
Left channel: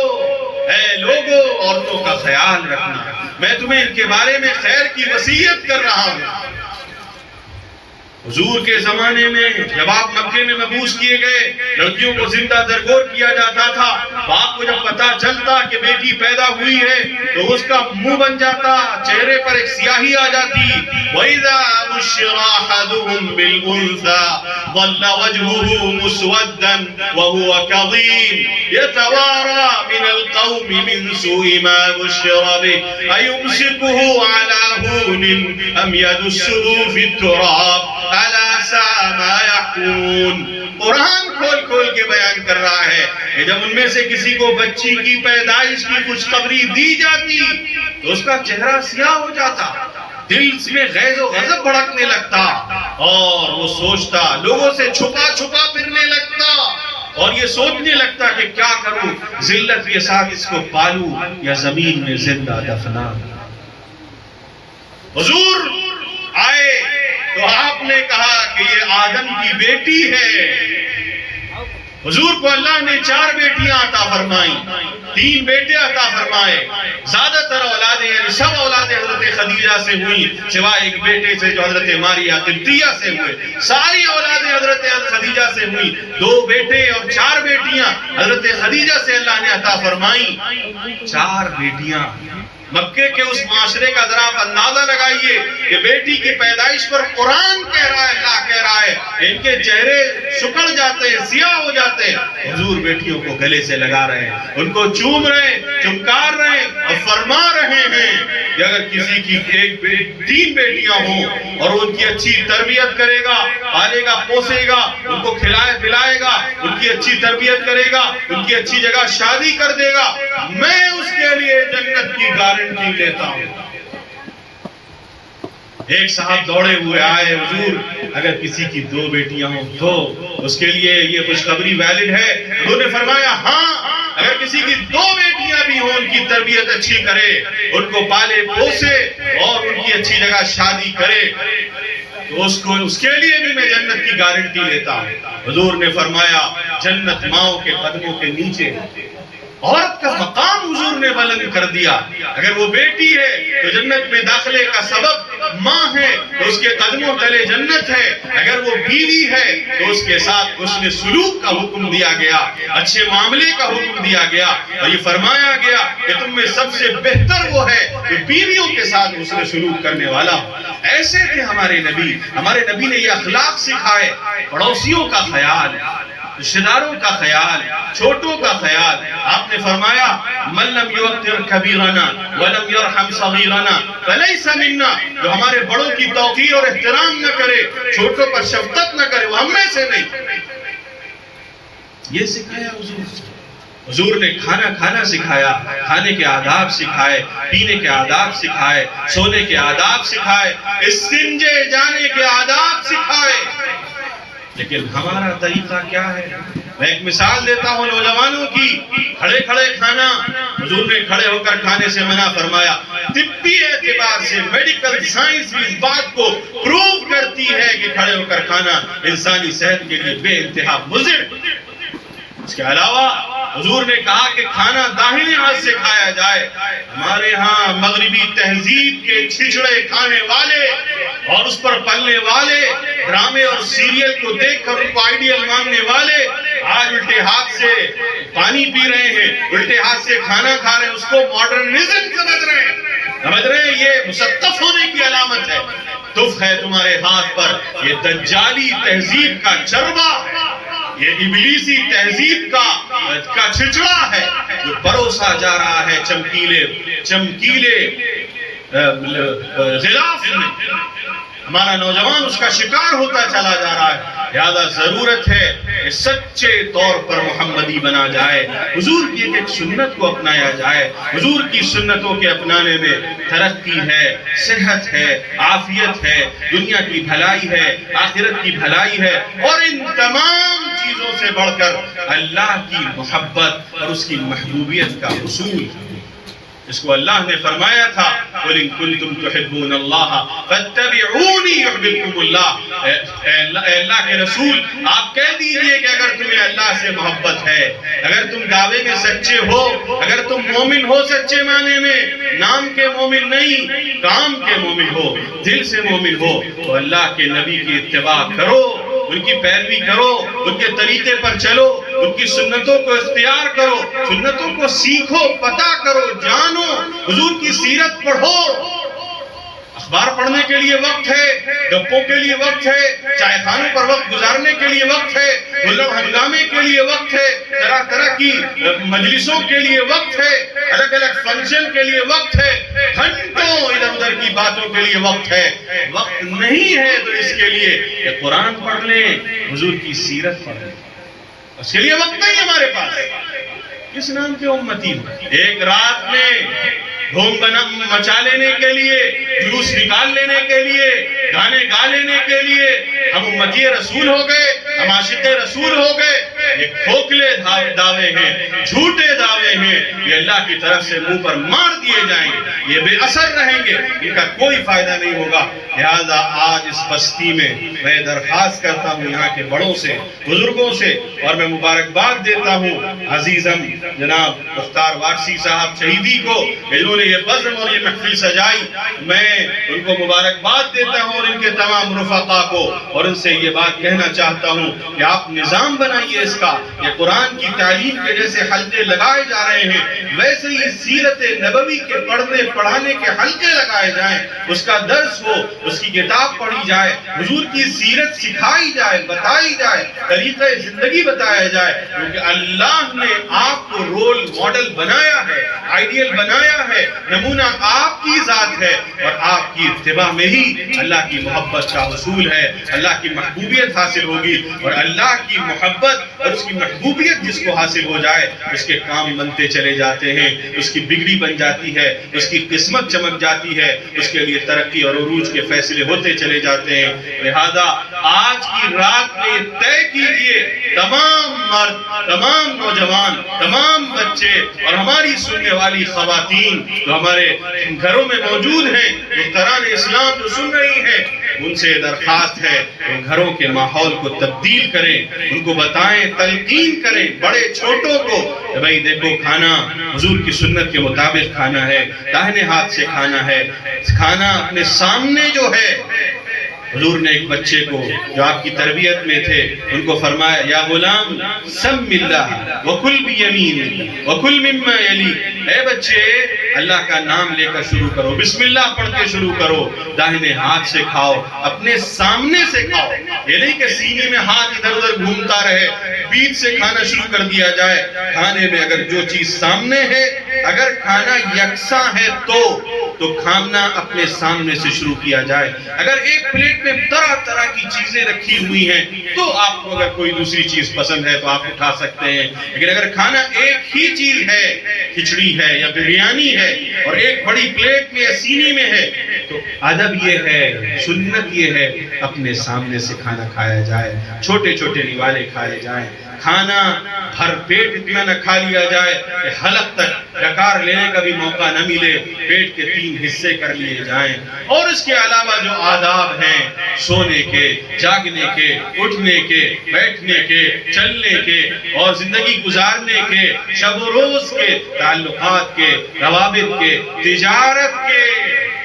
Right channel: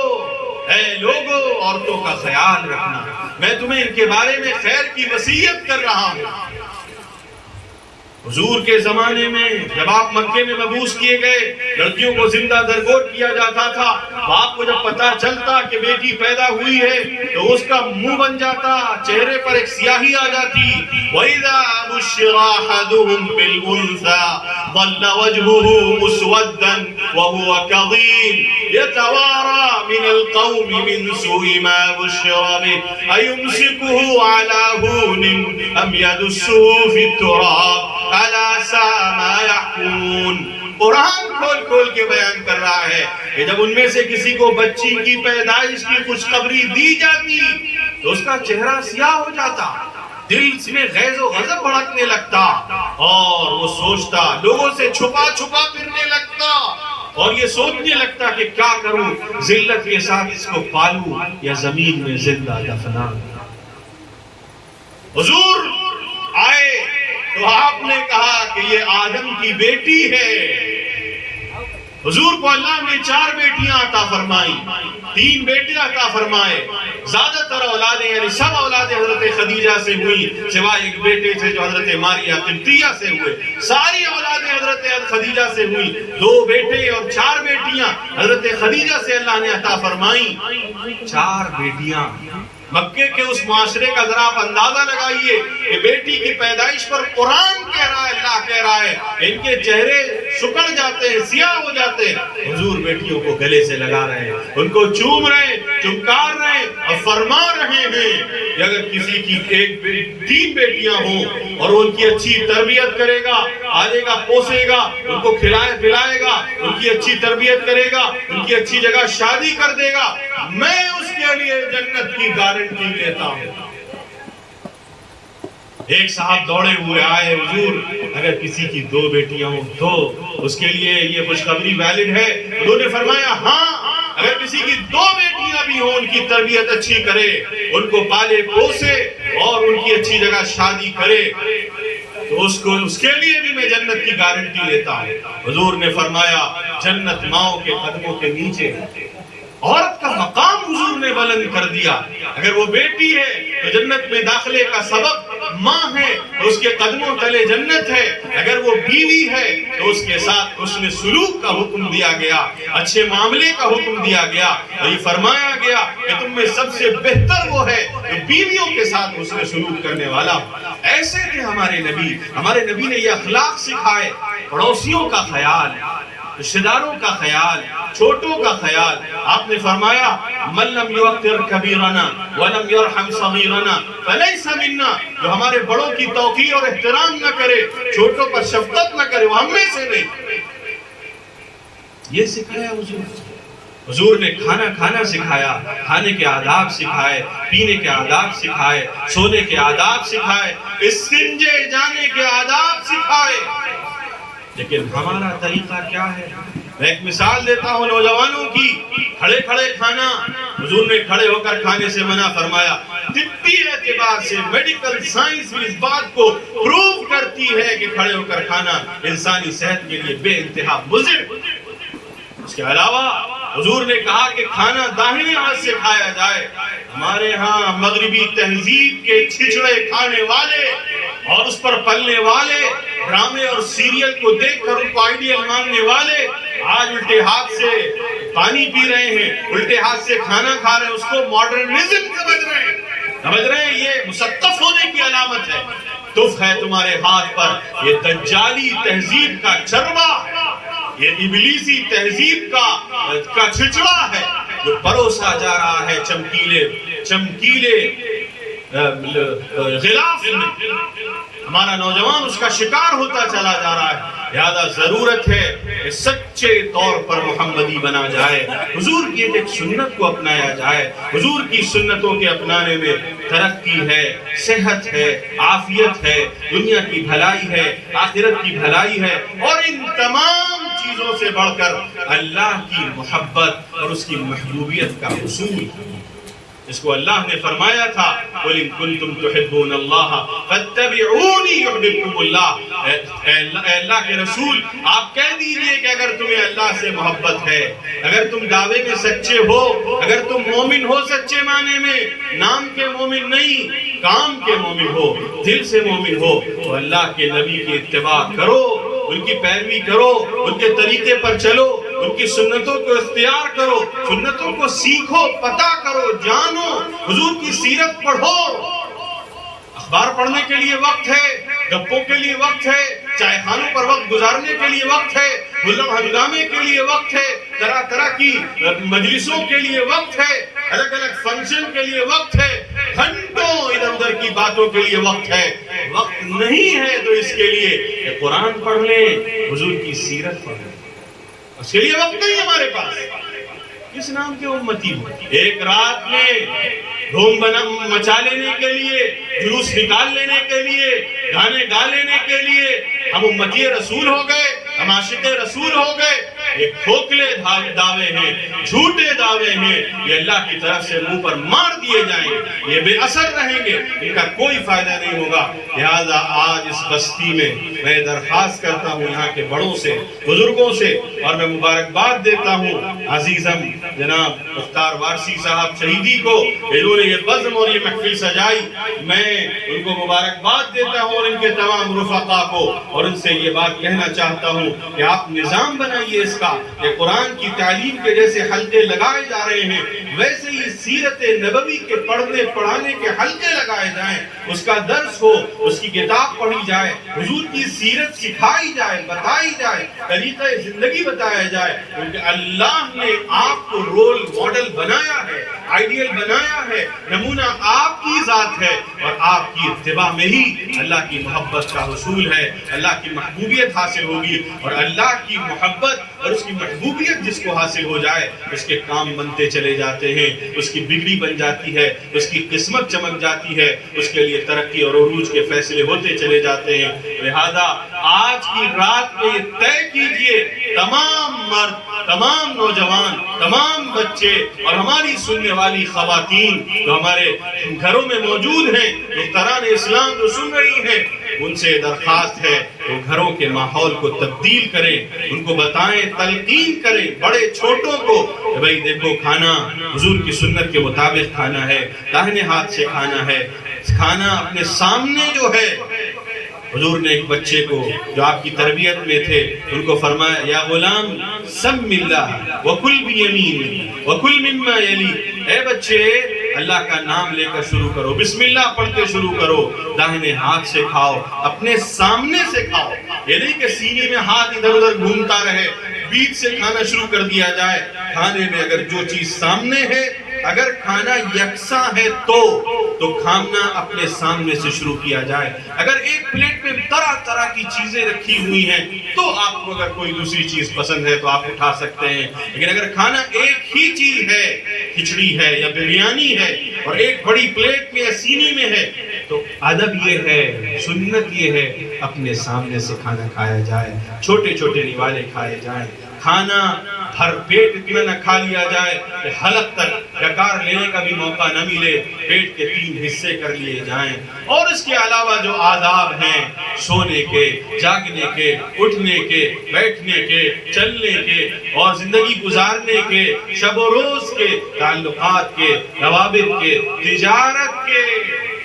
عورتوں کا خیال رکھنا، میں تمہیں ان کے بارے میں خیر کی وصیت کر رہا ہوں۔ حضور کے زمانے میں جب آپ مکے میں مبعوث کیے گئے، لڑکیوں کو زندہ درگور کیا جاتا تھا، باپ کو جب پتا چلتا کہ بیٹی پیدا ہوئی ہے تو اس کا منہ بن جاتا، چہرے پر ایک سیاہی آ جاتی۔ وَإِذَا بُشِّرَ أَحَدُهُم بِالْأُنثَىٰ ظَلَّ وَجْهُهُ مُسْوَدًّا وَهُوَ كَظِيمٌ يَتَوَارَىٰ مِنَ الْقَوْمِ مِنْ سُوءِ مَا بُشِّرَ بِهِ أَيُمْسِكُهُ عَلَىٰ هُونٍ أَمْ يَدُسُّهُ فِي التُّرَابِ أَلَا سَاءَ مَا يَحْكُمُونَ۔ قرآن کھول کے بیان کر رہا ہے کہ جب ان میں سے کسی کو بچی کی پیدائش کی خوشخبری دی جاتی تو اس کا چہرہ سیاہ ہو جاتا، دل میں غیظ و غضب بھڑکنے لگتا، اور وہ سوچتا، لوگوں سے چھپا پھرنے لگتا، اور یہ سوچنے لگتا کہ کیا کروں، ذلت کے ساتھ اس کو پالوں یا زمین میں زندہ دفنا۔ حضور آئے تو آپ نے کہا کہ یہ آدم کی بیٹی ہے۔ حضور کو اللہ نے 4 بیٹیاں عطا فرمائیں، 3 بیٹے عطا فرمائے، زیادہ تر اولادیں یعنی سب اولادیں حضرت خدیجہ سے ہوئی، سوائے ایک بیٹے سے جو حضرت ماریہ قبطیہ سے ہوئے، ساری اولادیں حضرت خدیجہ سے ہوئی۔ 2 بیٹے اور 4 بیٹیاں حضرت خدیجہ سے اللہ نے عطا فرمائیں۔ 4 بیٹیاں، مکے کے اس معاشرے کا ذرا آپ اندازہ لگائیے کہ بیٹی کی پیدائش پر قرآن کہہ رہا ہے، اللہ کہہ رہا ہے ان کے چہرے سکڑ جاتے ہیں، سیاہ ہو جاتے ہیں۔ حضور بیٹیوں کو گلے سے لگا رہے ہیں، ان کو چوم رہے ہیں، چمکار رہے ہیں اور فرما رہے ہیں کہ اگر کسی کی 3 بیٹیاں ہوں اور ان کی اچھی تربیت کرے گا، پالے گا، پوسے گا، ان کو کھلائے پلائے گا، ان کی اچھی تربیت کرے گا، ان کی اچھی جگہ شادی کر دے گا، میں اس کے لیے جنت کی گارنٹی دیتا ہوں۔ ایک صاحب دوڑے ہوئے آئے، حضور اگر کسی کی 2 بیٹیاں ہوں تو اس کے لیے یہ خوشخبری ویلڈ ہے؟ حضور نے فرمایا ہاں، اگر کسی کی 2 بیٹیاں بھی ہوں، ان کی تربیت اچھی کرے، ان کو پالے پوسے اور ان کی اچھی جگہ شادی کرے۔ تو اس کے لیے بھی میں جنت کی گارنٹی لیتا ہوں۔ حضور نے فرمایا جنت ماؤں کے قدموں کے نیچے، عورت کا مقام حضور نے بلند کر دیا۔ اگر وہ بیٹی ہے تو جنت میں داخلے کا سبب ماں ہے تو اس کے قدموں تلے جنت ہے، اگر وہ بیوی ہے تو اس کے ساتھ حسن سلوک کا حکم دیا گیا، اچھے معاملے کا حکم دیا گیا، اور یہ فرمایا گیا کہ تم میں سب سے بہتر وہ ہے جو بیویوں کے ساتھ حسن سلوک کرنے والا ہو۔ ایسے تھے ہمارے نبی نے یہ اخلاق سکھائے، پڑوسیوں کا خیال، رشتہ داروں کا خیال، چھوٹوں کا خیال۔ آپ نے فرمایا من لم یوقر کبیرنا ولم یرحم صغیرنا فلیس منا، جو ہمارے بڑوں کی توقیر اور احترام نہ کرے، چھوٹوں پر شفقت نہ کرے، وہ ہم میں سے نہیں۔ یہ سکھایا حضور نے، کھانا سکھایا، کھانے کے آداب سکھائے، پینے کے آداب سکھائے، سونے کے آداب سکھائے، استنجے جانے کے آداب سکھائے۔ لیکن ہمارا طریقہ کیا ہے؟ میں ایک مثال دیتا ہوں نوجوانوں کی، کھڑے کھانا۔ حضور نے کھڑے ہو کر کھانے سے منع فرمایا۔ طبی اعتبار سے میڈیکل سائنس بھی اس بات کو پروف کرتی ہے کہ کھڑے ہو کر کھانا انسانی صحت کے لیے بے انتہا مضر۔ اس کے علاوہ حضور نے کہا کہ کھانا داہنے ہاتھ سے کھایا جائے۔ ہمارے ہاں مغربی تہذیب کے چھچڑے کھانے والے اور اس پر پلنے والے، ڈرامے اور سیریل کو دیکھ کر ان کو آئیڈیل ماننے والے، آج الٹے ہاتھ سے پانی پی رہے ہیں، الٹے ہاتھ سے کھانا کھا رہے ہیں، اس کو ماڈرنزم سمجھ رہے ہیں۔ یہ مصطف ہونے کی علامت ہے۔ تف ہے تمہارے ہاتھ پر، یہ دجالی تہذیب کا چربا ہے، یہ ابلیسی تہذیب کا چھچڑا ہے جو پروسا جا رہا ہے چمکیلے غلاف میں۔ ہمارا نوجوان اس کا شکار ہوتا چلا جا رہا ہے۔ لہذا ضرورت ہے کہ سچے طور پر محمدی بنا جائے، حضور کی ایک سنت کو اپنایا جائے۔ حضور کی سنتوں کے اپنانے میں ترقی ہے، صحت ہے، عافیت ہے، دنیا کی بھلائی ہے، آخرت کی بھلائی ہے، اور ان تمام چیزوں سے بڑھ کر اللہ کی محبت اور اس کی محبوبیت کا حصول ہے۔ اس کو اللہ نے فرمایا تھا قُلْ إِن كُنْتُمْ تُحِبُّونَ اللَّهَ فَاتَّبِعُونِي يُحْبِبْكُمُ اللَّهُ۔ اے اللہ کے رسول، آپ کہہ دیجئے کہ اگر تمہیں اللہ سے محبت ہے، اگر تم دعوے میں سچے ہو، اگر تم مومن ہو سچے معنی میں، نام کے مومن نہیں، کام کے مومن ہو، دل سے مومن ہو، تو اللہ کے نبی کی اتباع کرو، ان کی پیروی کرو، ان کے طریقے پر چلو، ان کی سنتوں کو اختیار کرو، سنتوں کو سیکھو، پتہ کرو، جانو، حضور کی سیرت پڑھو۔ اخبار پڑھنے کے لیے وقت ہے، گپوں کے لیے وقت ہے، چائے خانوں پر وقت گزارنے کے لیے وقت ہے، ملم ہنگامے کے لیے وقت ہے، طرح طرح کی مجلسوں کے لیے وقت ہے، الگ الگ فنکشن کے لیے وقت ہے، گھنٹوں ادھر ادھر کی باتوں کے لیے وقت ہے۔ وقت نہیں ہے تو اس کے لیے کہ قرآن پڑھ لیں، حضور کی سیرت پڑھ لیں، اس کے لیے وقت نہیں ہمارے پاس۔ کس نام کے امتی ہو؟ ایک رات میں دھوم مچا لینے کے لیے، جلوس نکال لینے کے لیے، گانے گا لینے کے لیے ہم امتی رسول ہو گئے، ہم عاشق رسول ہو گئے۔ یہ کھوکھلے دعوے ہیں، جھوٹے دعوے ہیں، یہ اللہ کی طرف سے منہ پر مار دیے جائیں گے، یہ بے اثر رہیں گے، ان کا کوئی فائدہ نہیں ہوگا۔ لہذا آج اس بستی میں درخواست کرتا ہوں یہاں کے بڑوں سے، بزرگوں سے، اور میں مبارکباد دیتا ہوں عزیزم جناب مختار وارسی صاحب شہیدی کو، انہوں نے یہ بزم اور یہ محفل سجائی۔ میں ان کو مبارکباد دیتا ہوں اور ان کے تمام رفقا کو، اور ان سے یہ بات کہنا چاہتا ہوں کہ آپ نظام بنائیے اس کا، یہ قرآن کی تعلیم کے جیسے حلقے لگائے جا رہے ہیں، ویسے ہی سیرت نبوی کے پڑھنے پڑھانے کے حلقے لگائے جائیں، اس کا درس ہو، اس کی کتاب پڑھی جائے، حضور کی سیرت سکھائی جائے، بتائی جائے، طریقہ زندگی بتایا جائے، کیونکہ اللہ نے آپ کو رول ماڈل بنایا ہے، آئیڈیل بنایا ہے، نمونہ آپ کی ذات ہے، اور آپ کی اتباع میں ہی اللہ کی محبت کا حصول ہے، اللہ کی محبوبیت حاصل ہوگی، اور اللہ کی محبت اور اس کی محبوبیت جس کو حاصل ہو جائے، اس کے کام بنتے چلے جاتے ہیں، اس کی بگڑی بن جاتی ہے، اس کی قسمت چمک جاتی ہے، اس کے لیے ترقی اور عروج کے فیصلے ہوتے چلے جاتے ہیں۔ لہذا آج کی رات میں یہ طے کیجئے، تمام مرد، تمام نوجوان، تمام بچے اور ہماری سننے والی خواتین جو ہمارے گھروں میں موجود ہیں، دختران اسلام جو سن رہی ہیں، ان سے درخواست ہے وہ گھروں کے ماحول کو تبدیل کریں، ان کو بتائیں، تلقین کریں بڑے چھوٹوں کو کہ بھئی دیکھو کھانا حضور کی سنت کے مطابق کھانا ہے، داہنے ہاتھ سے کھانا ہے، کھانا اپنے سامنے جو ہے۔ حضور نے ایک بچے کو جو آپ کی تربیت میں تھے ان کو فرمایا یا غلام سم اللہ وکل بیمین وکل مما یلی، اے بچے اللہ کا نام لے کر شروع کرو، بسم اللہ پڑھ کے شروع کرو، داہنے ہاتھ سے کھاؤ، اپنے سامنے سے کھاؤ۔ یہ نہیں کہ سینے میں ہاتھ ادھر ادھر گھومتا رہے، بیچ سے کھانا شروع کر دیا جائے۔ کھانے میں اگر جو چیز سامنے ہے، اگر کھانا یکساں ہے تو کھانا اپنے سامنے سے شروع کیا جائے۔ اگر ایک پلیٹ میں طرح طرح کی چیزیں رکھی ہوئی ہیں تو آپ کو اگر کوئی دوسری چیز پسند ہے تو آپ اٹھا سکتے ہیں، لیکن اگر کھانا ایک ہی چیز ہے، کھچڑی ہے یا بریانی ہے، اور ایک بڑی پلیٹ میں یا سینی میں ہے، تو ادب یہ ہے، سنت یہ ہے اپنے سامنے سے کھانا کھایا جائے، چھوٹے چھوٹے نوالے کھائے جائیں۔ کھانا بھر پیٹ اتنا نہ کھا لیا جائے کہ حلق تک ڈکار لینے کا بھی موقع نہ ملے، پیٹ کے 3 حصے کر لیے جائیں۔ اور اس کے علاوہ جو آداب ہیں سونے کے، جاگنے کے، اٹھنے کے، بیٹھنے کے، چلنے کے اور زندگی گزارنے کے، شب و روز کے، تعلقات کے، روابط کے، تجارت کے۔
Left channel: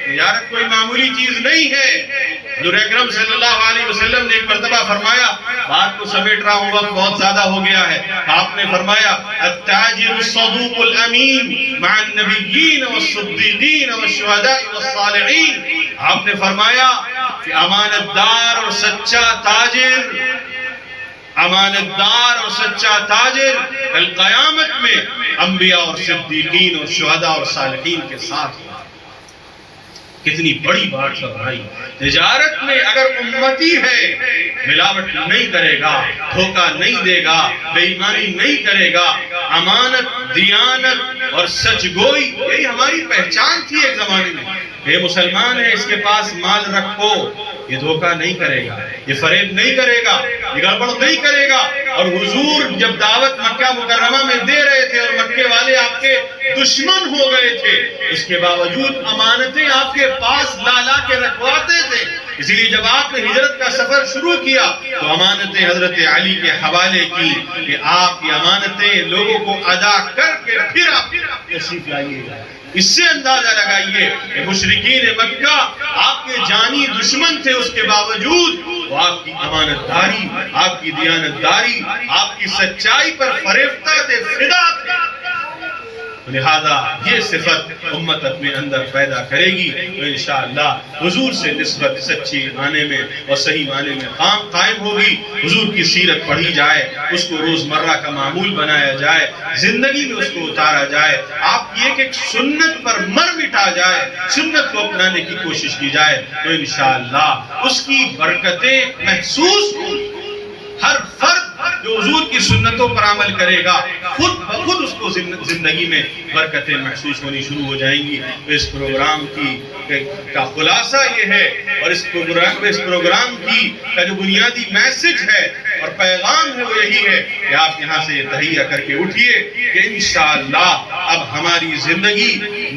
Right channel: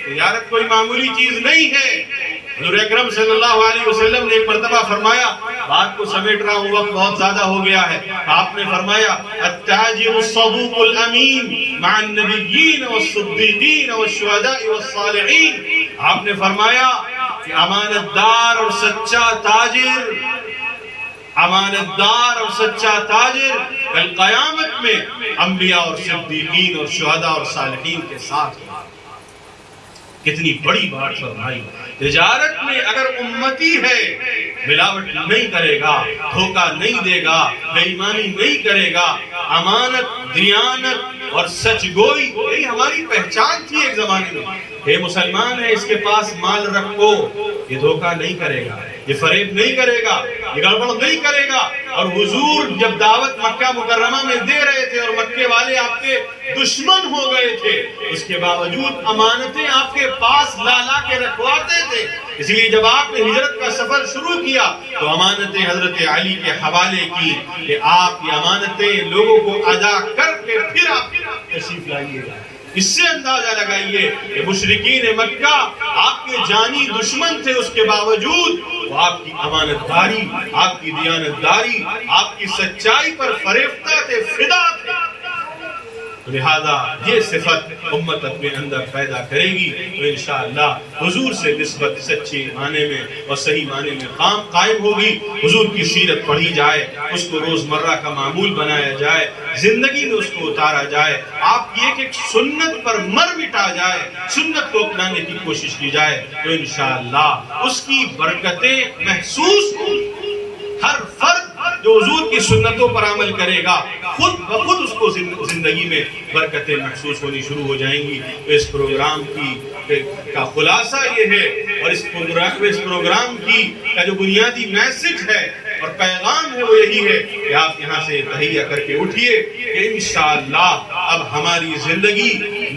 تجارت کوئی معمولی چیز نہیں ہے۔ حضور اکرم صلی اللہ علیہ وسلم نے ایک مرتبہ فرمایا، بات کو سمیٹ رہا ہوں وقت بہت زیادہ ہو گیا ہے، آپ نے فرمایا التاجر الصدوق الامین مع النبیین والصدیقین والشہداء والصالحین۔ آپ نے فرمایا کہ امانت دار اور سچا تاجر، امانت دار اور سچا تاجر کل قیامت میں انبیاء اور صدیقین اور شہداء اور صالحین کے ساتھ۔ کتنی بڑی بات فرمائی۔ تجارت میں اگر امتی ہے، ملاوٹ نہیں کرے گا، دھوکہ نہیں دے گا، بے ایمانی نہیں کرے گا، امانت، دیانت اور سچ گوئی یہی ہماری پہچان تھی ایک زمانے میں۔ یہ مسلمان ہے، اس کے پاس مال رکھو، یہ دھوکہ نہیں کرے گا، یہ فریب نہیں کرے گا، یہ گڑبڑ نہیں کرے گا۔ اور حضور جب دعوت مکہ مکرمہ میں دے رہے تھے اور مکے والے آپ کے دشمن ہو گئے تھے، اس کے باوجود امانتیں آپ کے پاس لا کے رکھواتے تھے۔ اسی لیے جب آپ نے ہجرت کا سفر شروع کیا تو امانتیں حضرت علی کے حوالے کی کہ آپ یہ امانتیں لوگوں کو ادا کر کے پھر آپ تشریف لائیے گا۔ اس سے اندازہ لگائیے کہ مشرکین مکہ آپ کے جانی دشمن تھے، اس کے باوجود وہ آپ کی امانت داری، آپ کی دیانت داری، آپ کی سچائی پر فریفتہ تھے، فدا تھے۔ لہذا یہ صفت امت اپنے اندر پیدا کرے گی تو انشاءاللہ حضور سے نسبت سچی معنی میں اور صحیح معنی میں قائم ہوگی۔ حضور کی سیرت پڑھی جائے، اس کو روزمرہ کا معمول بنایا جائے، زندگی میں اس کو اتارا جائے، آپ کی ایک سنت پر مر مٹا جائے، سنت کو اپنانے کی کوشش کی جائے تو انشاءاللہ اس کی برکتیں محسوس ہوں۔ ہر فرد جو حضور کی سنتوں پر عمل کرے گا خود بخود اس کو زندگی میں برکتیں محسوس ہونی شروع ہو جائیں گی۔ اس پروگرام کا خلاصہ یہ ہے اور اس پروگرام کا جو بنیادی میسج ہے اور پیغام ہے وہ یہی ہے کہ آپ یہاں سے تہیہ کر کے اٹھیے کہ انشاءاللہ اب ہماری زندگی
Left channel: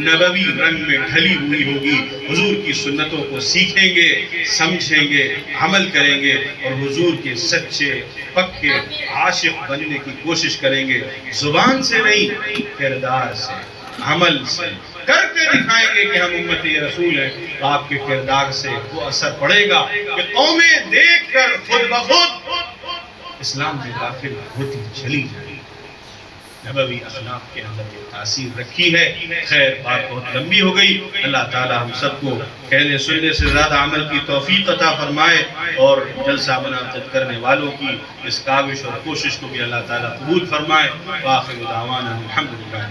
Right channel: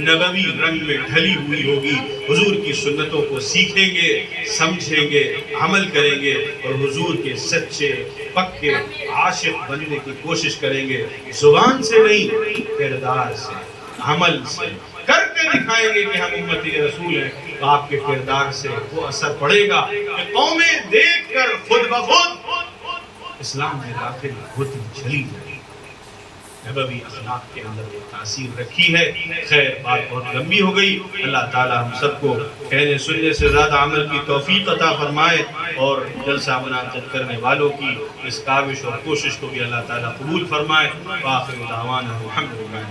نبوی رنگ میں ڈھلی ہوئی ہوگی، حضور کی سنتوں کو سیکھیں گے، سمجھیں گے، عمل کریں گے اور حضور کے سچے پکے عاشق بننے کی کوشش کریں گے، زبان سے نہیں کردار سے، عمل سے کر کے دکھائیں گے کہ ہم امتی رسول ہیں تو آپ کے کردار سے وہ اثر پڑے گا کہ قومیں دیکھ کر خود بخود اسلام میں داخل ہوتی چلی جائے۔ نبوی اخلاق کے اندر یہ تاثیر رکھی ہے۔ خیر بات بہت لمبی ہو گئی، اللہ تعالی ہم سب کو کہنے سننے سے زیادہ عمل کی توفیق عطا فرمائے اور جلسہ منعقد کرنے والوں کی اس کاوش اور کوشش کو بھی اللہ تعالی قبول فرمائے۔ وآخر دعوانا الحمدللہ۔